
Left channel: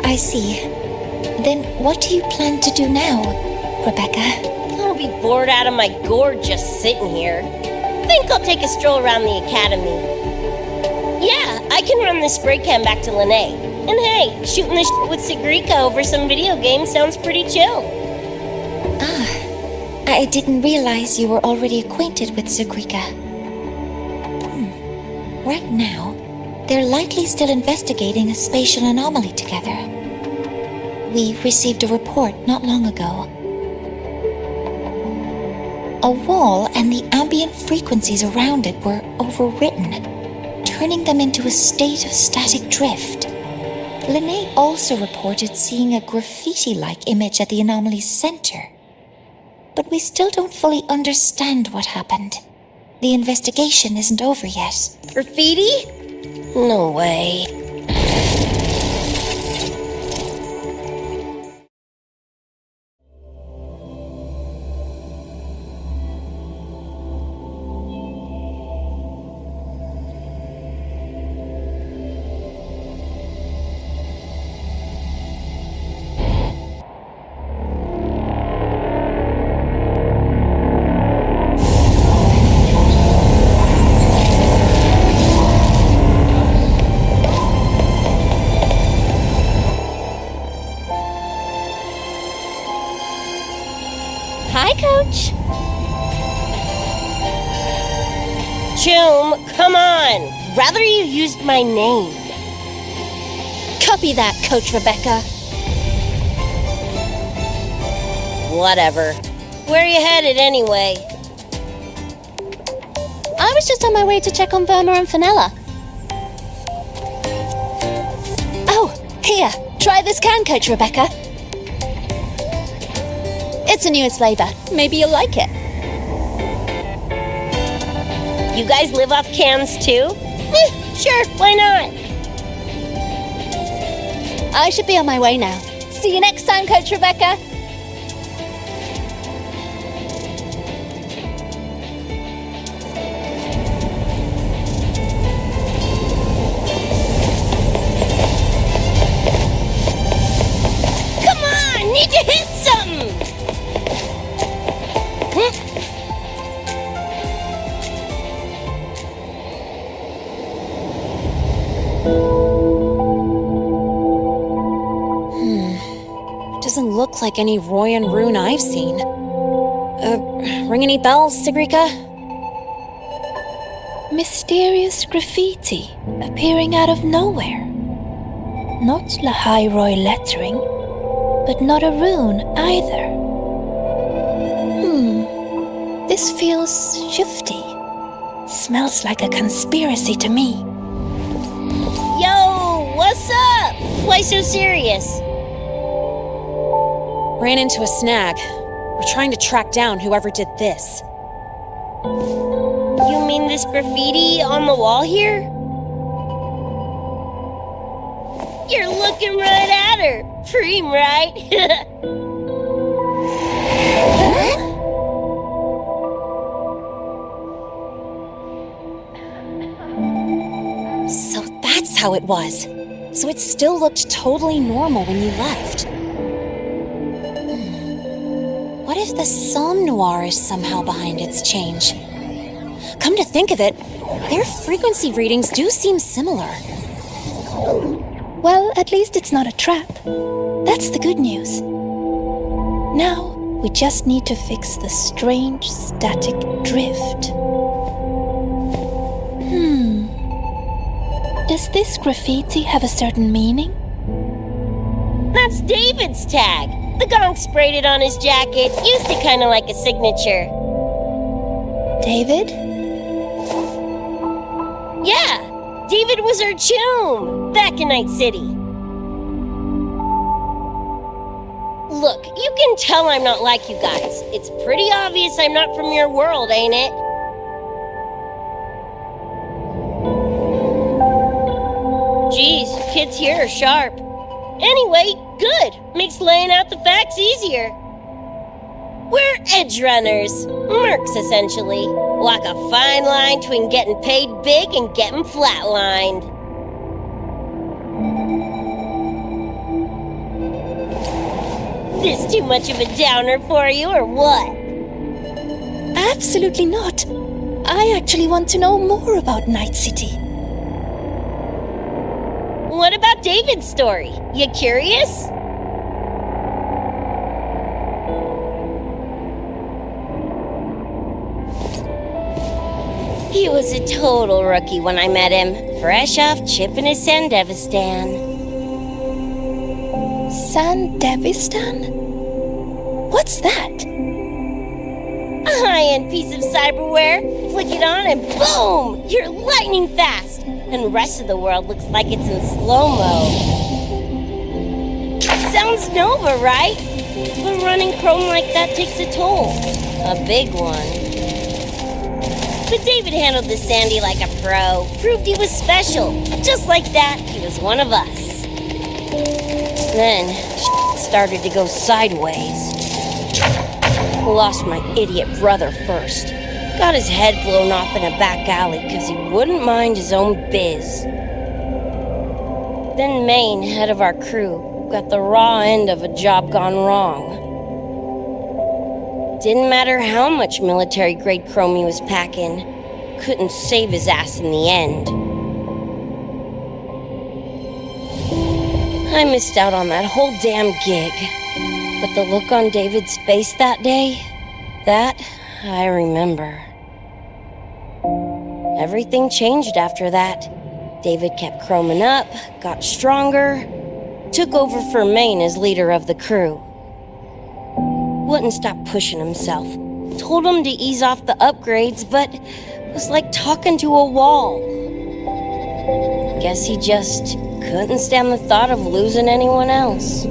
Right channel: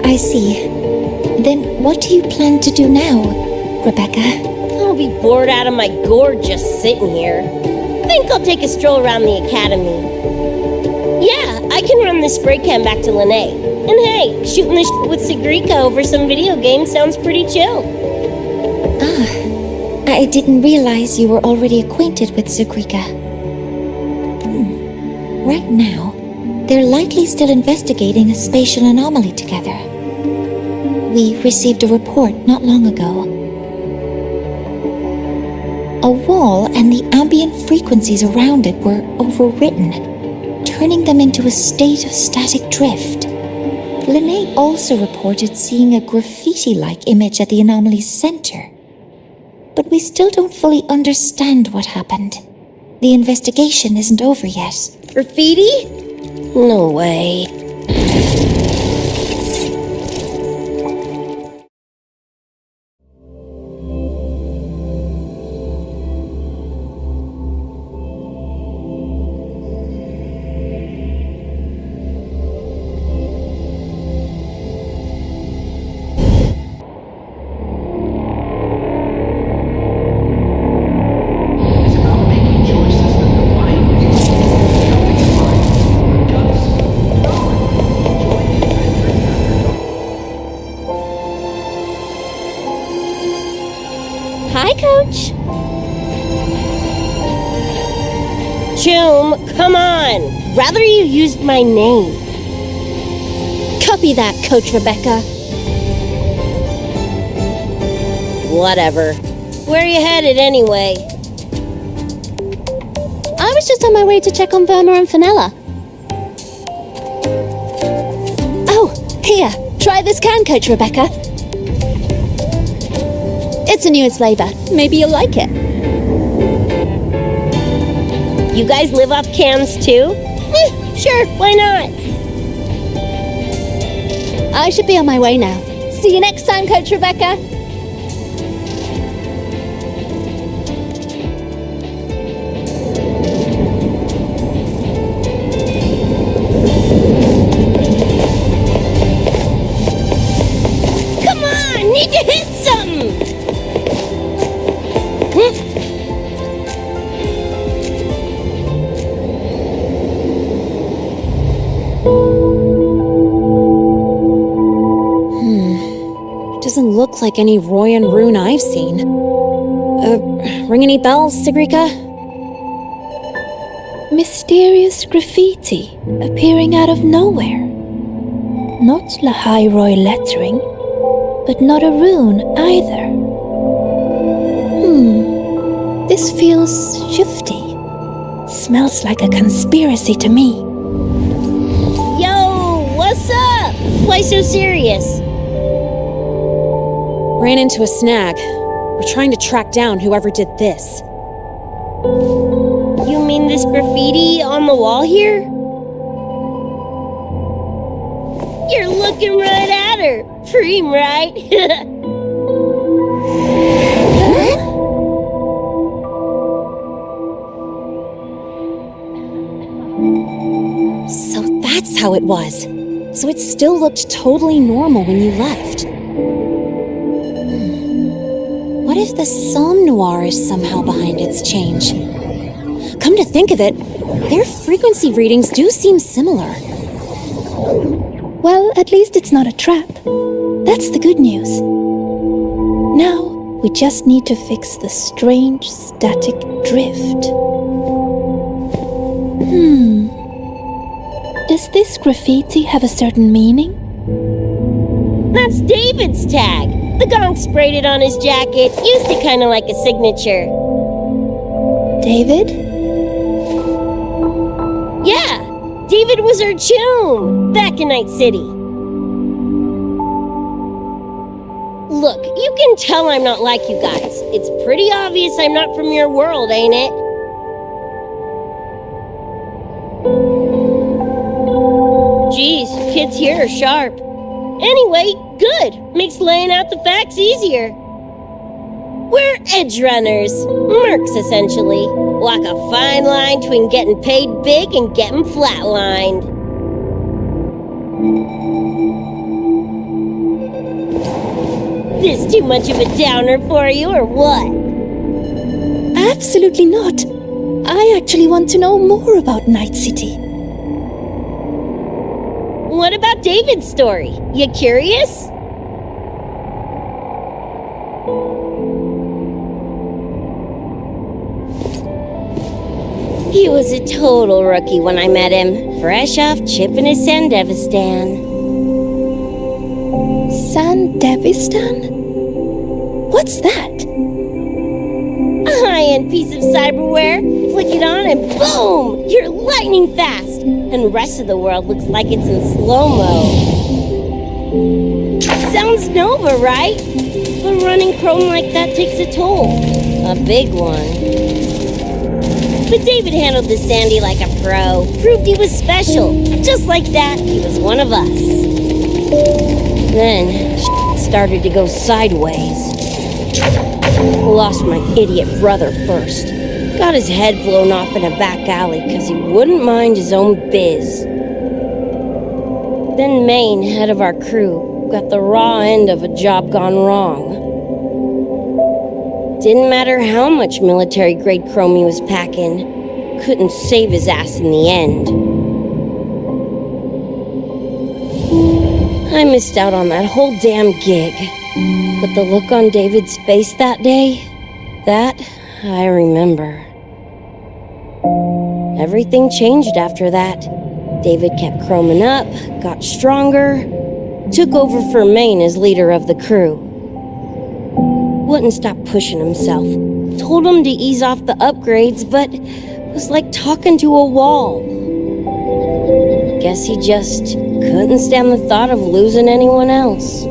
I see. Then what do you plan to do now, Rebecca? I'll be bored out of my gourd just sitting here. Think I'll take a stroll around the Academy. Yeah, I can run this spray can back to Lene. And hey, shooting the shit with Sigrika over some video game sounds pretty chill. I didn't realize you were already acquainted with Sigrika. Right now, they're likely still investigating a spatial anomaly together. We received a report not long ago. A wall and the ambient frequencies around it were overwritten, turning them into a state of static drift. Lene also reported seeing a graffiti-like image at the anomaly's center. But we still don't fully understand what happened. The investigation isn't over yet. Graffiti? No way. Hi, Coach. Choom, come on! Rather you used my name. Copy that, Coach Rebecca. Whatever. Where are you headed anyway? I was just on my way to check on Verma and Fenella. Oh, here. Try this can, Coach Rebecca. It's a newest flavor. Maybe you'll like it. You guys live off cans too? Sure, why not? I should be on my way now. See you next time, Coach Rebecca. You hit something! Doesn't look like any Royan rune I've seen. Ring any bells, Sigrika? Mysterious graffiti appearing out of nowhere. Not Lahai-Roy lettering, but not a rune either. This feels shifty. Smells like a conspiracy to me. Yo, what's up? Why so serious? Ran into a snag. We're trying to track down whoever did this. You mean this graffiti on the wall here? You're looking right at her. Preem, right? So that's how it was. So it still looked totally normal when you left. What if the Somnoire is somehow behind its change? Come to think of it, their frequency readings do seem similar. Well, at least it's not a trap. That's the good news. Now, we just need to fix the strange static drift. Does this graffiti have a certain meaning? That's David's tag. The gonk sprayed it on his jacket, used it kind of like a signature. David? Yeah, David was our Choom back in Night City. Look, you can tell I'm not like you guys. It's pretty obvious I'm not from your world, ain't it? Geez, kids here are sharp. Anyway, good. Makes laying out the facts easier. We're Edgerunners. Mercs, essentially. Walk a fine line between getting paid big and getting flatlined. This too much of a downer for you, or what? Absolutely not. I actually want to know more about Night City. What about David's story? You curious? He was a total rookie when I met him, fresh off chipping his Sandevistan. Sandevistan? What's that? A high-end piece of cyberware. Flick it on and boom! You're lightning fast! And the rest of the world looks like it's in slow-mo. Sounds Nova, right? But running Chrome like that takes a toll. A big one. But David handled the Sandy like a pro. Proved he was special. Just like that, he was one of us. Then, started to go sideways. Lost my idiot brother first. Got his head blown off in a back alley because he wouldn't mind his own biz. Then Maine, head of our crew, got the raw end of a job gone wrong. Didn't matter how much military-grade chrome he was packing, couldn't save his ass in the end. I missed out on that whole damn gig. But the look on David's face that day, that I remember. Everything changed after that. David kept chroming up, got stronger, took over for Maine as leader of the crew. Wouldn't stop pushing himself. Told him to ease off the upgrades, but was like talking to a wall. Guess he just couldn't stand the thought of losing anyone else.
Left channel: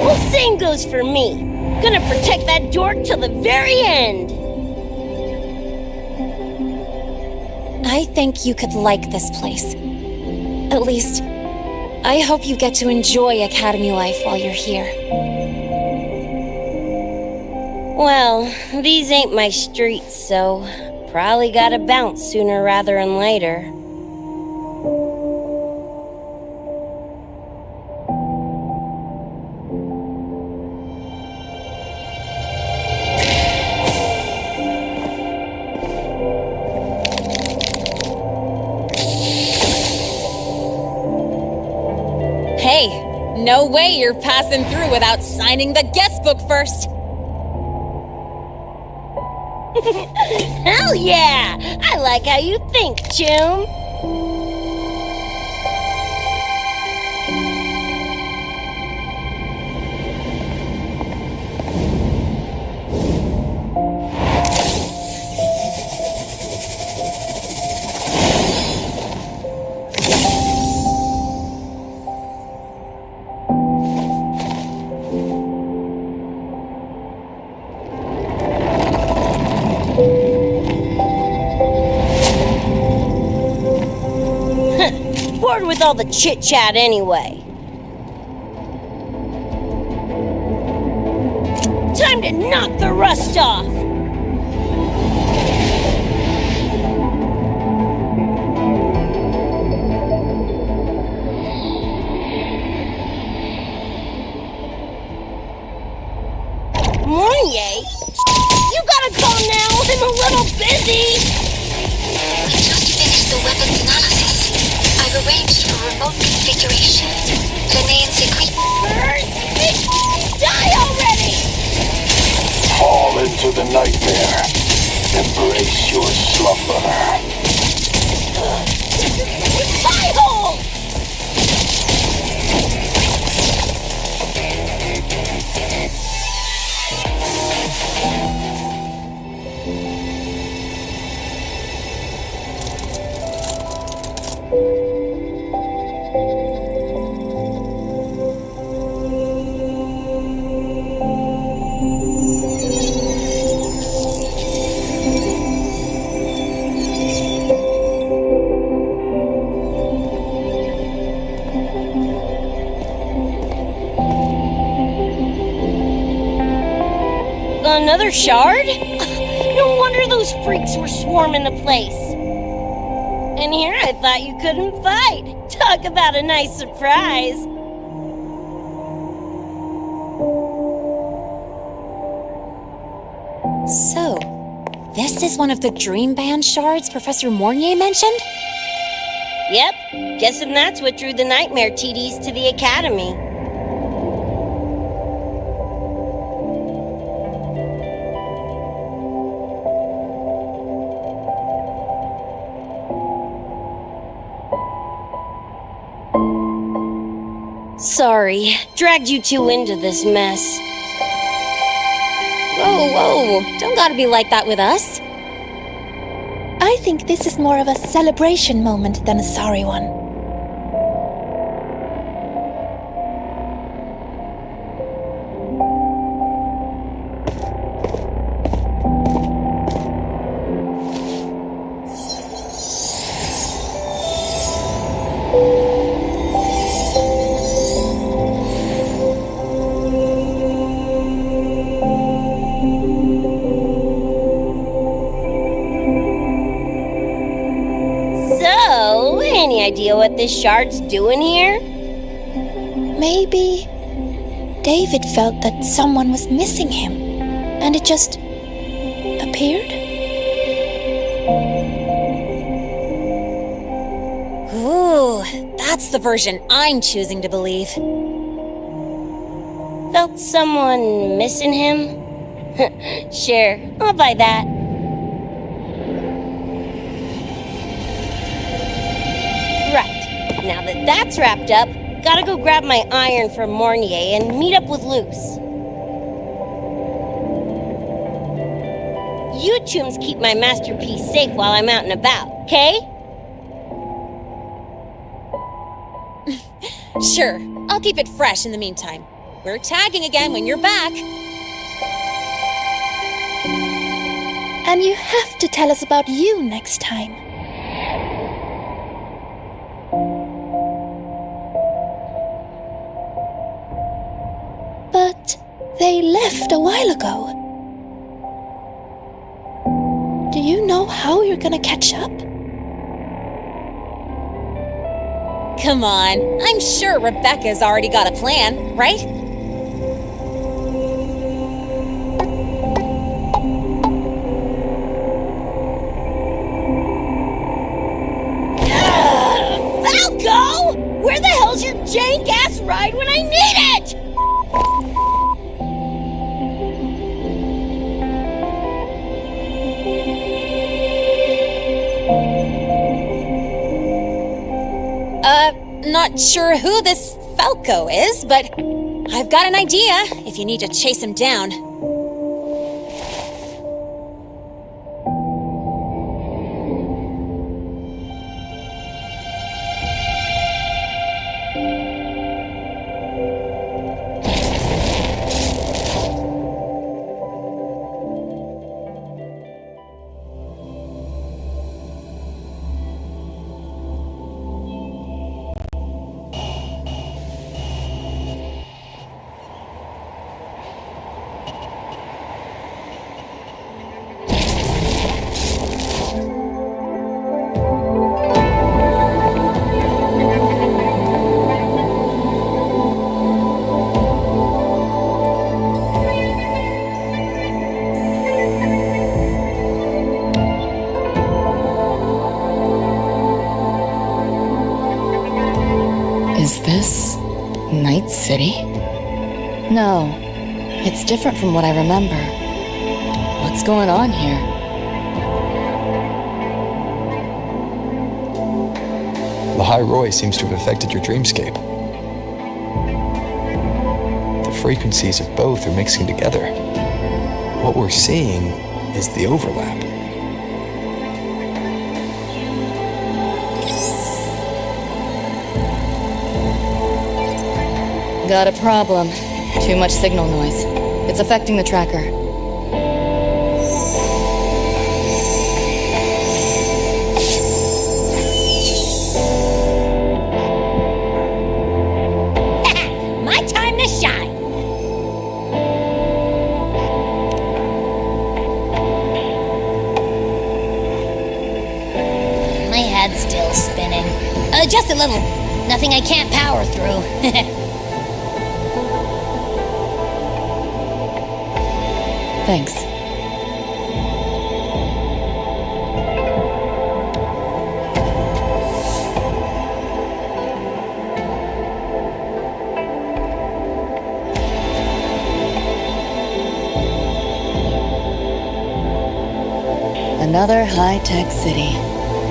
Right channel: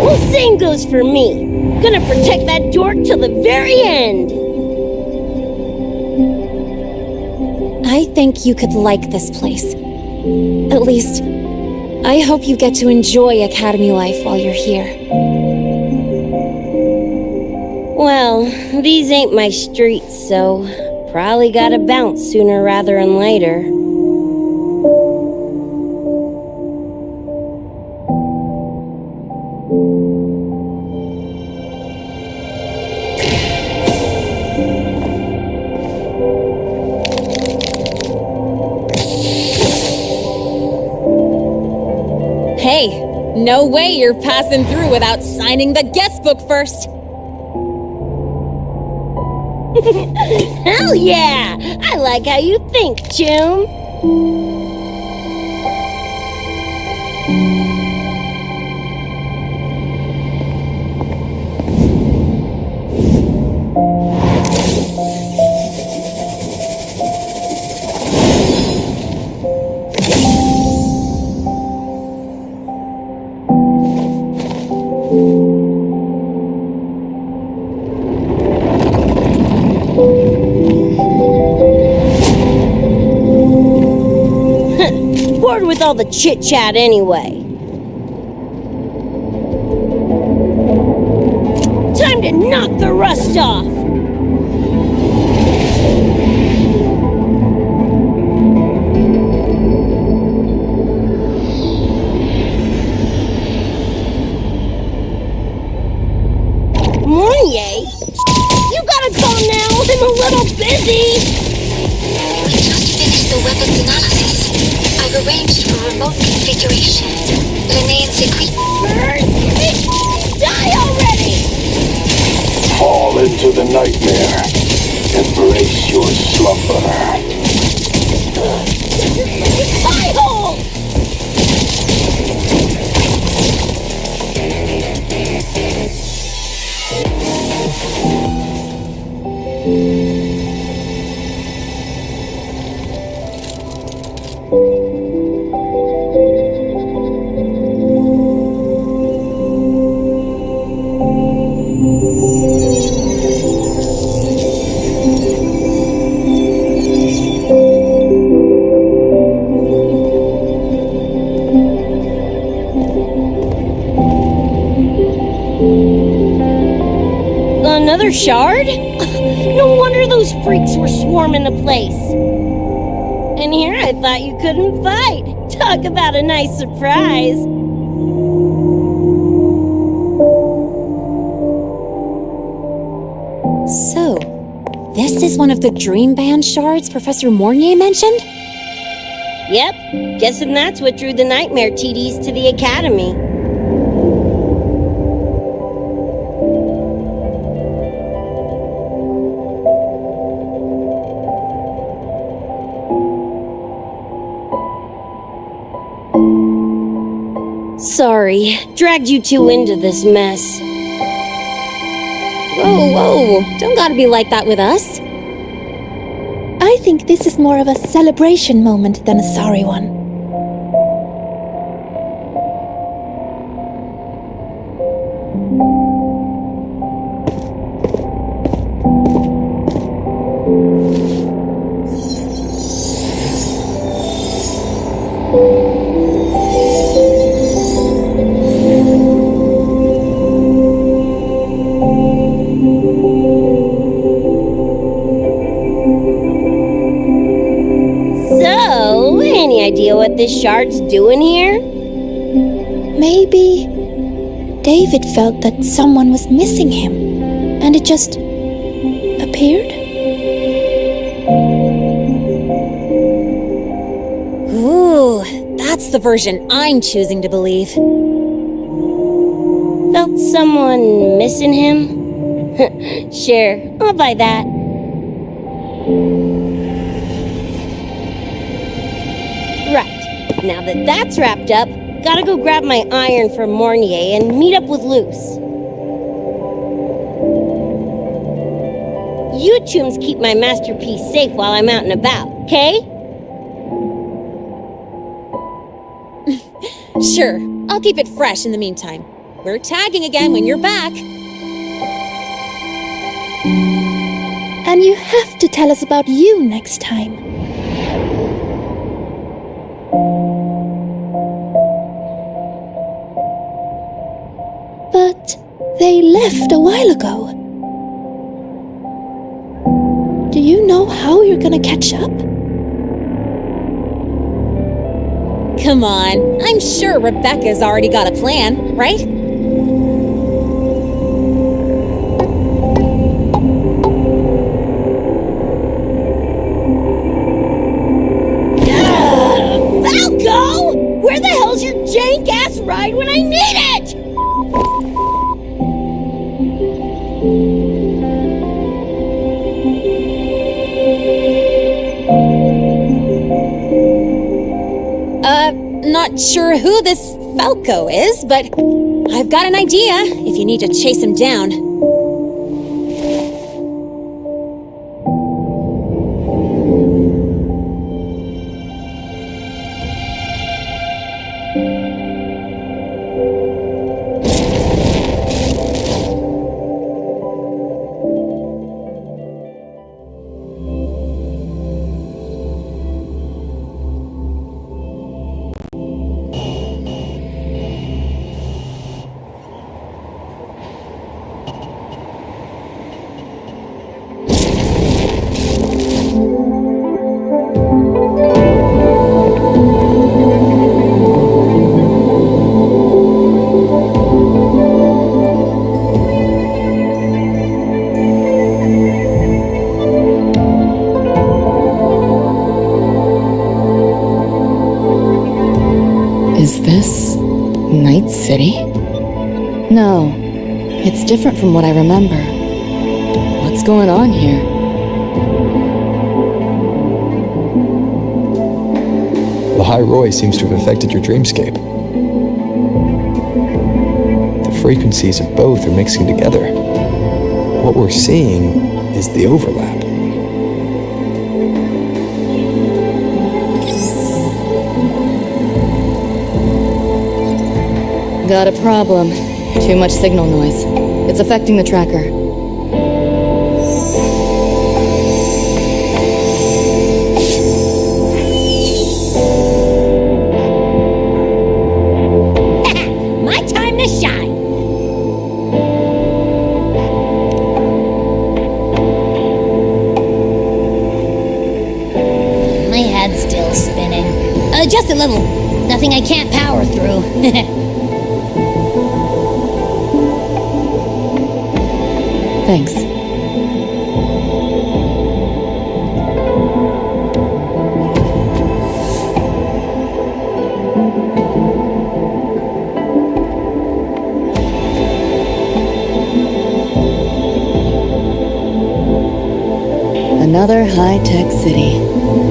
Well, same goes for me. Gonna protect that dork till the very end. I think you could like this place. At least, I hope you get to enjoy Academy life while you're here. Well, these ain't my streets, so probably gotta bounce sooner rather than later. Hey, no way you're passing through without signing the guest book first. Hell yeah! I like how you think, Choom. Bored with all the chit-chat anyway. Time to knock the rust off! Mornier? You gotta go now! I'm a little busy! We just finished the weapons analysis. I've arranged for remote configuration. Lene and Secret. Die already! Fall into the nightmare. Embrace your slumber. Shut your freaking pie hole! Another shard? No wonder those freaks were swarming the place. And here I thought you couldn't fight. Talk about a nice surprise. So, this is one of the dream band shards Professor Mornier mentioned? Yep, guessing that's what drew the nightmare TDs to the academy. Sorry, dragged you two into this mess. Whoa, don't gotta be like that with us. I think this is more of a celebration moment than a sorry one. So, any idea what this shard's doing here? Maybe David felt that someone was missing him, and it just appeared? Ooh, that's the version I'm choosing to believe. Felt someone missing him? Sure, I'll buy that. Right, now that that's wrapped up, gotta go grab my iron from Mornier and meet up with Luce. You chooms keep my masterpiece safe while I'm out and about, okay? Sure, I'll keep it fresh in the meantime. We're tagging again when you're back. And you have to tell us about you next time. But they left a while ago. Do you know how you're gonna catch up? Come on, I'm sure Rebecca's already got a plan, right? Falco! Where the hell's hell's your jank-ass ride when I need it? Not sure who this Falco is, but I've got an idea if you need to chase him down. Is this Night City? No, it's different from what I remember. What's going on here? The High Roy seems to have affected your dreamscape. The frequencies of both are mixing together. What we're seeing is the overlap. Got a problem. Too much signal noise. It's affecting the tracker. My time to shine! My head's still spinning. Just a little. Nothing I can't power through. Thanks. Another high-tech city.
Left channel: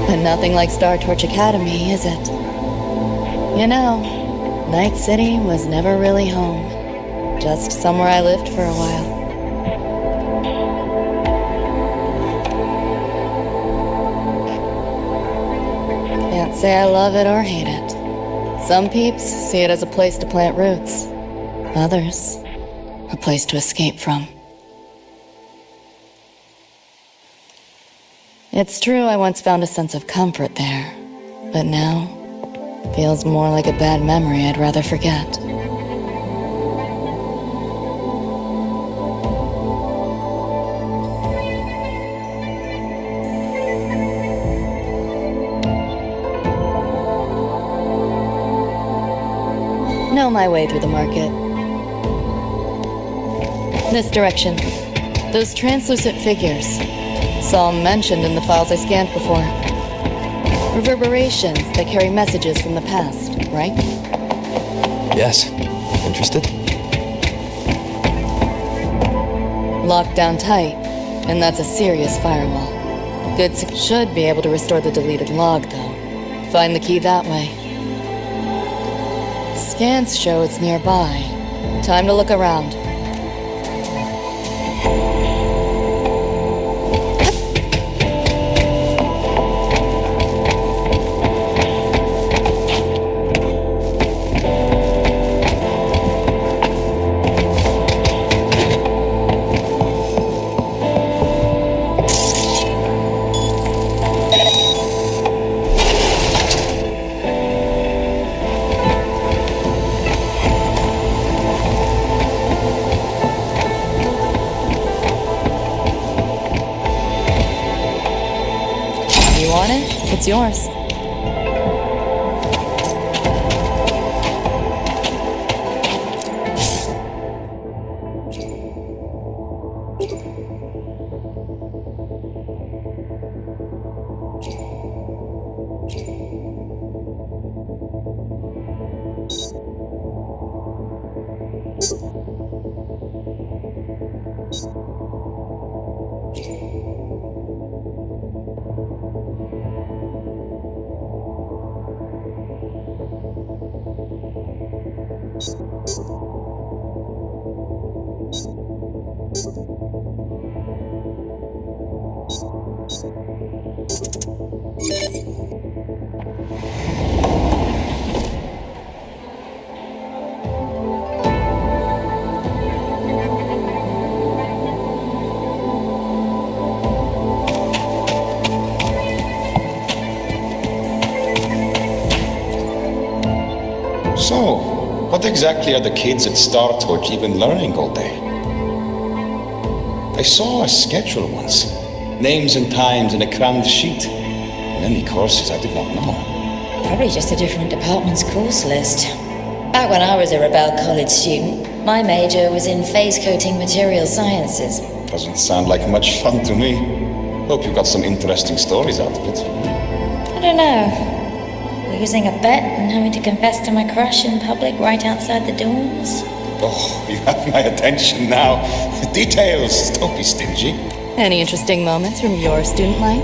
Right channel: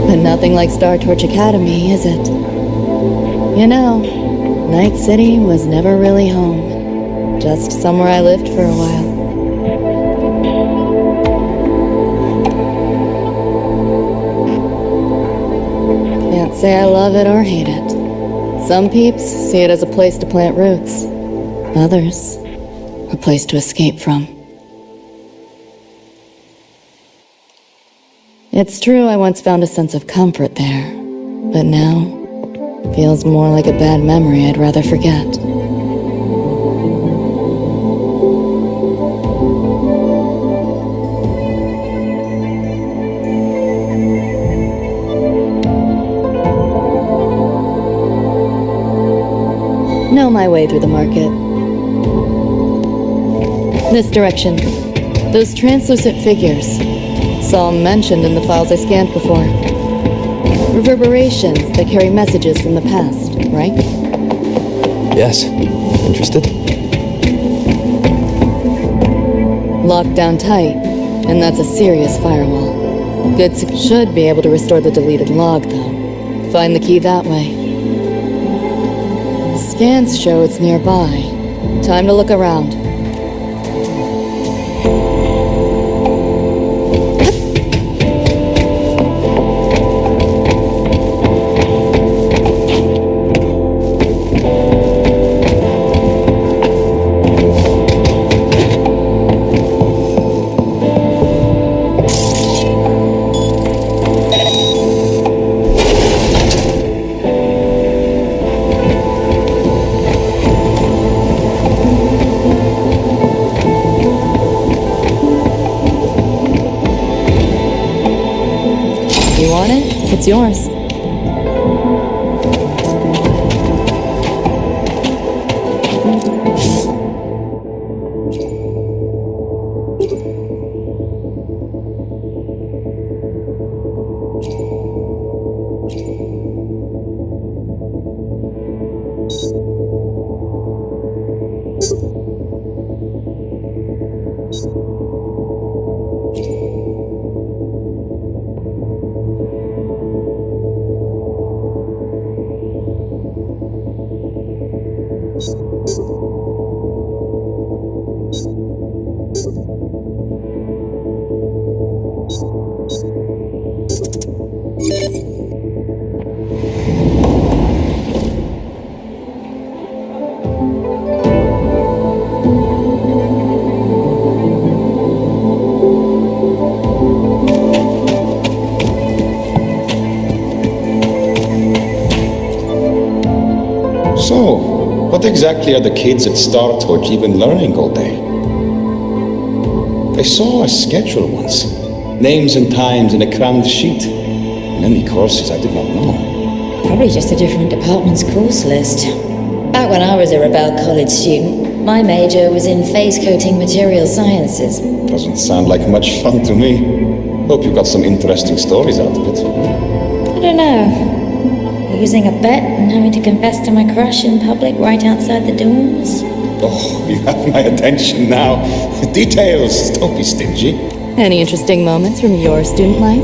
But nothing like Star Torch Academy, is it? You know, Night City was never really home. Just somewhere I lived for a while. Can't say I love it or hate it. Some peeps see it as a place to plant roots. Others, a place to escape from. It's true I once found a sense of comfort there, but now, feels more like a bad memory I'd rather forget. Know my way through the market. This direction. Those translucent figures. Saw them mentioned in the files I scanned before. Reverberations that carry messages from the past, right? Yes. Interested? Locked down tight, and that's a serious firewall. Should be able to restore the deleted log, though. Find the key that way. Scans show it's nearby. Time to look around. You want it? It's yours. So, what exactly are the kids at Star Torch even learning all day? I saw a schedule once. Names and times in a crammed sheet. Many courses I did not know. Probably just a different department's course list. Back when I was a Rebel College student, my major was in phase coating material sciences. Doesn't sound like much fun to me. Hope you got some interesting stories out of it. I don't know. Losing a bet and having to confess to my crush in public right outside the dorms. Oh, you have my attention now. Details, don't be stingy. Any interesting moments from your student life?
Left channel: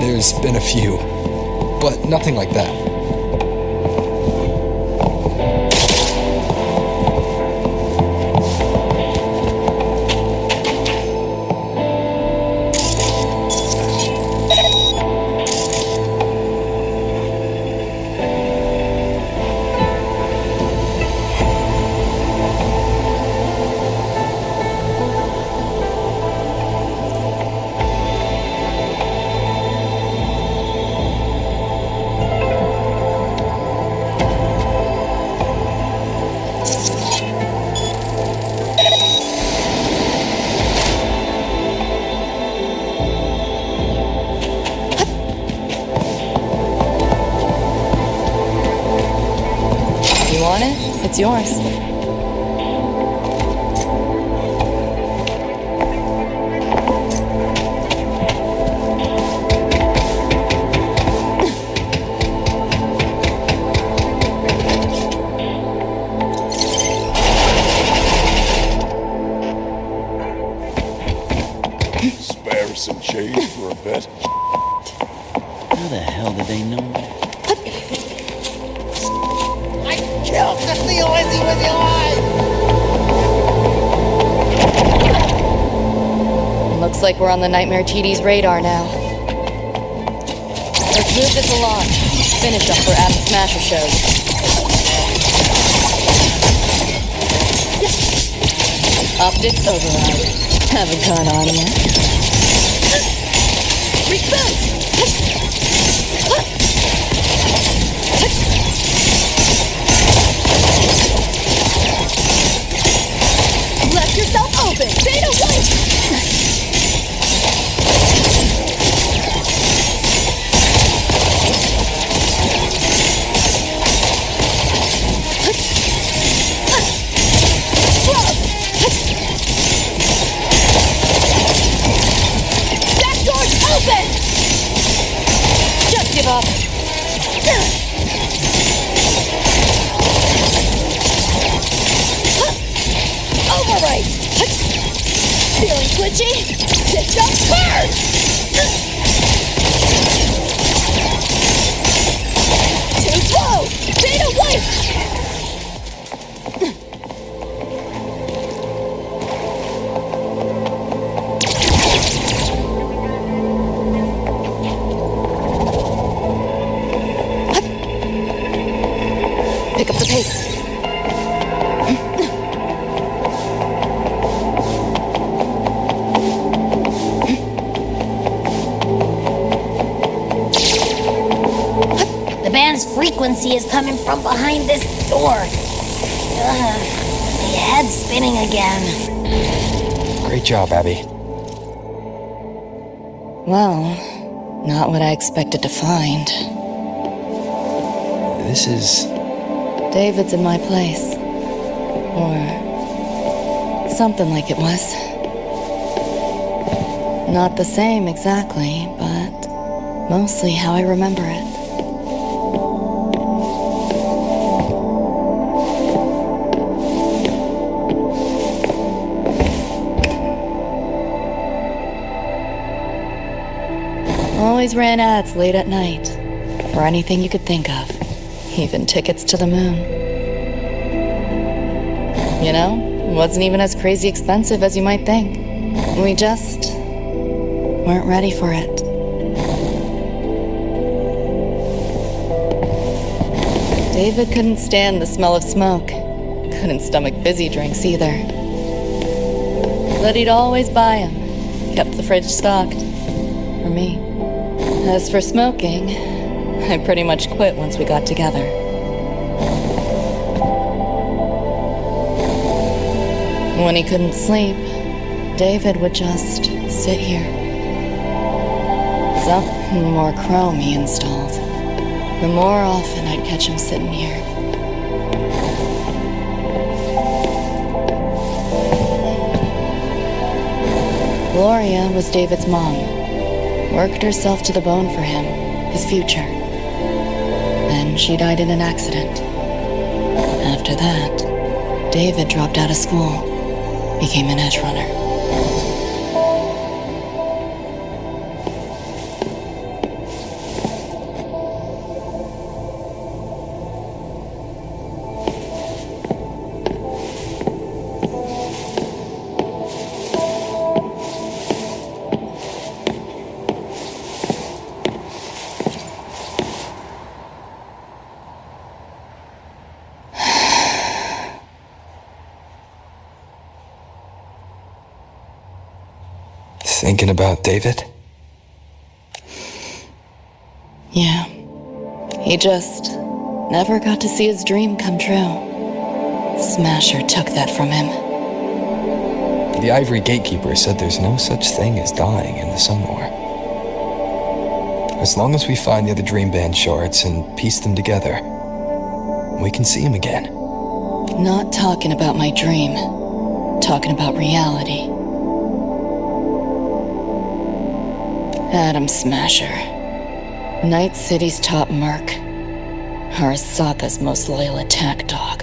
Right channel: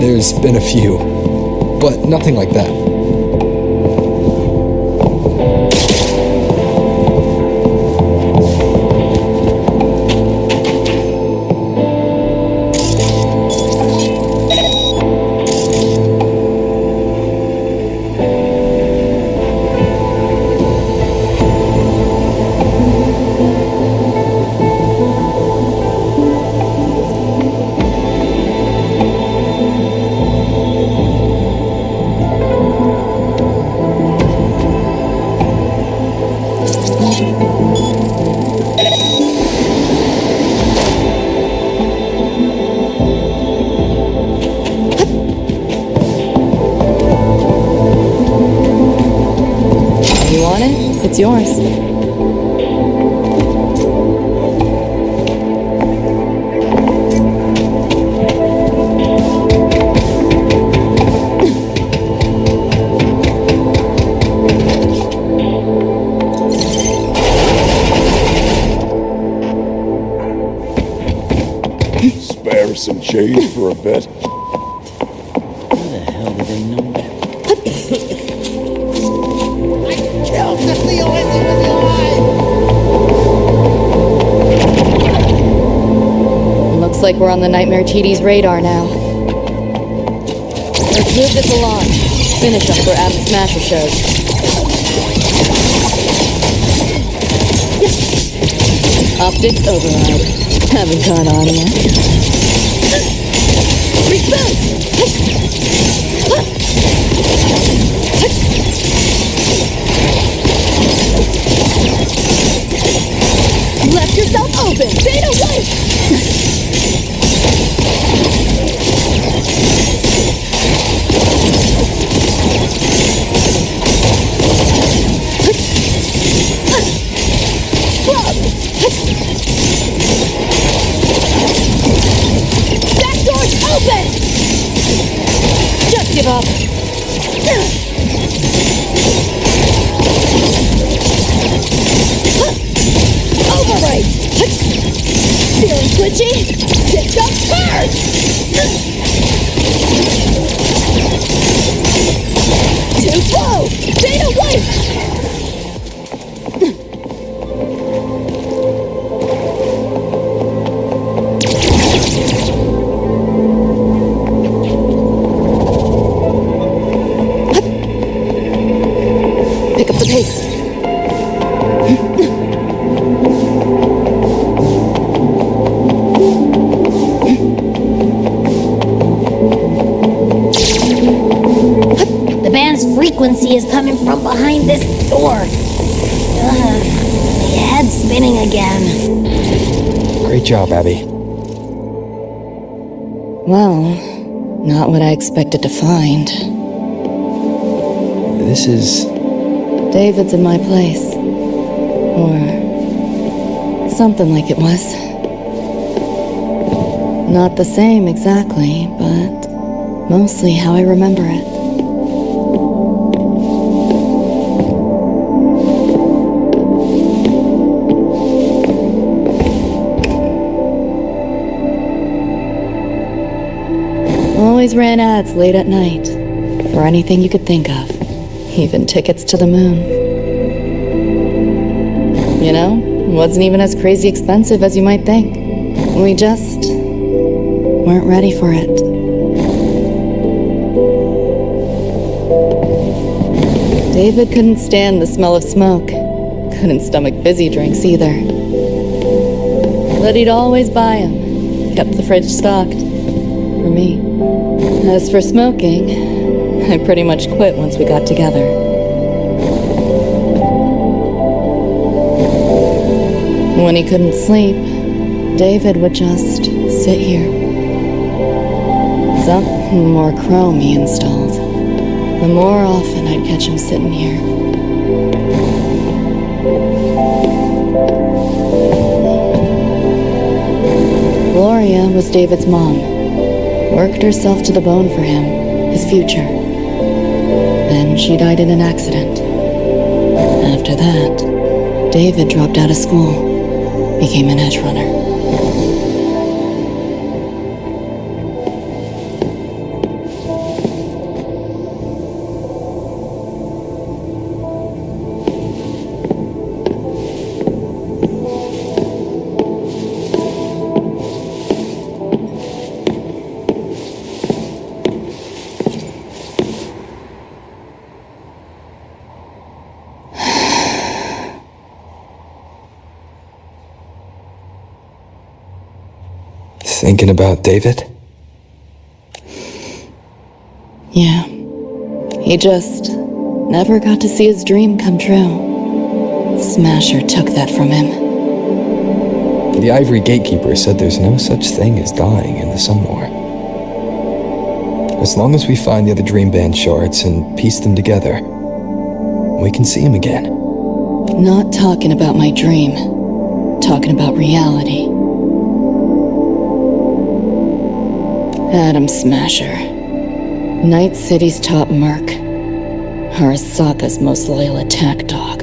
There's been a few, but nothing like that. It's yours. Spare some change for a bet. How the hell did they know that? Kill the Wizzy Wizzy Line! Looks like we're on the Nightmare TD's radar now. Let's move this along. Finish them for Adam Smasher shows. Optics override. Haven't caught on yet. Reboot! Left yourself open! Data white! Scrub! Back door's open! Just give up. Override! Feeling glitchy? System charge! Too slow! Data white! Pick up the pace. Frequency is coming from behind this door. My head's spinning again. Great job, Abby. Well, not what I expected to find. This is... David's in my place. Or... something like it was. Not the same exactly, but mostly how I remember it. Always ran ads late at night, for anything you could think of, even tickets to the moon. You know, it wasn't even as crazy expensive as you might think. We just weren't ready for it. David couldn't stand the smell of smoke, couldn't stomach fizzy drinks either. But he'd always buy them, kept the fridge stocked, for me. As for smoking, I pretty much quit once we got together. When he couldn't sleep, David would just sit here. Something more chrome he installed. The more often I'd catch him sitting here. Gloria was David's mom. Worked herself to the bone for him, his future. Then she died in an accident. After that, David dropped out of school, became an Edgerunner. Thinking about David? Yeah. He just never got to see his dream come true. Smasher took that from him. The Ivory Gatekeeper said there's no such thing as dying in the Somnoire. As long as we find the other Dream Band shards and piece them together, we can see him again. Not talking about my dream. Talking about reality. Adam Smasher. Night City's top merc. Arasaka's most loyal attack dog.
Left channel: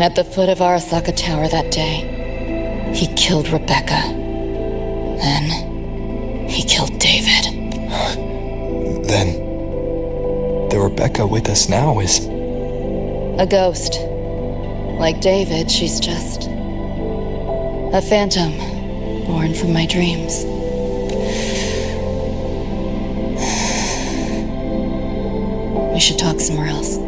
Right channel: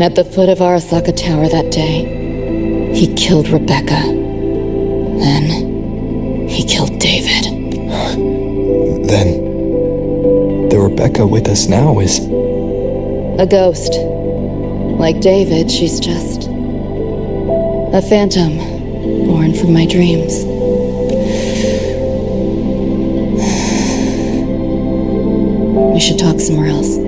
At the foot of Arasaka Tower that day, he killed Rebecca. Then, he killed David. Then, the Rebecca with us now is... a ghost. Like David, she's just... a phantom, born from my dreams. We should talk somewhere else.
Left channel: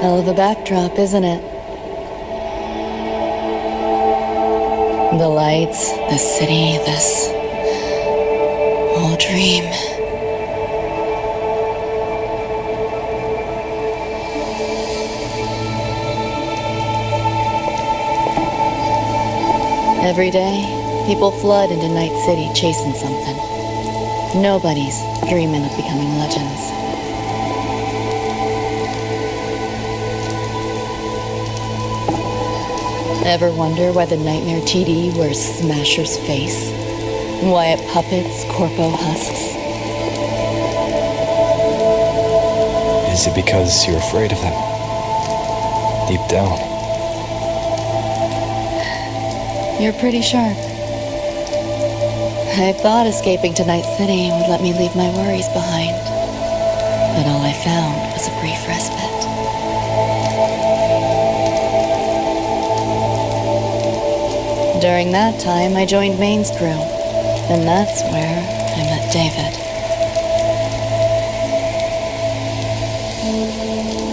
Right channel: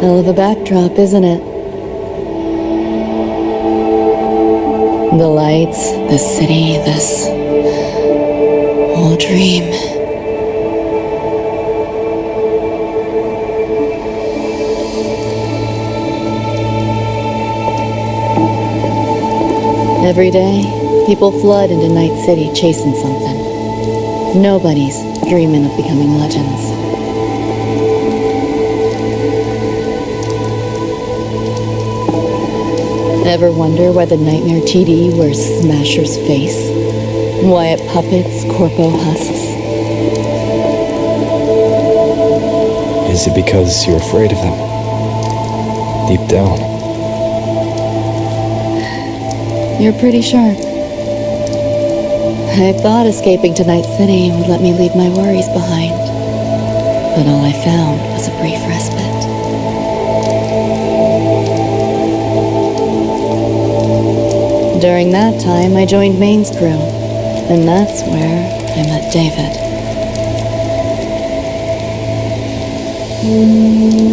Hell of a backdrop, isn't it? The lights, the city, this whole dream. Every day, people flood into Night City chasing something. Nobody's dreaming of becoming legends. Ever wonder why the Nightmare TD wears Smasher's face? Why it puppets Corpo husks? Is it because you're afraid of them? Deep down. You're pretty sharp. I thought escaping to Night City would let me leave my worries behind. But all I found was a brief respite. During that time, I joined Maine's crew, and that's where I met David.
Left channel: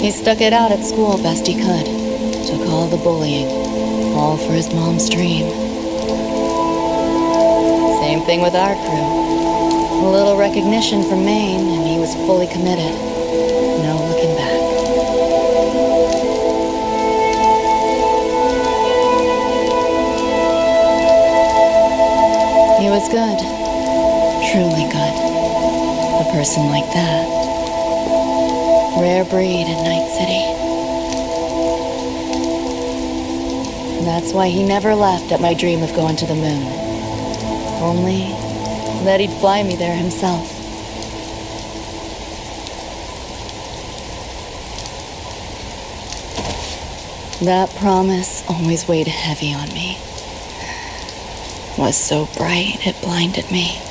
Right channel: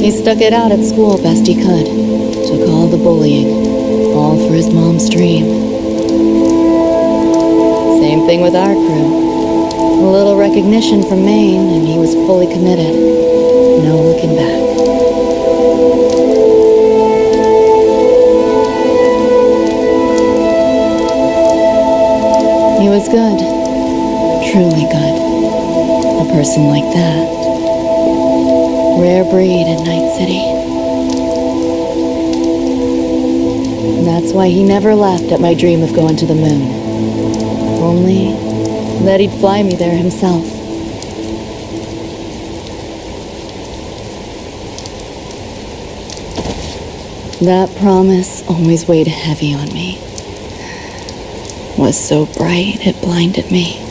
He stuck it out at school best he could, took all the bullying, all for his mom's dream. Same thing with our crew. A little recognition from Maine, and he was fully committed. No looking back. He was good. Truly good. A person like that. Rare breed in Night City. That's why he never laughed at my dream of going to the moon. Only that he'd fly me there himself. That promise always weighed heavy on me. Was so bright it blinded me.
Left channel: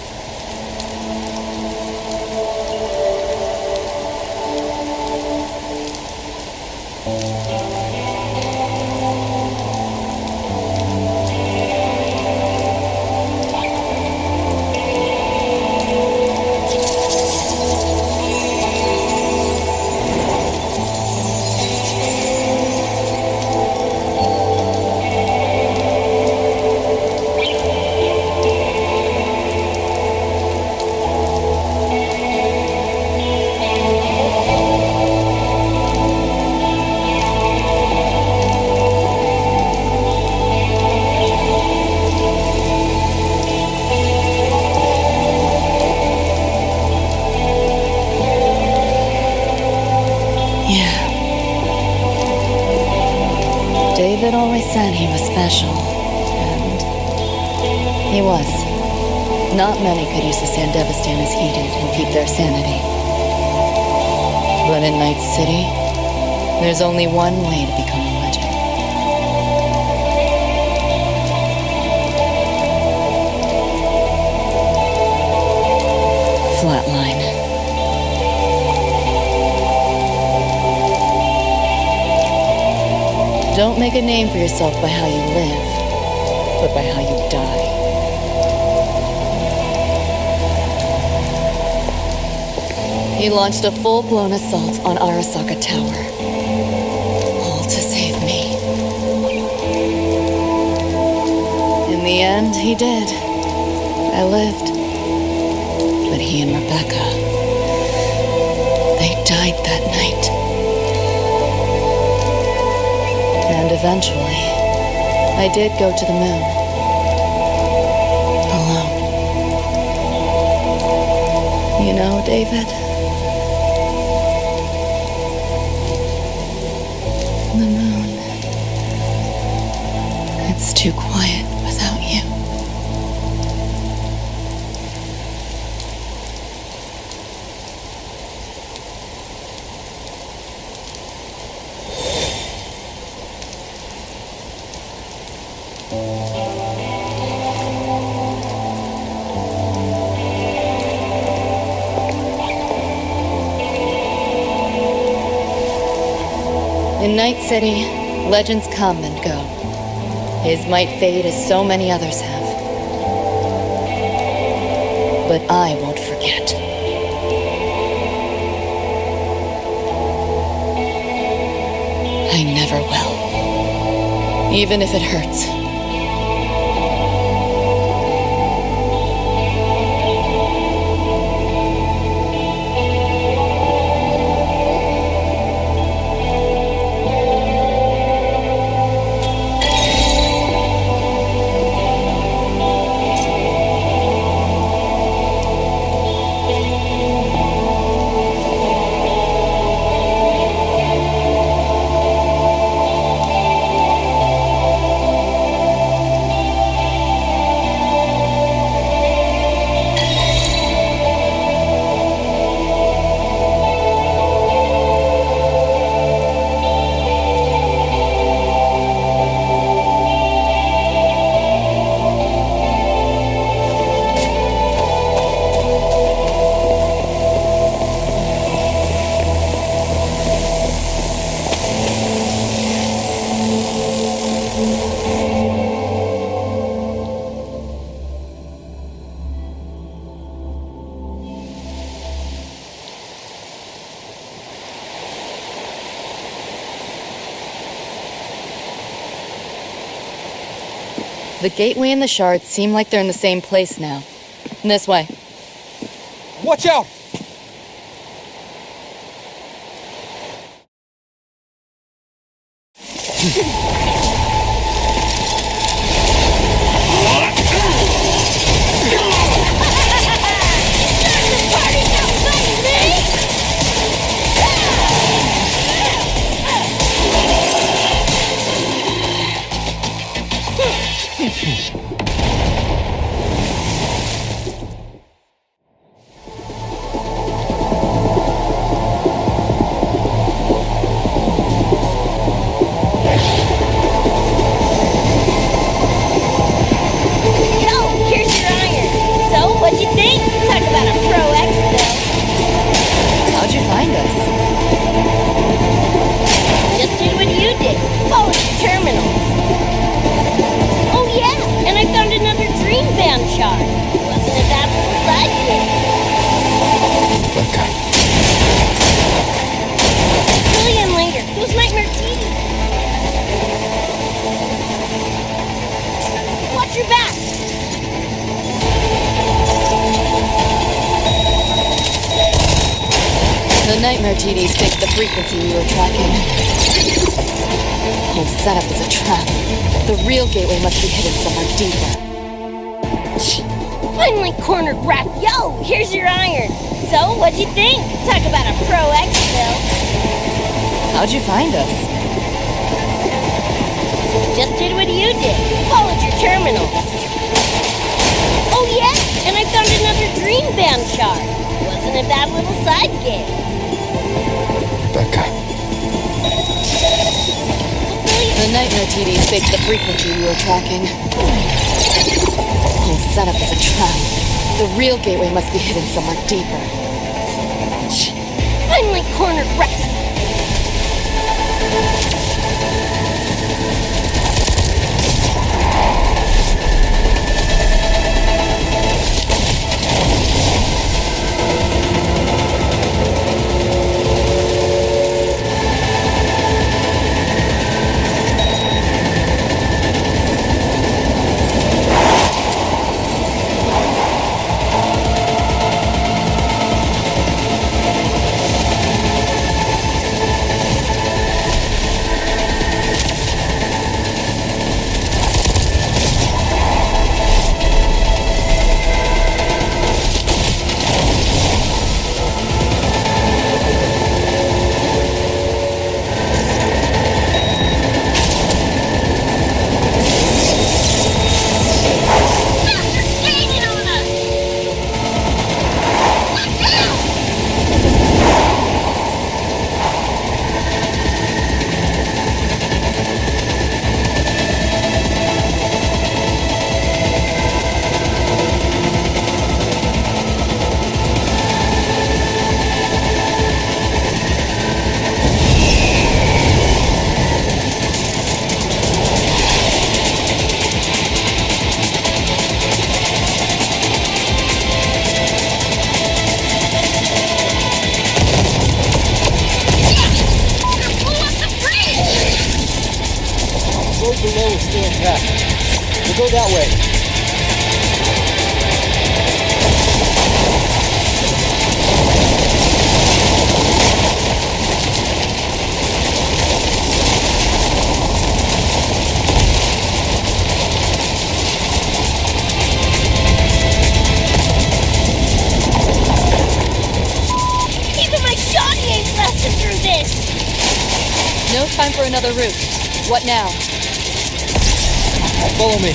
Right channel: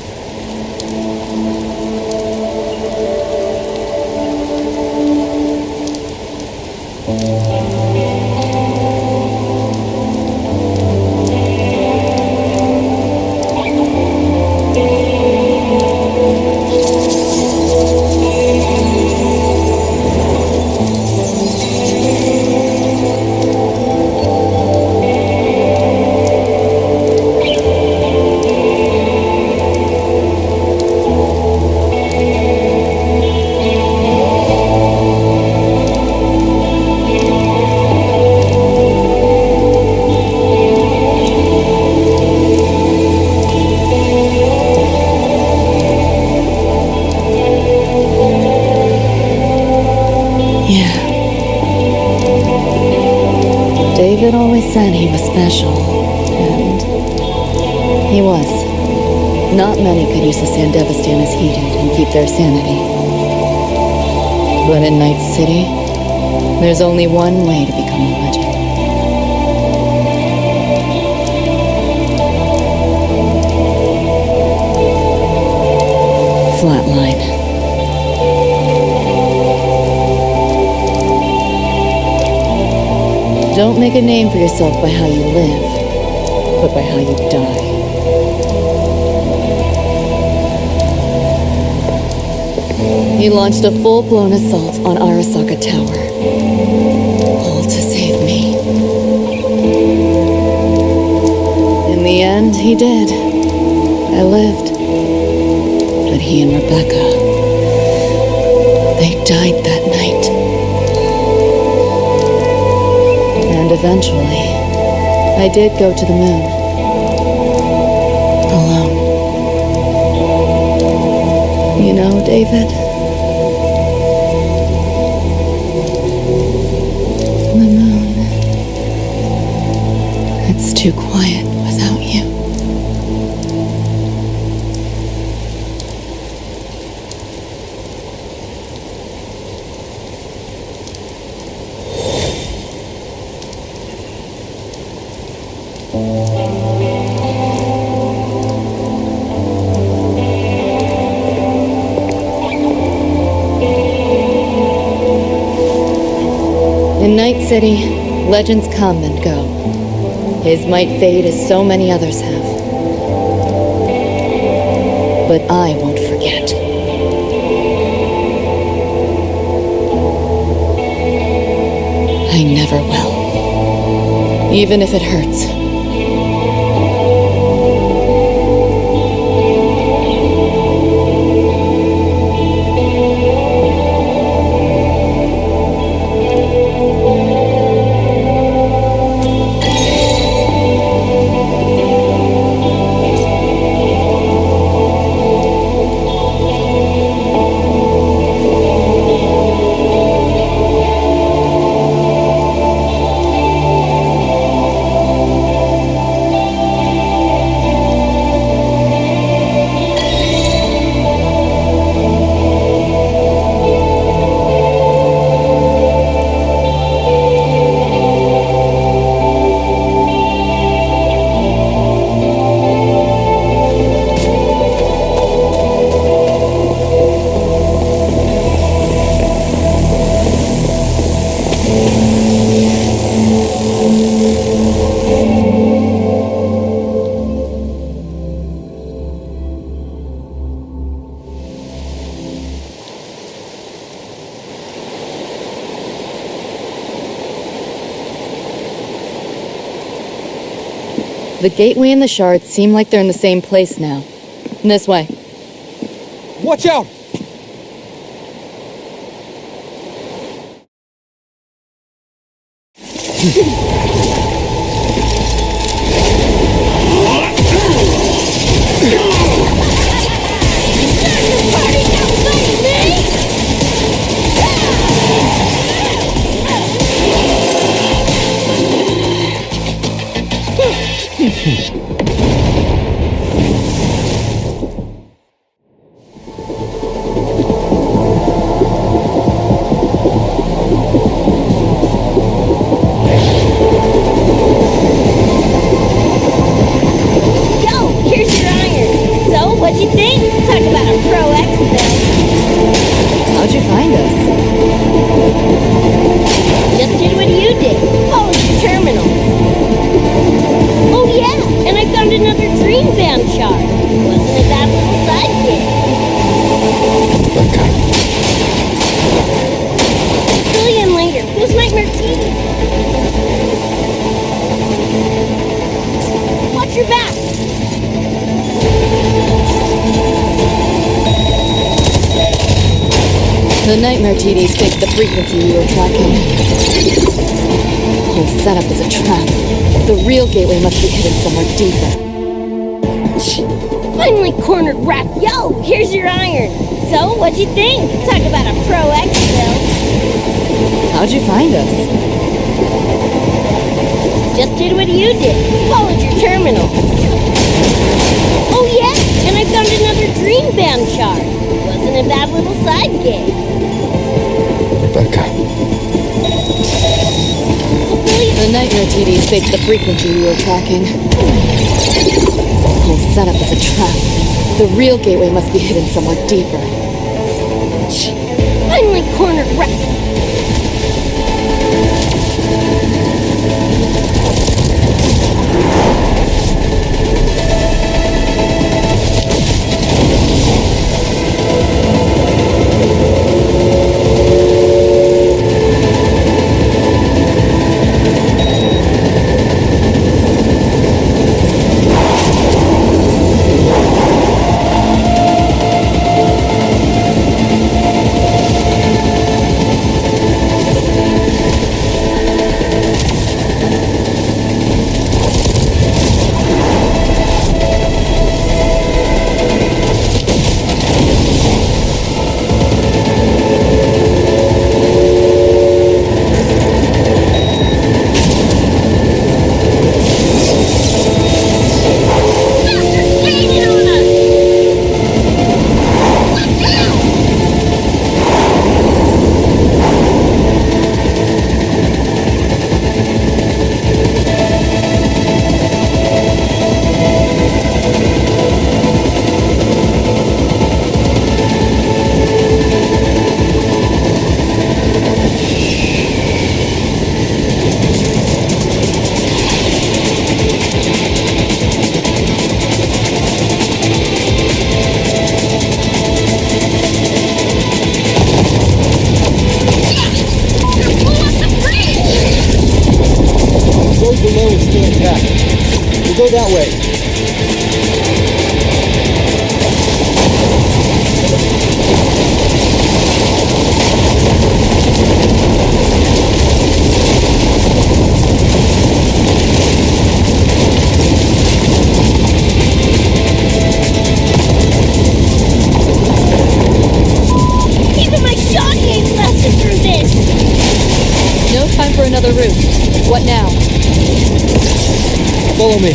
David always said he was special, and he was. Not many could use the Sandevastan as he did and keep their sanity. But in Night City, there's only one way to become a legend. Flatline. Don't make a name for yourself by how you live, but by how you die. He launched a full-blown assault on Arasaka Tower. All to save me. In the end, he did. I lived. But he and Rebecca, they died that night. And eventually, I did go to the moon. Alone. You know, David? The moon. It's too quiet without you. In Night City, legends come and go. His might fade as so many others have. But I won't forget. I never will. Even if it hurts. The gateway and the shards seem like they're in the same place now. This way. Watch out! your back! The nightmare TDs faked the frequency we were tracking. The whole setup is a trap. The real gateway must be hidden somewhere deeper. Finally cornered rat. Yo, here's your iron. So, what'd you think? Talk about a pro X-Bill. How'd you find us? Just did what you did. Followed your terminals. Oh yeah, and I found another dream band shard. Wasn't a bad little side gig. Rebecca. The nightmare TDs faked the frequency we were tracking. The whole setup is a trap. The real gateway must be hidden somewhere deeper. Finally cornered rat. Below is still intact. We'll go that way. Even my shoddy ain't lasted through this! No time for another route. What now? Follow me.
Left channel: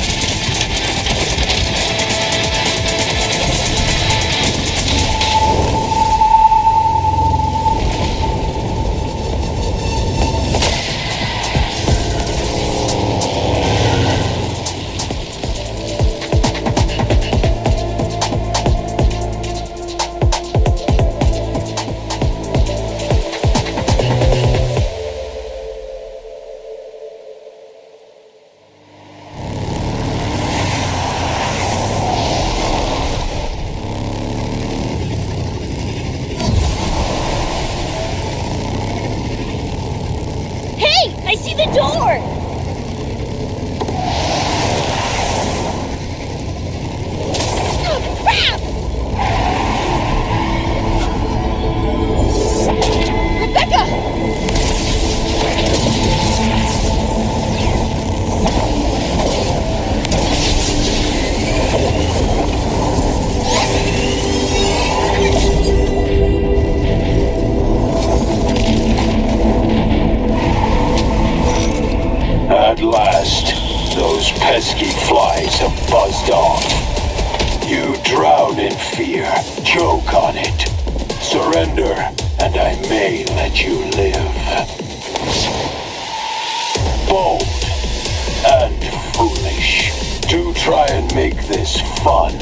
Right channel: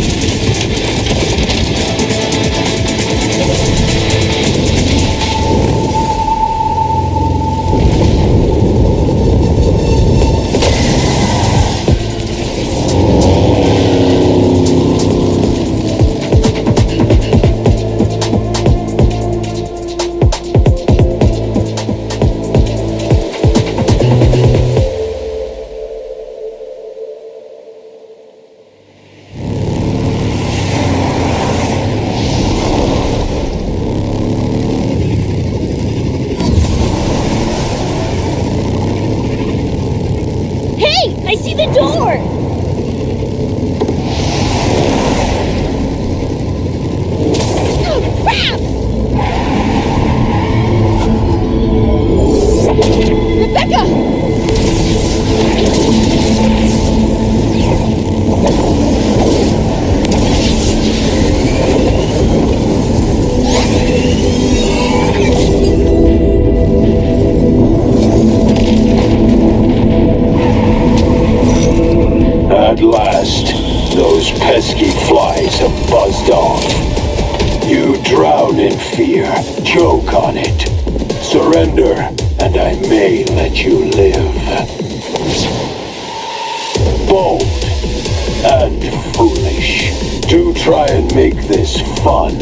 I see the door! Oh, crap! Rebecca! At last, those pesky flies have buzzed off. You drown in fear, choke on it. Surrender, and I may let you live. Bold and foolish to try and make this fun.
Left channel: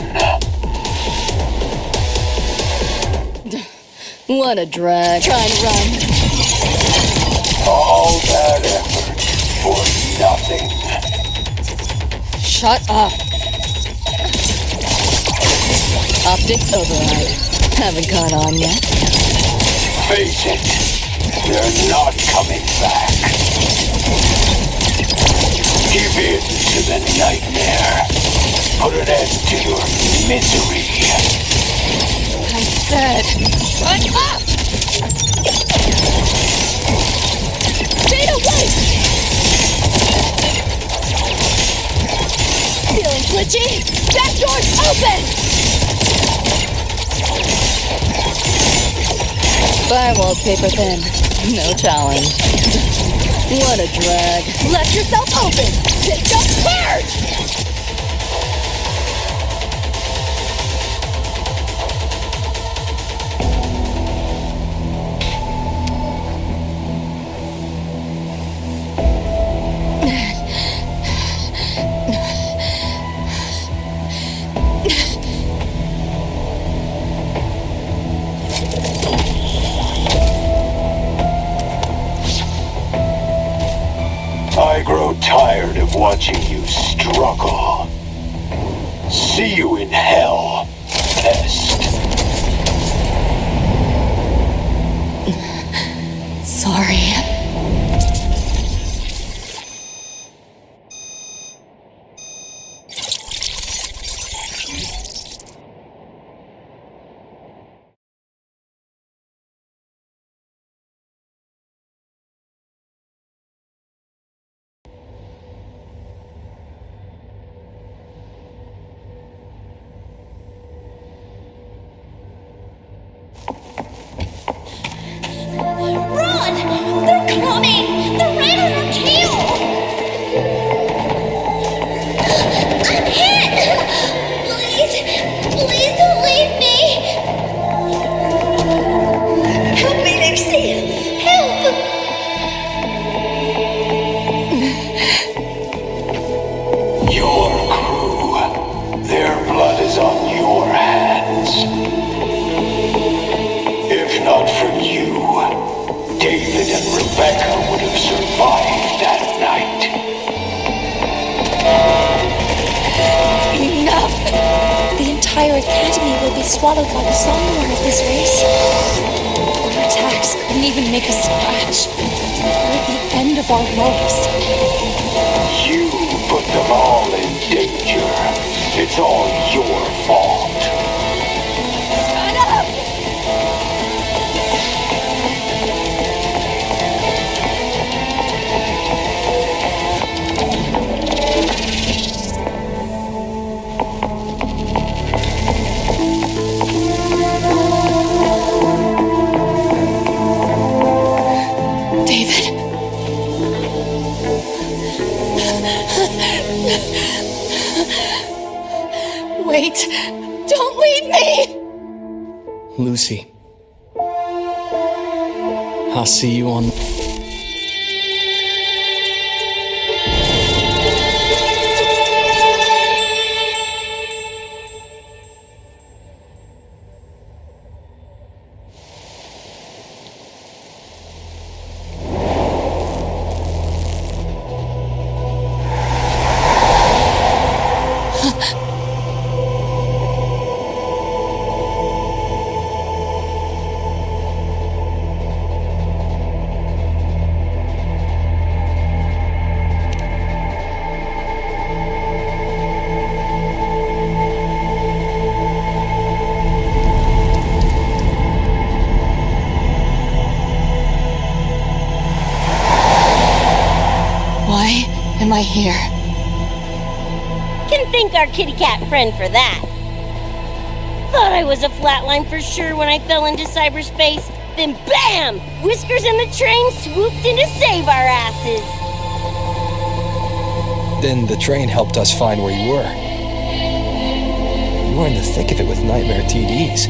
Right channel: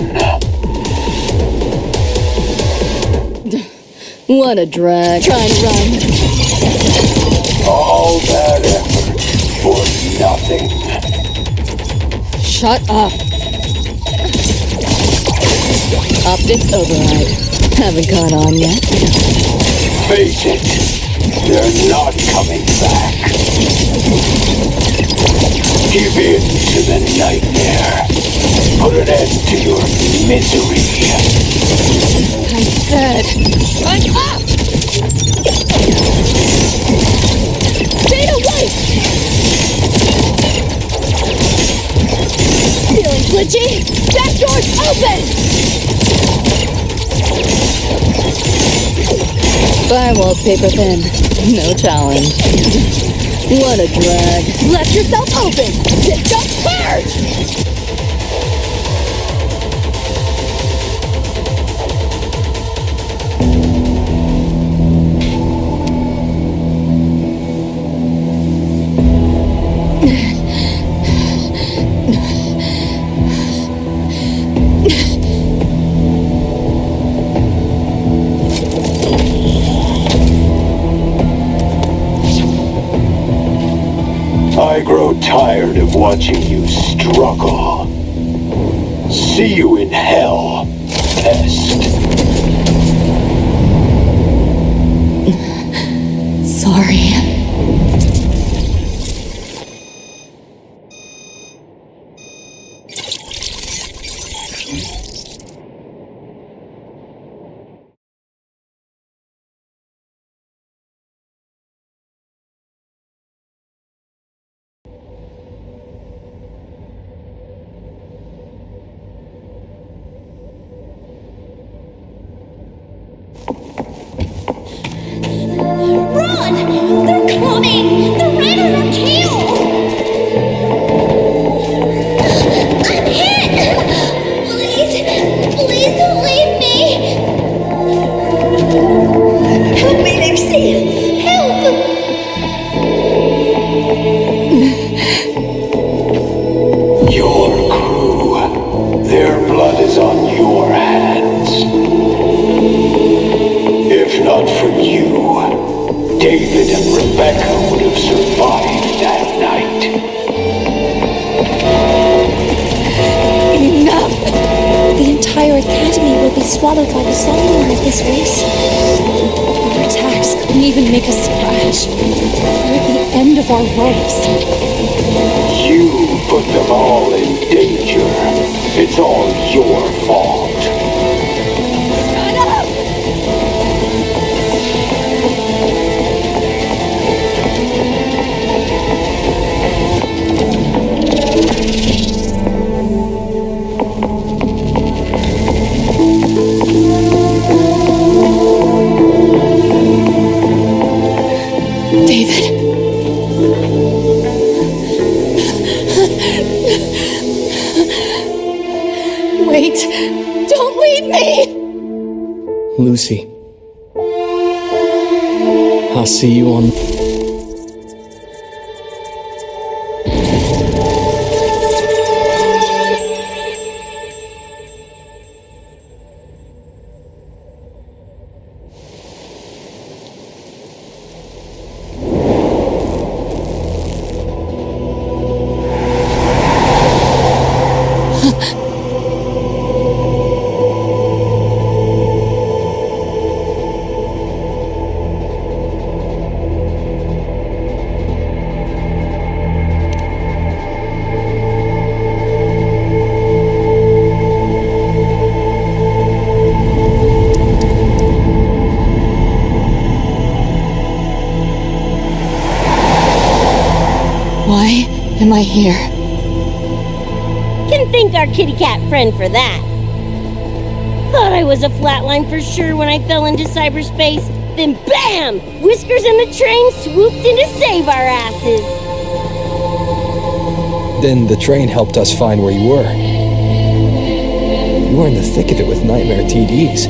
What a drag. Try and run. All that effort for nothing. Shut up. Optics override. Haven't caught on yet. Face it, they're not coming back. Give in to the nightmare. put an end to your misery. I said, shut up! Data white! Feeling glitchy? Back door's open! Firewall's paper thin. No challenge. What a drag. Left yourself open! System purge! I grow tired of watching you struggle. See you in hell, pest. Sorry. Run! They're coming! They're right on our tail! I'm hit! Please, please don't leave me! Help me, Lucy! Help! Your crew, their blood is on your hands. If not for you, David and Rebecca would have survived that night. Enough! The entire academy will be swallowed by the Somnoire at this race. Our attacks couldn't even make a scratch. We're at the end of our ropes. You put them all in danger. It's all your fault. Shut up! David. Wait! Don't leave me! Lucy. I'll see you on... Why am I here? Can thank our kitty cat friend for that. Thought I was a flatline for sure when I fell into cyberspace. Then BAM! Whiskers and the train swooped in to save our asses. Then the train helped us find where you were. You were in the thick of it with Nightmare TDs.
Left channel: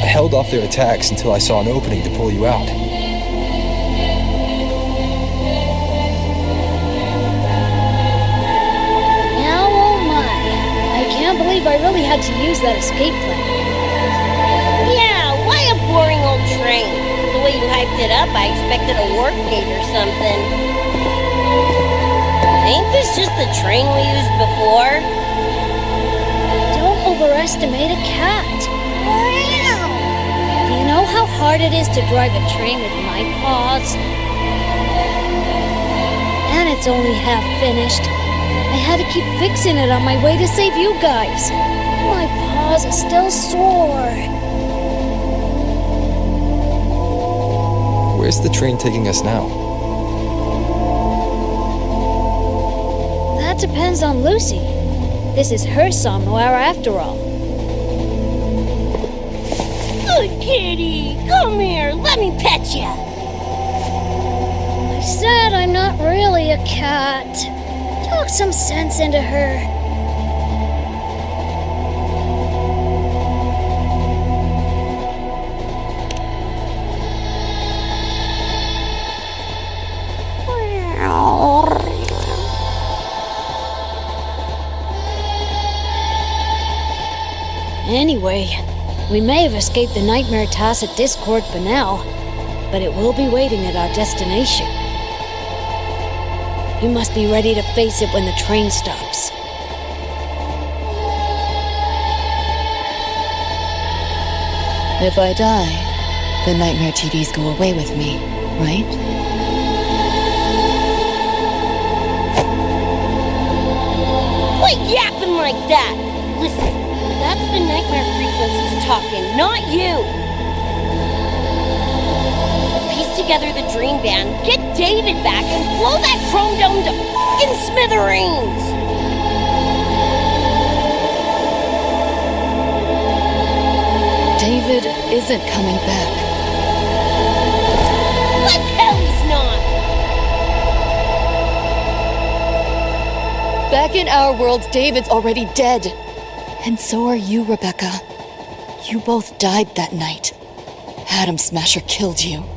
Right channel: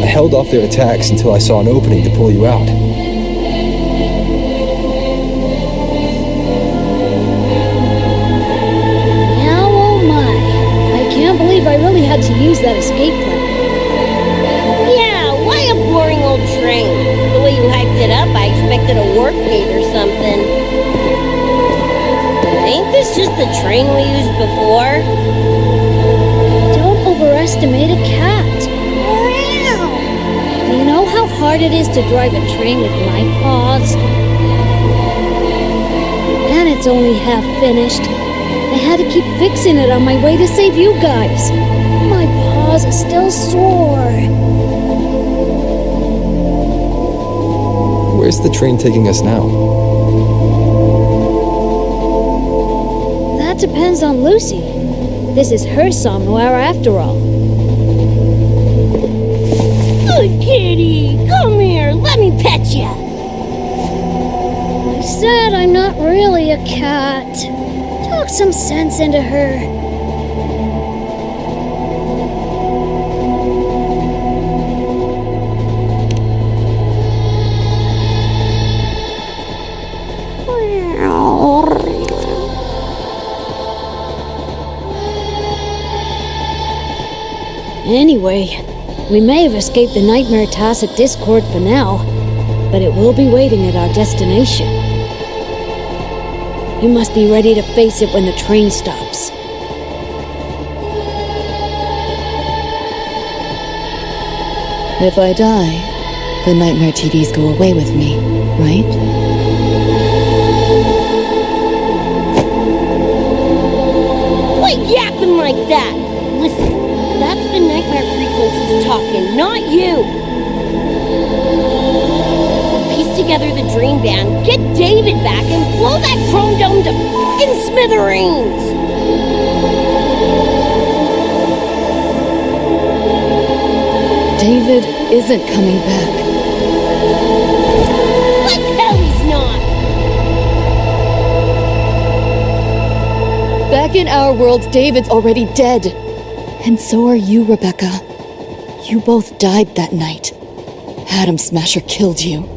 I held off their attacks until I saw an opening to pull you out. Now, oh my. I can't believe I really had to use that escape plan. Yeah, why a boring old train? The way you hyped it up, I expected a warp gate or something. Ain't this just the train we used before? Don't overestimate a cat. Do you know how hard it is to drive a train with my paws? And it's only half finished. I had to keep fixing it on my way to save you guys. My paws are still sore. Where's the train taking us now? That depends on Lucy. This is her Somnoire after all. Good kitty! Come here, let me pet ya! I said I'm not really a cat. Talk some sense into her. Anyway, we may have escaped the Nightmare Tacit Discord for now, but it will be waiting at our destination. You must be ready to face it when the train stops. If I die, the Nightmare TDs go away with me, right? Quit yapping like that! Listen, that's the nightmare frequencies talking, not you! We'll piece together the dream band, get David back, and blow that chrome dome to f***ing smithereens! David isn't coming back. Like hell he's not! Back in our world, David's already dead. And so are you, Rebecca. You both died that night. Atom Smasher killed you.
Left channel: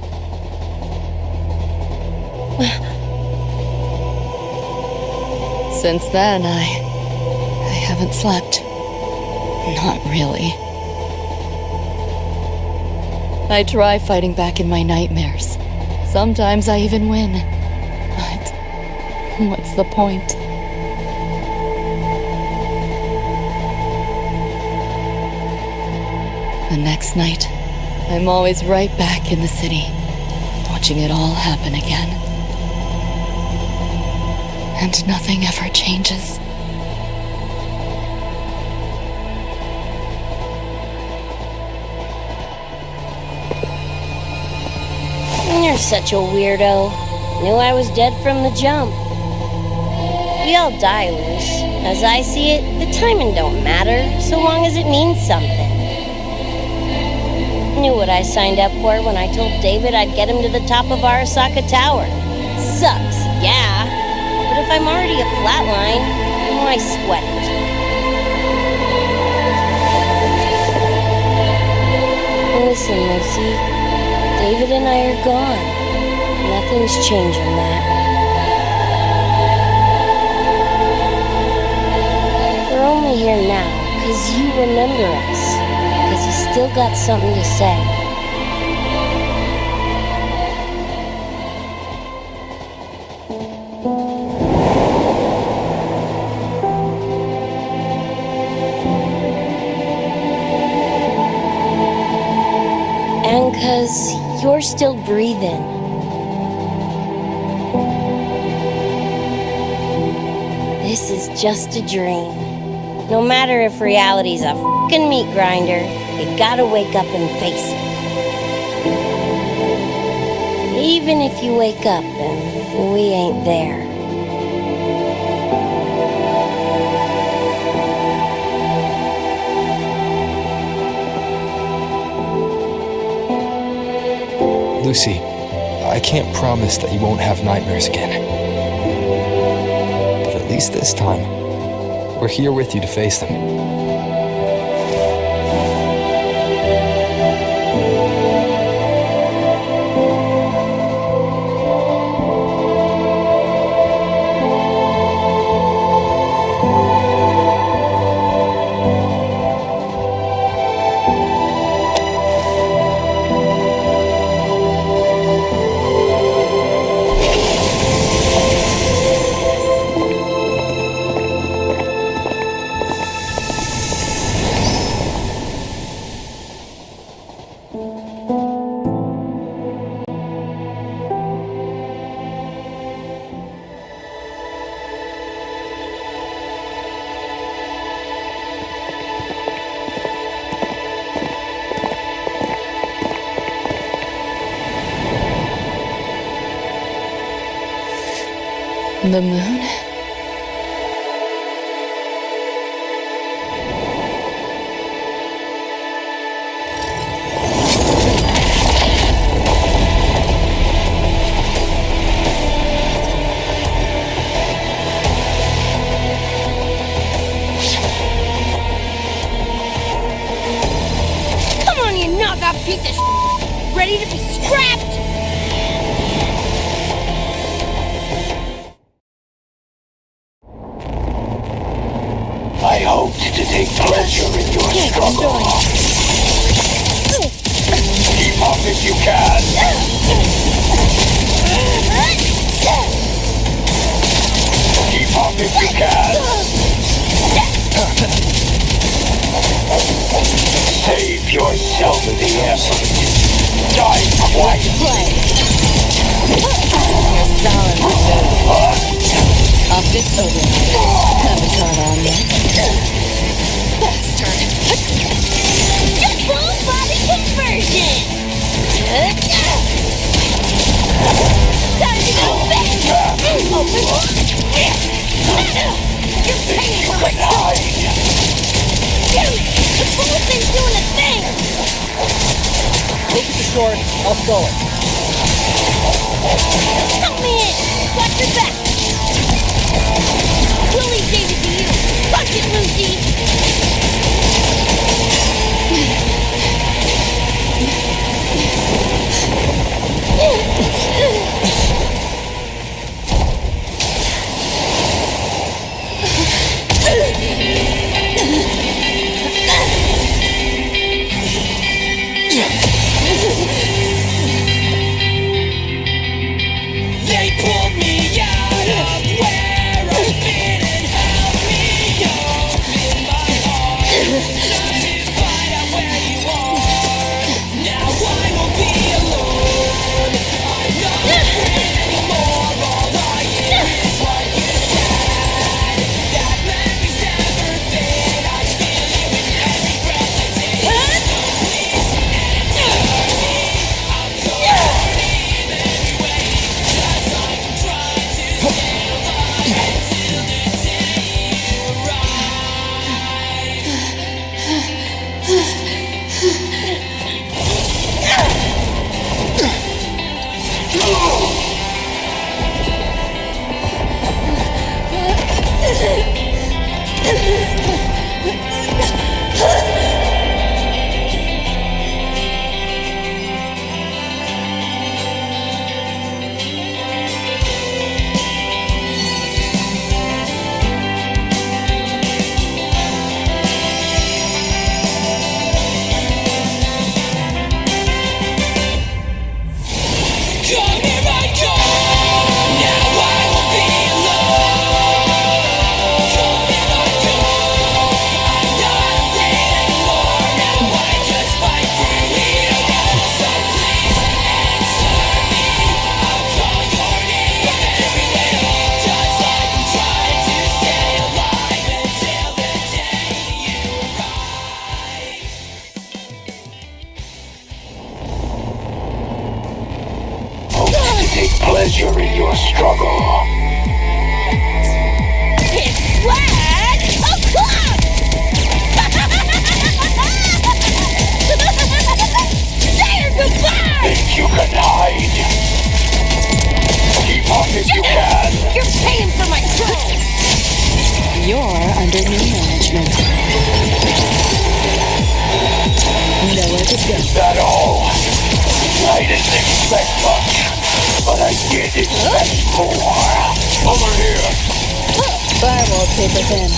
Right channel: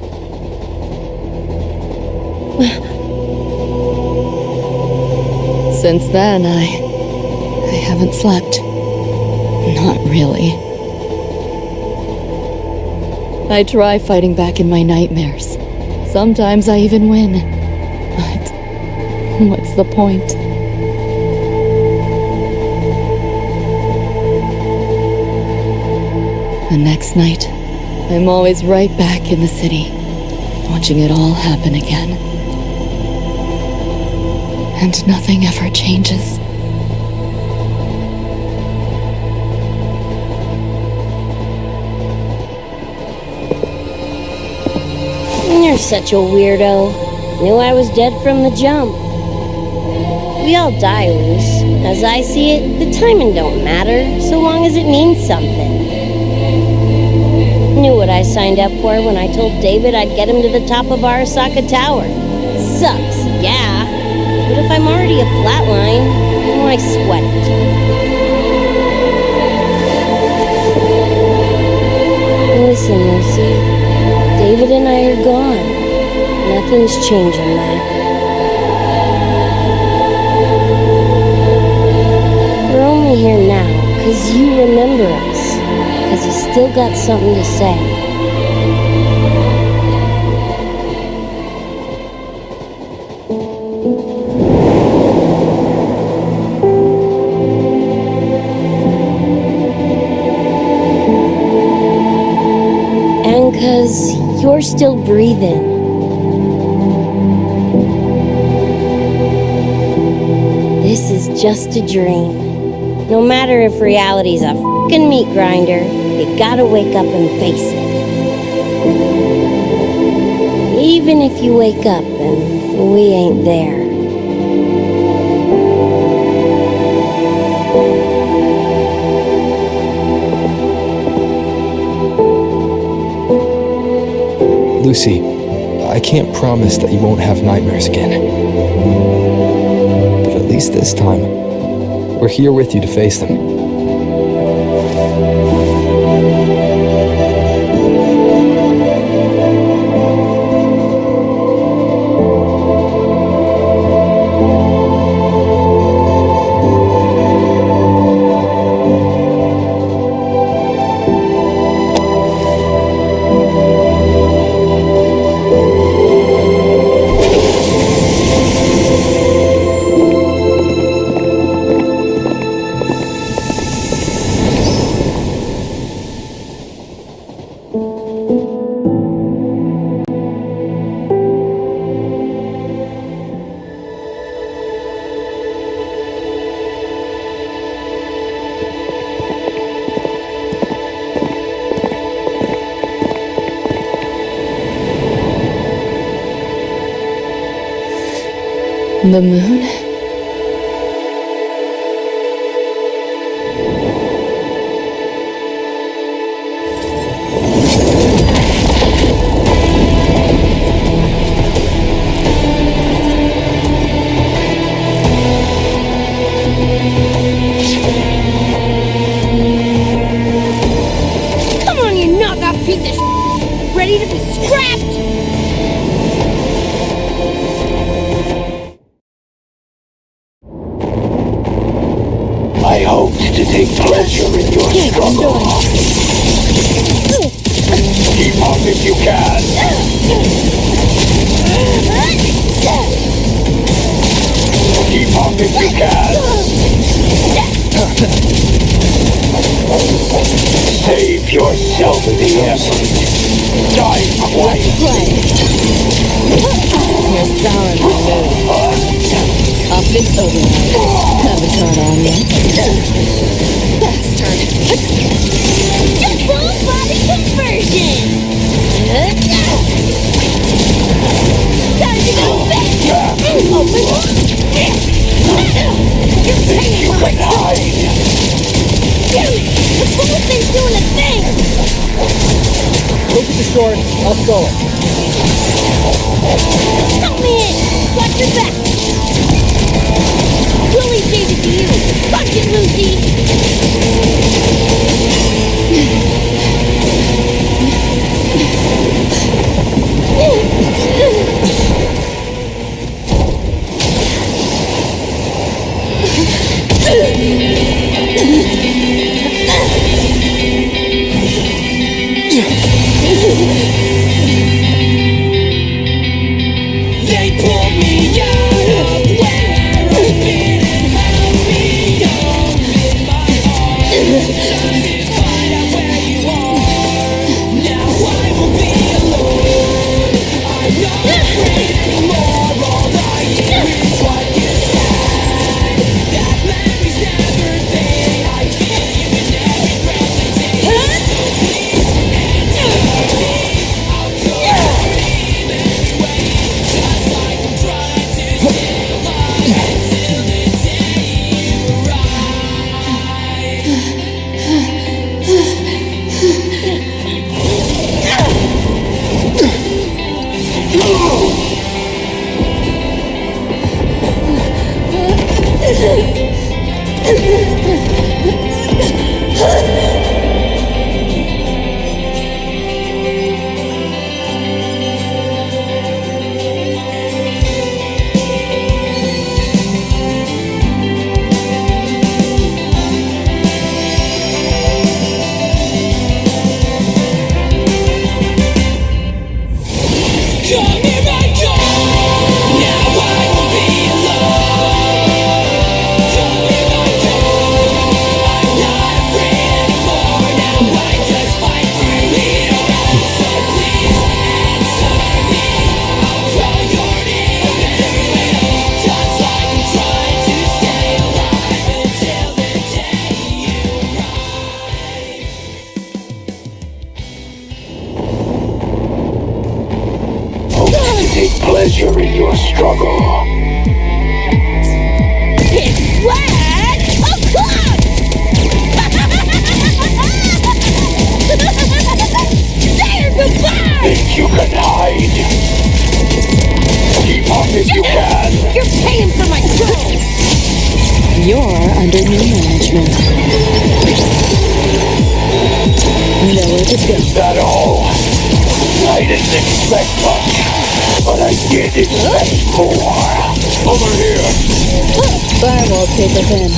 Since then, I haven't slept. Not really. I try fighting back in my nightmares. Sometimes I even win. But what's the point? The next night, I'm always right back in the city, watching it all happen again. And nothing ever changes. You're such a weirdo. Knew I was dead from the jump. We all die, Luce. As I see it, the timing don't matter, so long as it means something. Knew what I signed up for when I told David I'd get him to the top of Arasaka Tower. Sucks, yeah. But if I'm already a flatline, why sweat it? Listen, Lucy. David and I are gone. Nothing's changing that. We're only here now because you remember us. Because you still got something to say. And because you're still breathing. This is just a dream. No matter if reality's a f***ing meat grinder, you gotta wake up and face it. Even if you wake up and we ain't there. Lucy, I can't promise that you won't have nightmares again. But at least this time, we're here with you to face them. The moon? Come on, you knockoff piece of ready to be scrapped! I hoped to take pleasure in your struggle. Keep up if you can. Keep up if you can. Save yourself the effort. Die quietly. You're sour in my mood. I'll fix override. Haven't caught on yet. Bastard. Just full body conversion! Time to go back! Open up! You're paying for my trouble! Damn it! The whole thing's doing a thing! Look at the short. I'll stall it. Help me in! Watch your back! Willie gave it to you! Punch it, Lucy! They pulled me out of where I've been and held me up in my heart. Time to find out where you are. Now I will be alone. I'm not afraid anymore. All I hear is what you said. That memories never fade. I feel you in every breath I take. So please answer me. I'll call your name anyway. Just like I'm trying to stay alive until the day you Come here, I go. Now I won't be alone. Come here, I go. I'm not afraid anymore. Now I just fight through it all. So please answer me. I'll call your name anyway. Just like I'm trying to stay alive until the day you arrive. Hope to take pleasure in your struggle. It's flag o'clock! Say your goodbye! Think you can hide? Keep up if you can. You're paying for my trouble! You're under new management. Nowhere to go. Is that all? I didn't expect much, but I did expect more. Over here. Firewall paper thin.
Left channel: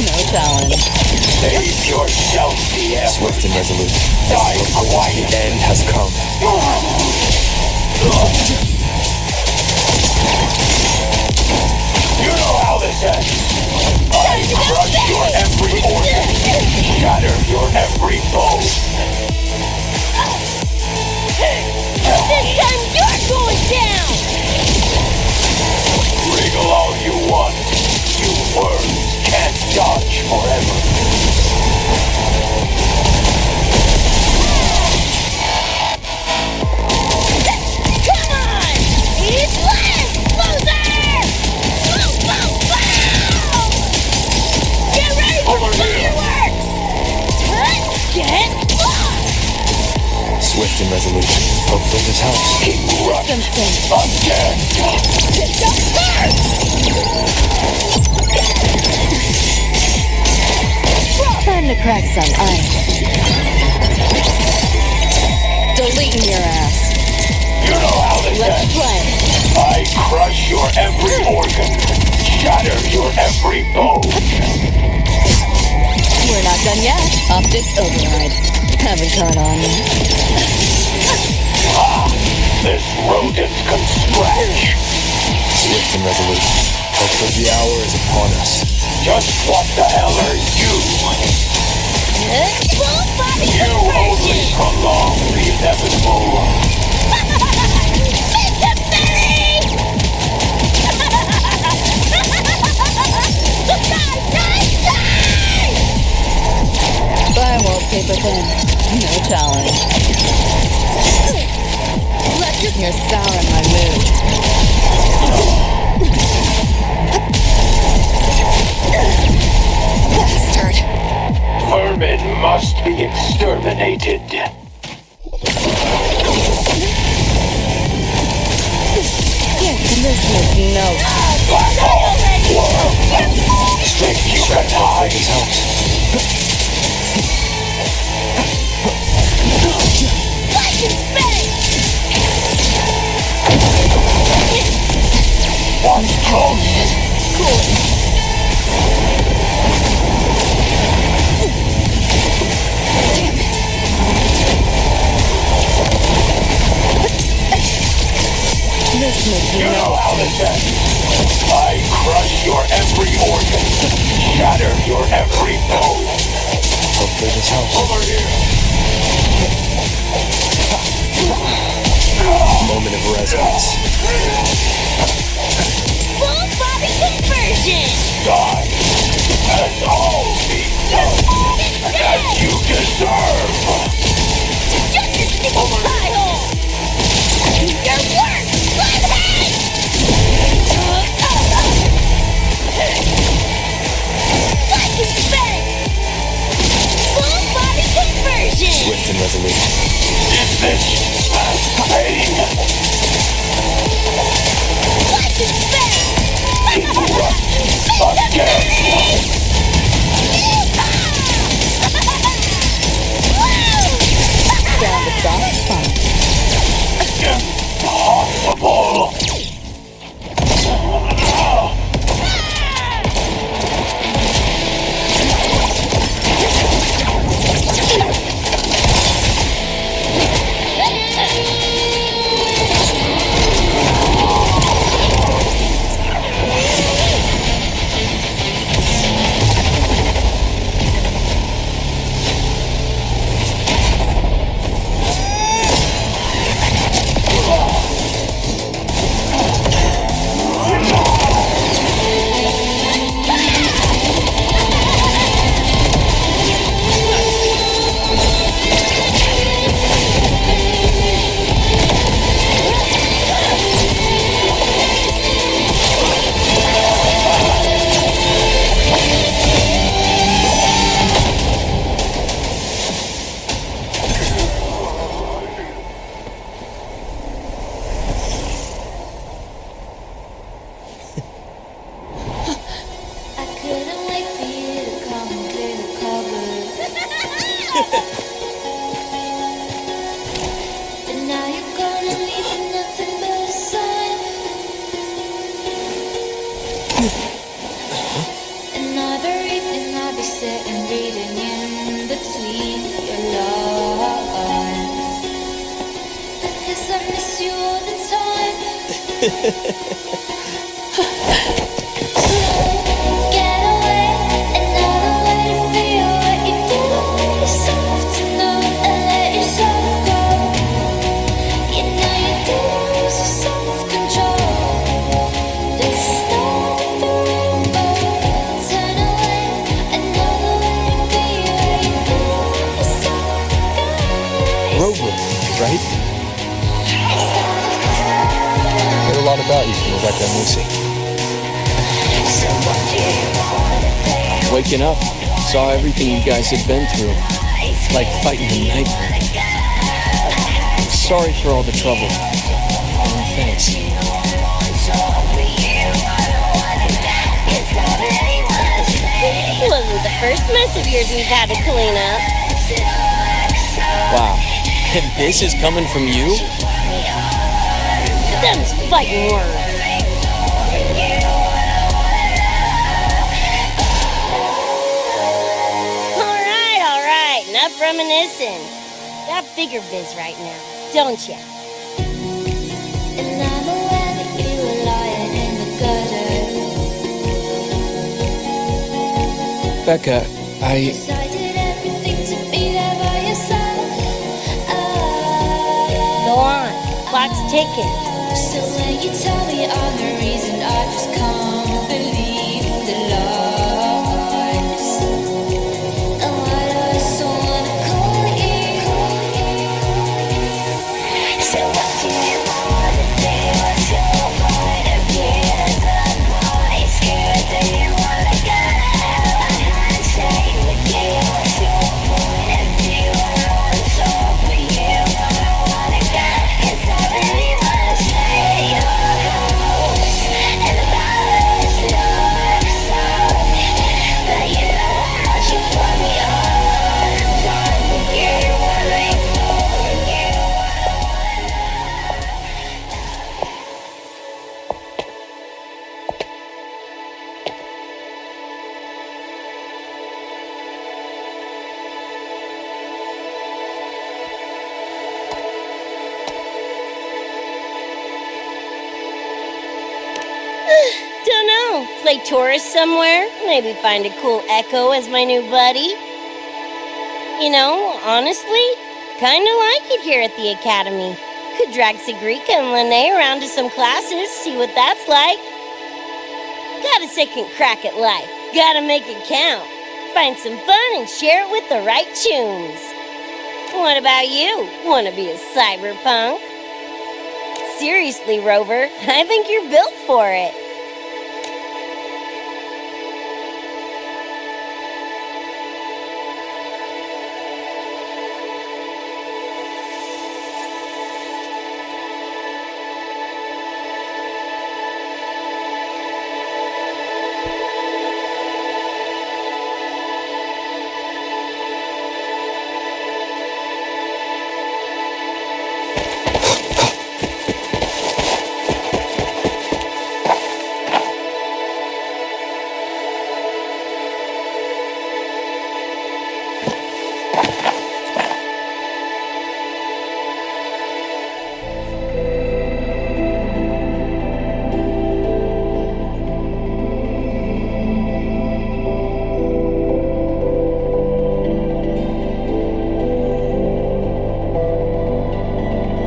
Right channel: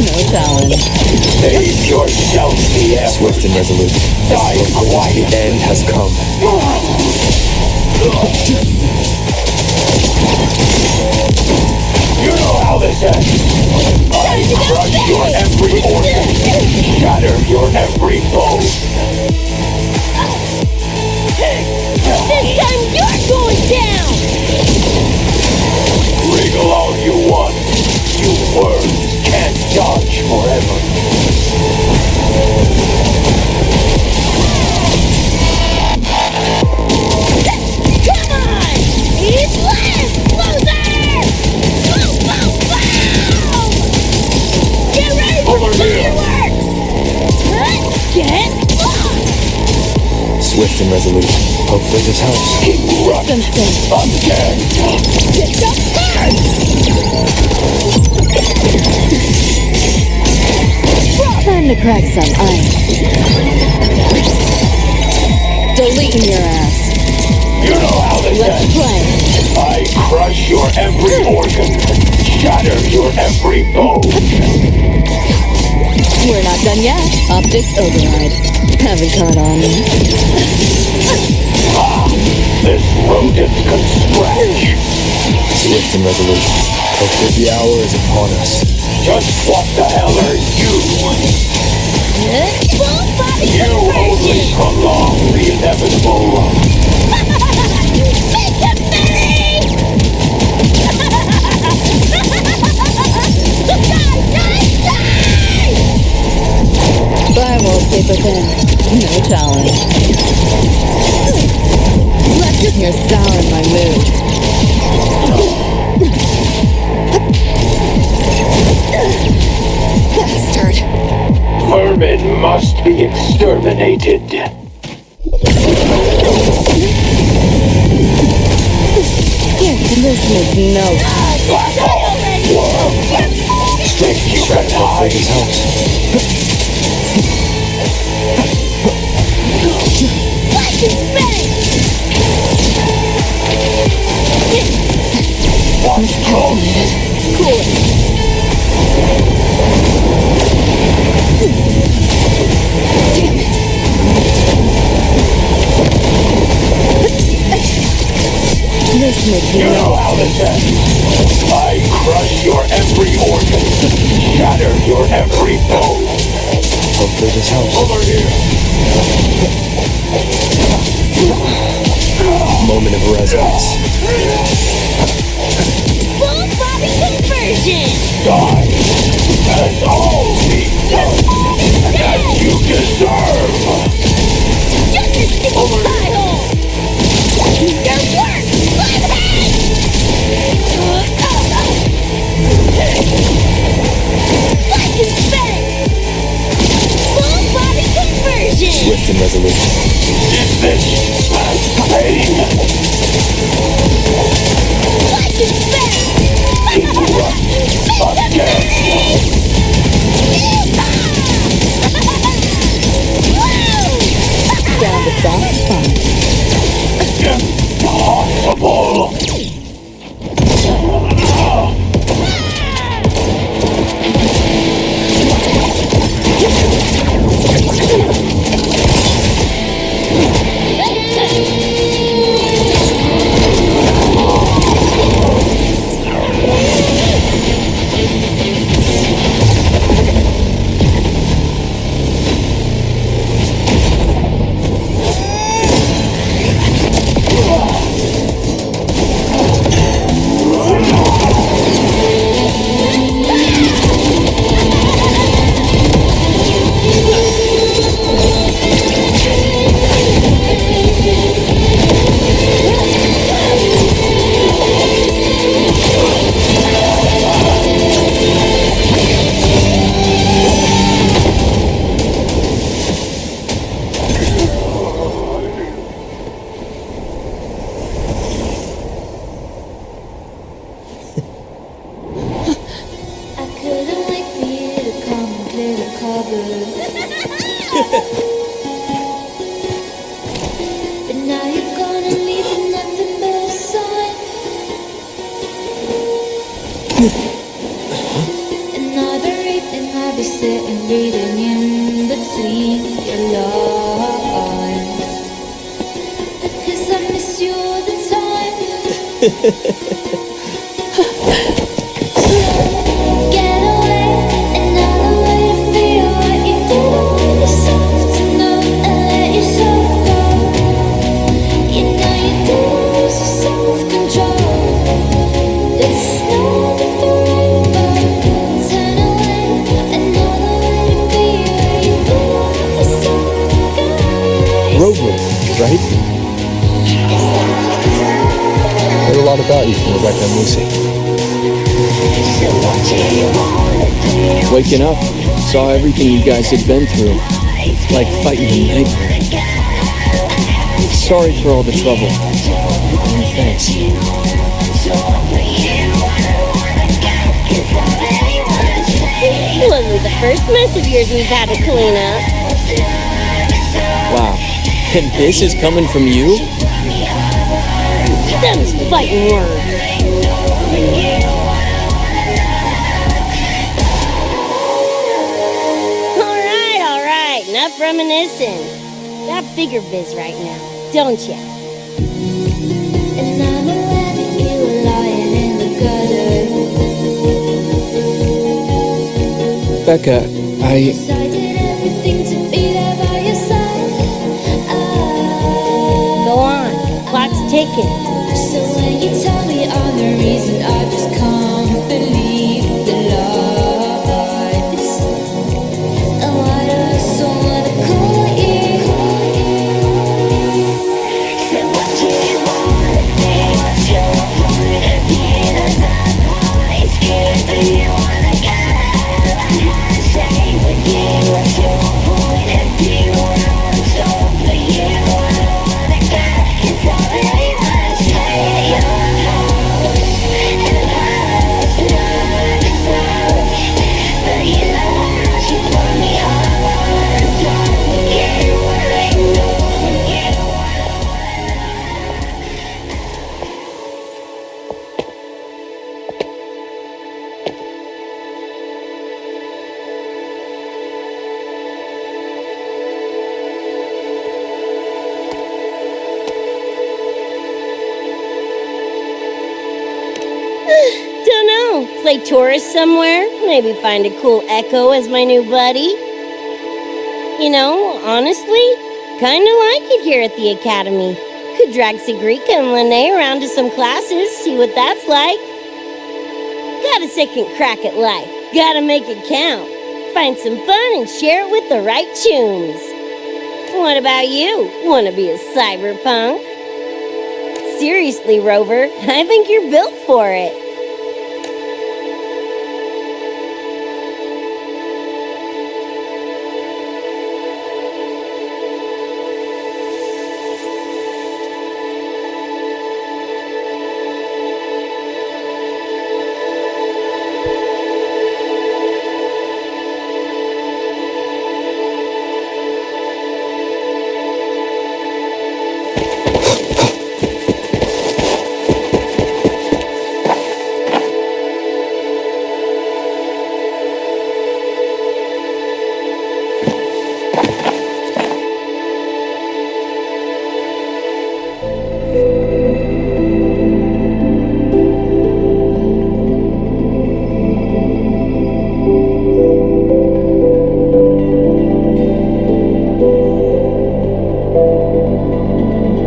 No challenge. Save yourself the effort. Swift and resolute. Die quiet. The end has come. You know how this ends. I crush your every organ, shatter your every bone. This time you're going down! Wriggle all you want. You worms can't dodge forever. Come on! Eat less, loser! Swift and resolute. Hopefully this helps. System sync. Again. System hard! Time to crack some ice. Deleting your ass. You know how this Let's ends. play. I crush your every organ, shatter your every bone. We're not done yet. Optics override. Haven't caught on yet. This rodent can scratch. Swift and resolute. Hopefully the hour is upon us. Just what the hell are you? Full body You only prolong the inevitable. Make it merry! Fire wallpaper pen. No challenge. You're souring my mood. Bastard. Vermin must be exterminated. This makes no Think you can Hopefully this hide? helps. Watch it spin! What's calculated? cool. Damn it. This makes You know how this ends. I crush your every organ, shatter your every bone. Hopefully this helps. Over here. Moment of resonance. Full body conversion! Die, and all be done as you deserve. Shut this sticky pie hole! Your work! Like and spin! Full body conversion! Swift and resolute. Is this pain? Like and spin! Erupt again. Found a soft spot. Impossible. But now you're gonna leave with nothing but a sign. Another evening I'll be sitting reading in between your lines, because I miss you all the time. So get away, another way to feel what you didn't want yourself to know, and let yourself go. You know you didn't lose your self-control. There's snow under the rainbow. Turn away, another way to be where you didn't want yourself to go. Rover, right? Heard a lot about you from Rebecca and Lucy. Waking up, saw everything you guys had been through. Like fighting a nightmare. Sorry for all the trouble. And thanks. It wasn't the first mess of yours we've had to clean up. Wow. And this is coming from you? Them's fighting words. Alright, enough reminiscing. Got bigger biz right now, don't ya? And I'm aware that you were lying in the gutter. Becca, I Did everything to be there by your side. Go on, clock's ticking. So when you tell me I'm the reason, I just can't believe the lies. And why do I so wanna call you? So what do you wanna do? What's your point of view? That's why I'm scared that you wanna get out. I can't stay with you. What's your point of view? I want so for you. I don't wanna get, 'cause I really wanna stay at your house. And the palace looks out. But you know how much you put me on. I'm done with you. What I know with you. Don't know. Play tourist somewhere? Maybe find a cool Echo as my new buddy? You know, honestly, kinda like it here at the Academy. Could drag Sigrika and Lene around to some classes, see what that's like. Got a second crack at life. Gotta make it count. Find some fun and share it with the right Chooms. What about you? Wanna be a cyberpunk? Seriously, Rover, I think you're built for it.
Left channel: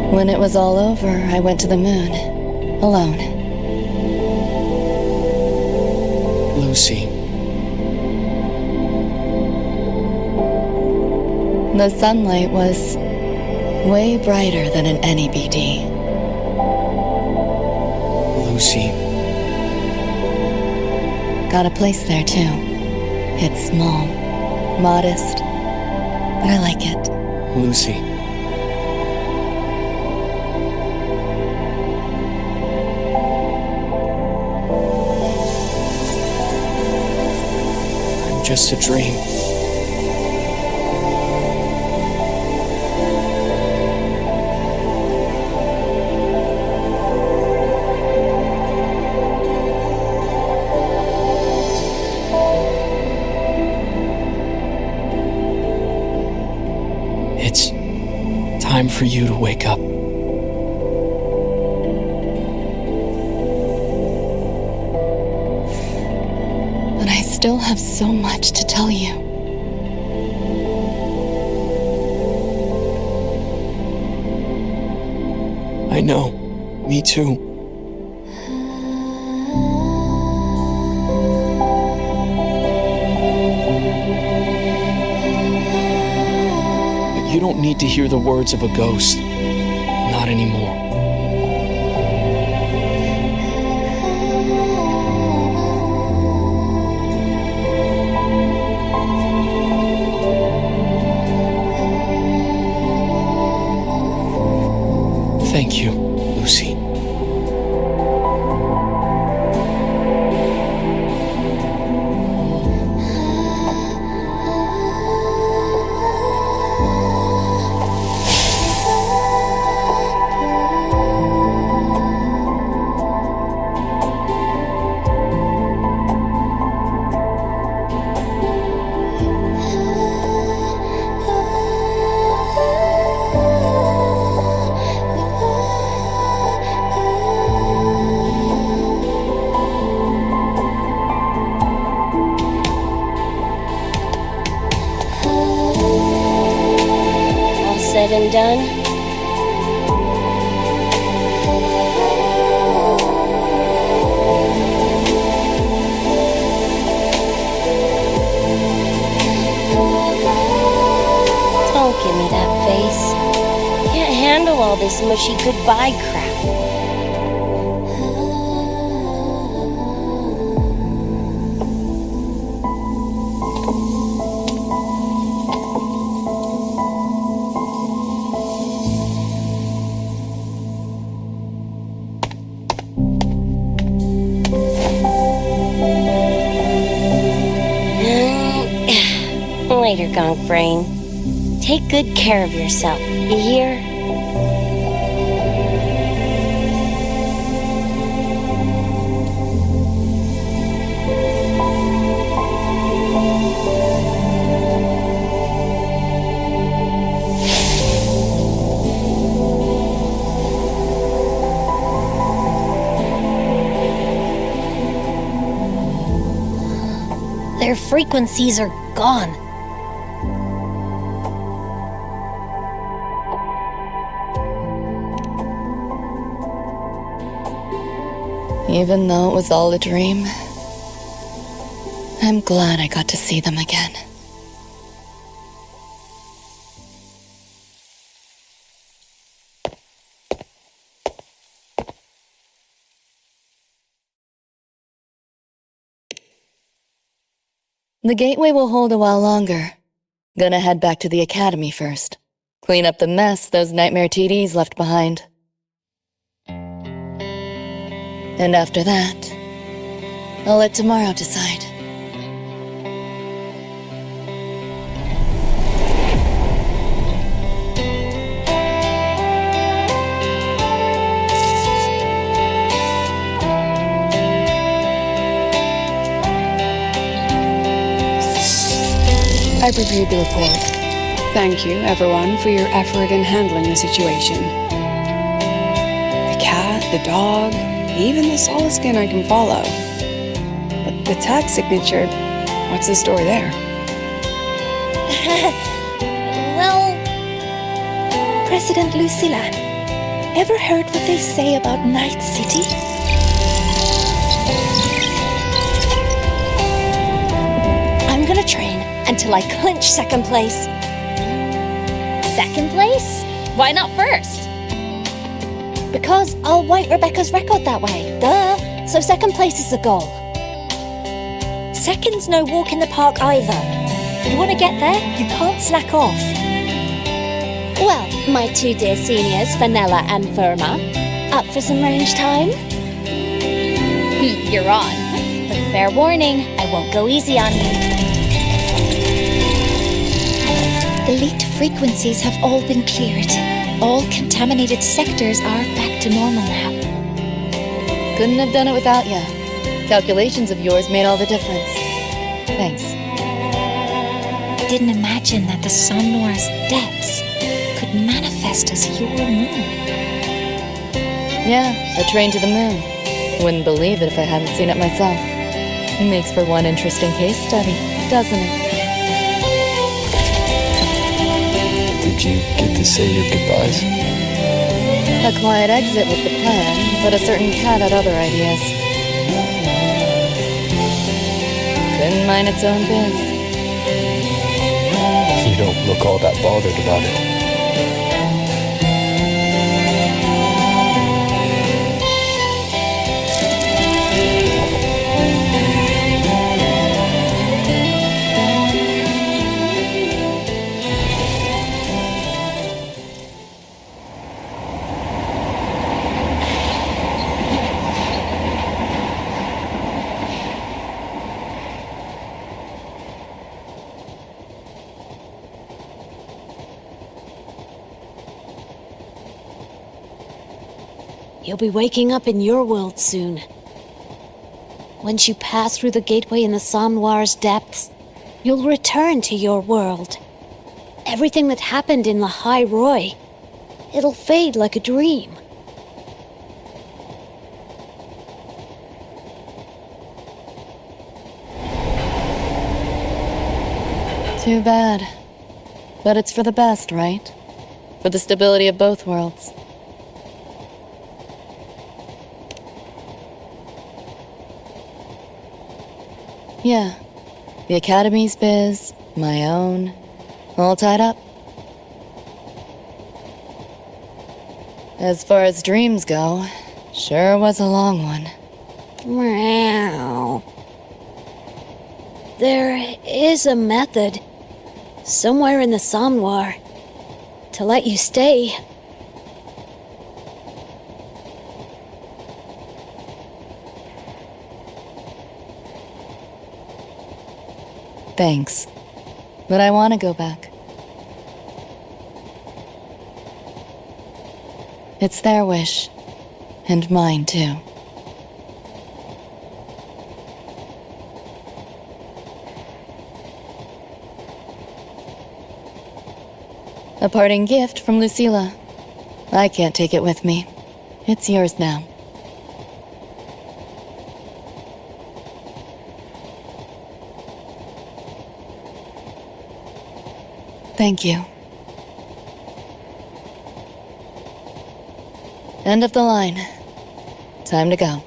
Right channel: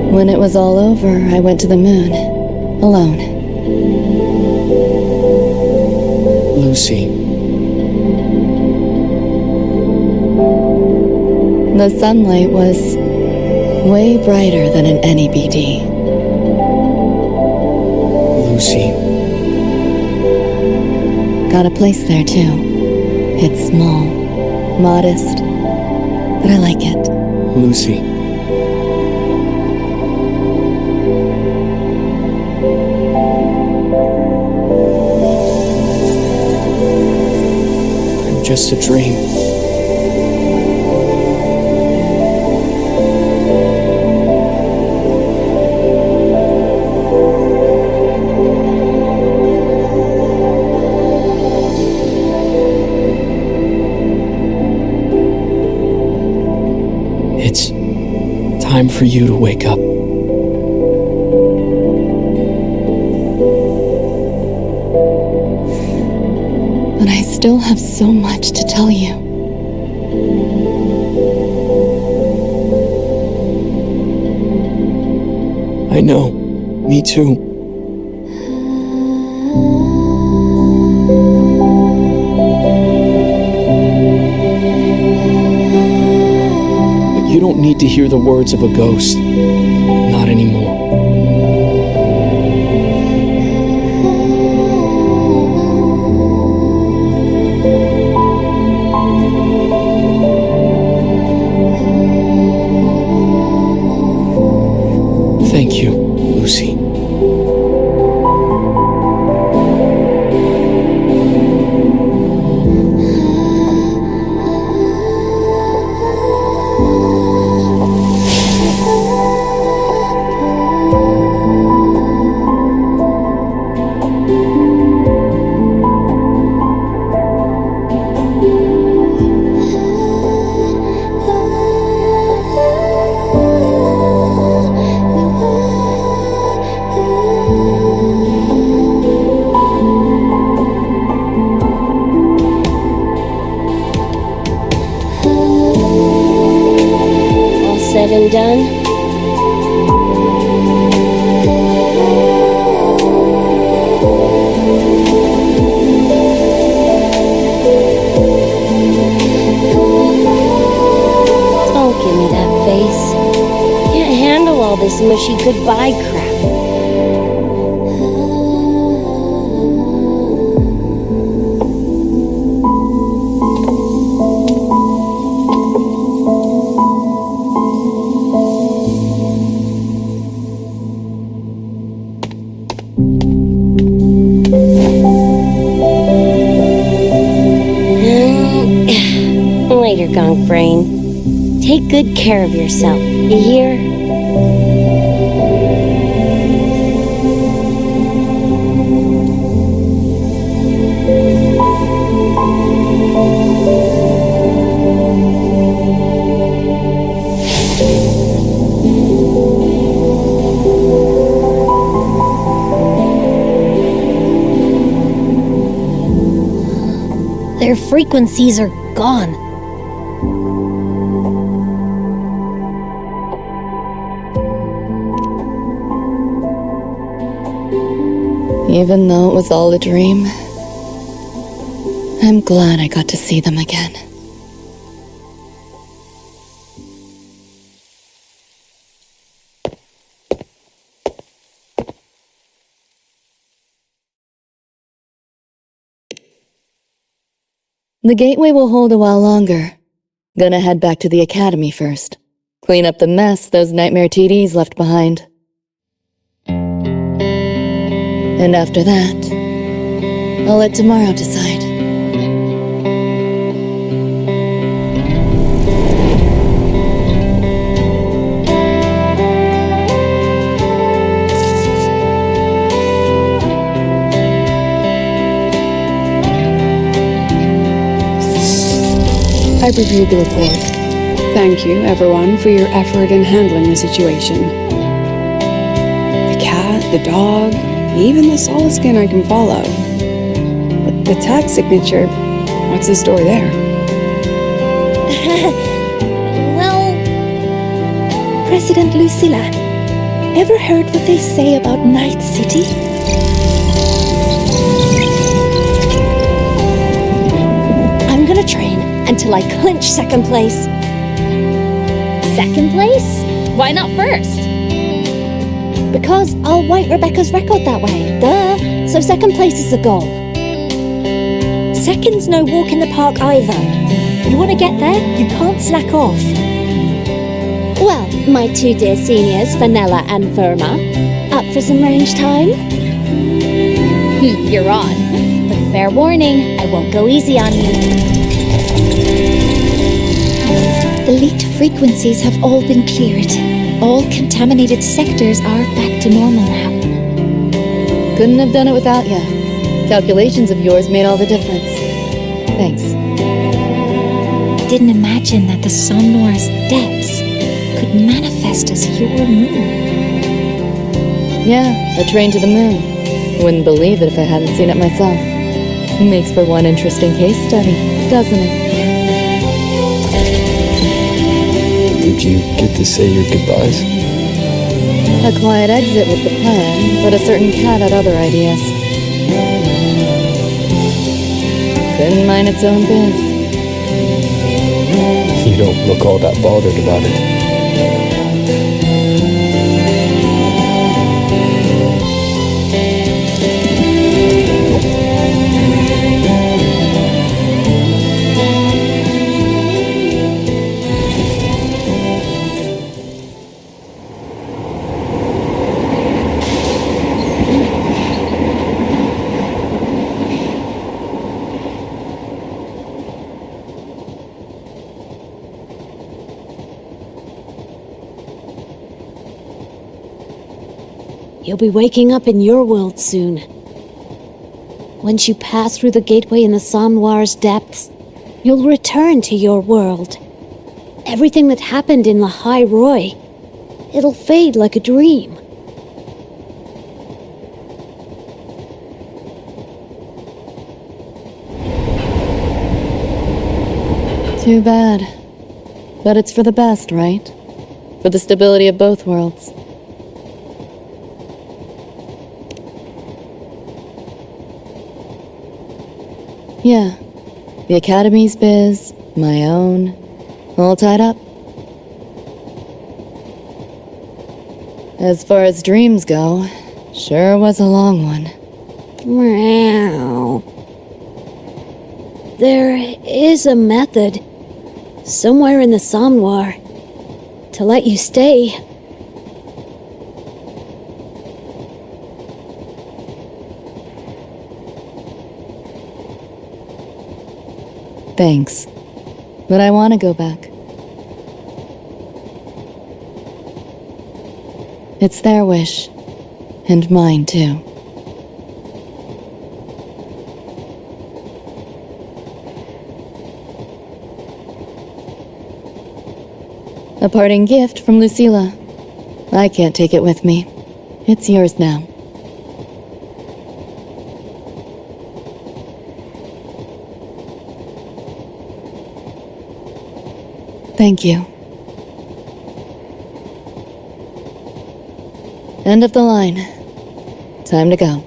When it was all over, I went to the moon. Alone. Lucy. The sunlight was way brighter than in any BD. Lucy. Got a place there too. It's small, modest, but I like it. Lucy. I'm just a dream. It's time for you to wake up. But I still have so much to tell you. I know. Me too. But you don't need to hear the words of a ghost. Not anymore. said and done. Don't give me that face. Can't handle all this mushy goodbye crap. Later, Gonk Brain. Take good care of yourself, you hear? Their frequencies are gone. Even though it was all a dream, I'm glad I got to see them again. The gateway will hold a while longer. Gonna head back to the academy first. Clean up the mess those nightmare TDs left behind. And after that, I'll let tomorrow decide. I've reviewed the report. Thank you, everyone, for your effort in handling the situation. The cat, the dog, even the solid skin I can follow. But the tag signature, what's the story there? Well, President Lucilla, ever heard what they say about Night City? I'm gonna train until I clinch second place. Second place? Why not first? Because I'll wipe Rebecca's record that way. Duh. So second place is the goal. Second's no walk in the park either. You want to get there, you can't slack off. Well, my two dear seniors, Fenella and Verma. Up for some range time? You're on. But fair warning, I won't go easy on you. The leaked frequencies have all been cleared. All contaminated sectors are back to normal now. Couldn't have done it without ya. Calculations of yours made all the difference. Thanks. Didn't imagine that the Somnoire's depths could manifest as your moon. Yeah, a train to the moon. Wouldn't believe it if I hadn't seen it myself. Makes for one interesting case study, doesn't it? Did you get to say your goodbyes? A quiet exit was the plan, but a certain cat had other ideas. Couldn't mind its own biz. You don't look all that bothered about it. You'll be waking up in your world soon. Once you pass through the gateway in the Somnoire's depths, you'll return to your world. Everything that happened in the High Roy, it'll fade like a dream. Too bad. But it's for the best, right? for the stability of both worlds. Yeah, the Academy's biz, my own, all tied up. As far as dreams go, sure was a long one. Meow. There is a method, somewhere in the Somnoire, to let you stay. Thanks, but I want to go back. It's their wish, and mine too. A parting gift from Lucilla. I can't take it with me. It's yours now. Thank you. End of the line. Time to go.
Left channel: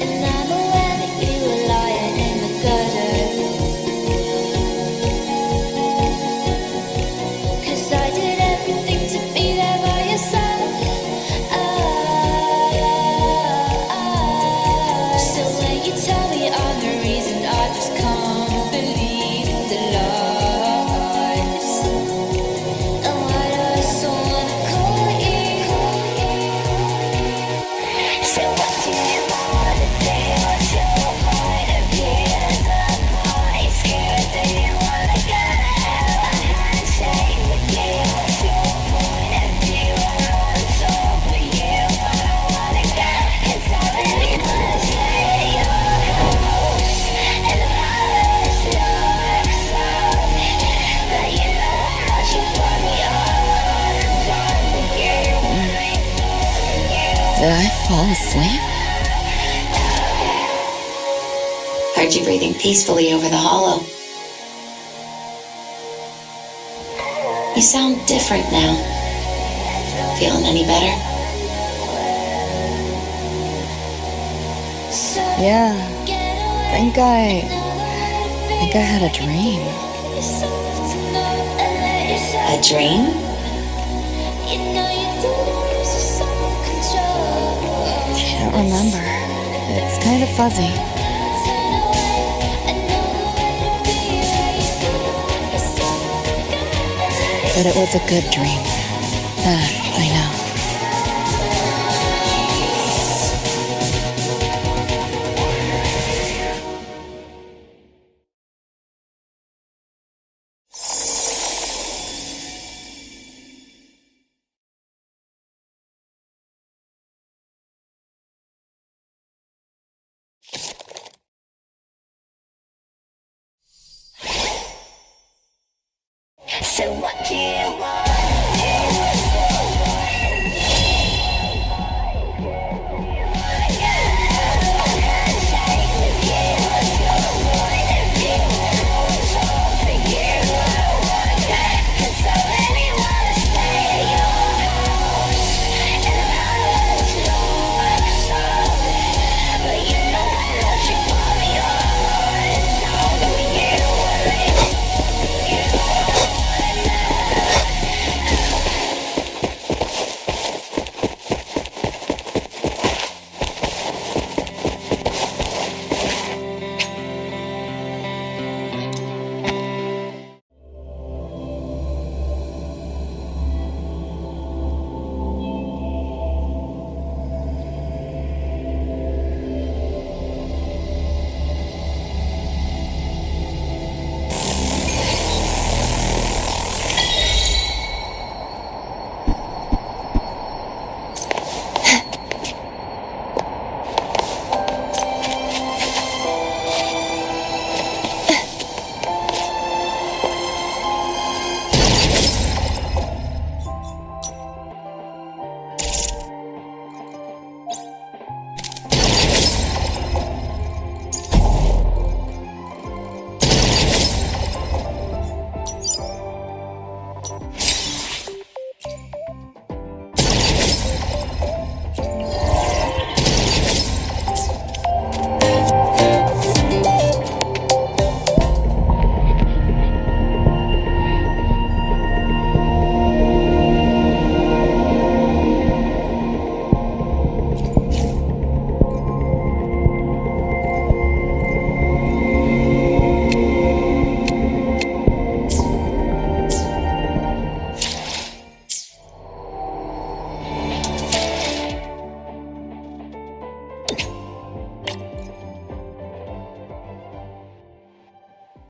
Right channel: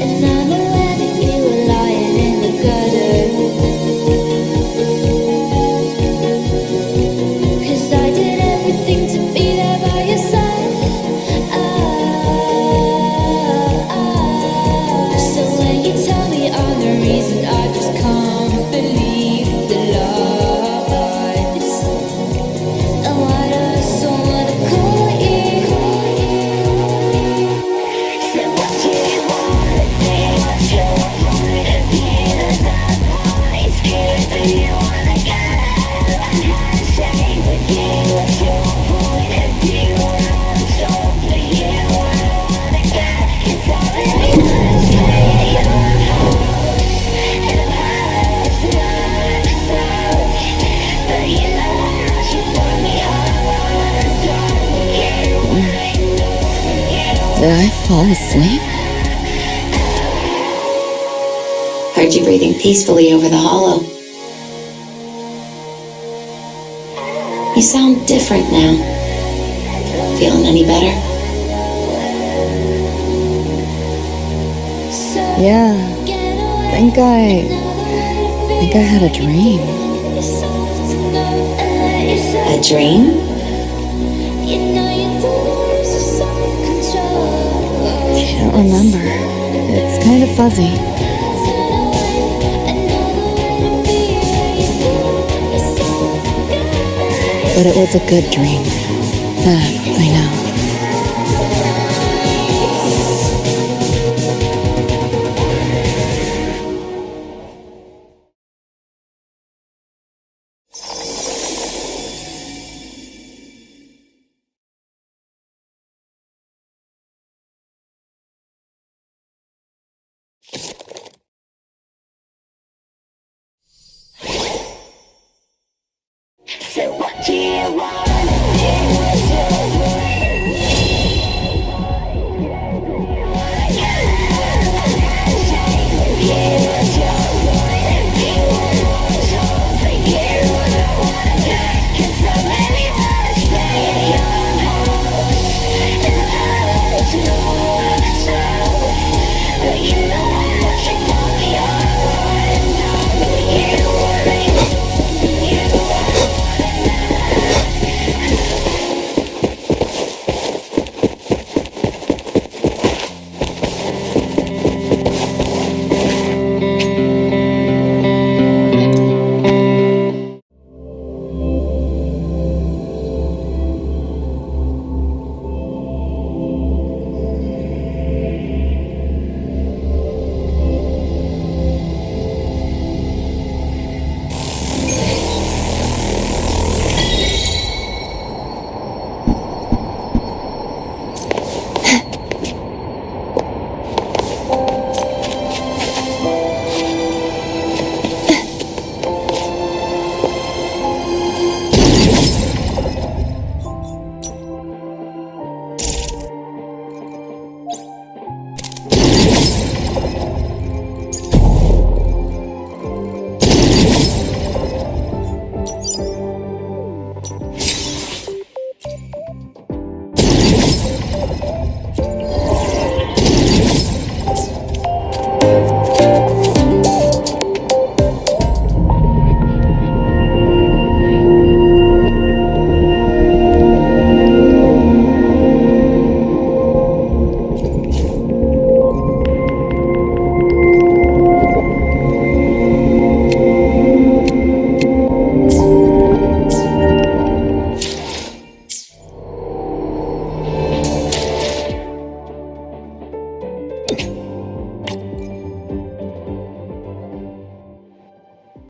And I'm aware that you were lying in the gutter, 'cause I did everything to be there by your side. So when you tell me I'm the reason, I just can't believe the lies. And why do I so wanna call you? So what do you wanna do? What's your point of view? That's why it's scared that you wanna get out of handshake with you. What's your point of view? I want soul for you. I don't wanna get inside of you. Wanna stay at your house, and the palace is ours. But you know how much you put me on. I wanna talk with you. Did I fall asleep? Heard you breathing peacefully over the hollow. You sound different now. Feeling any better? Yeah. Think I had a dream. A dream? Can't remember. It's kind of fuzzy. But it was a good dream. That I know. So what do you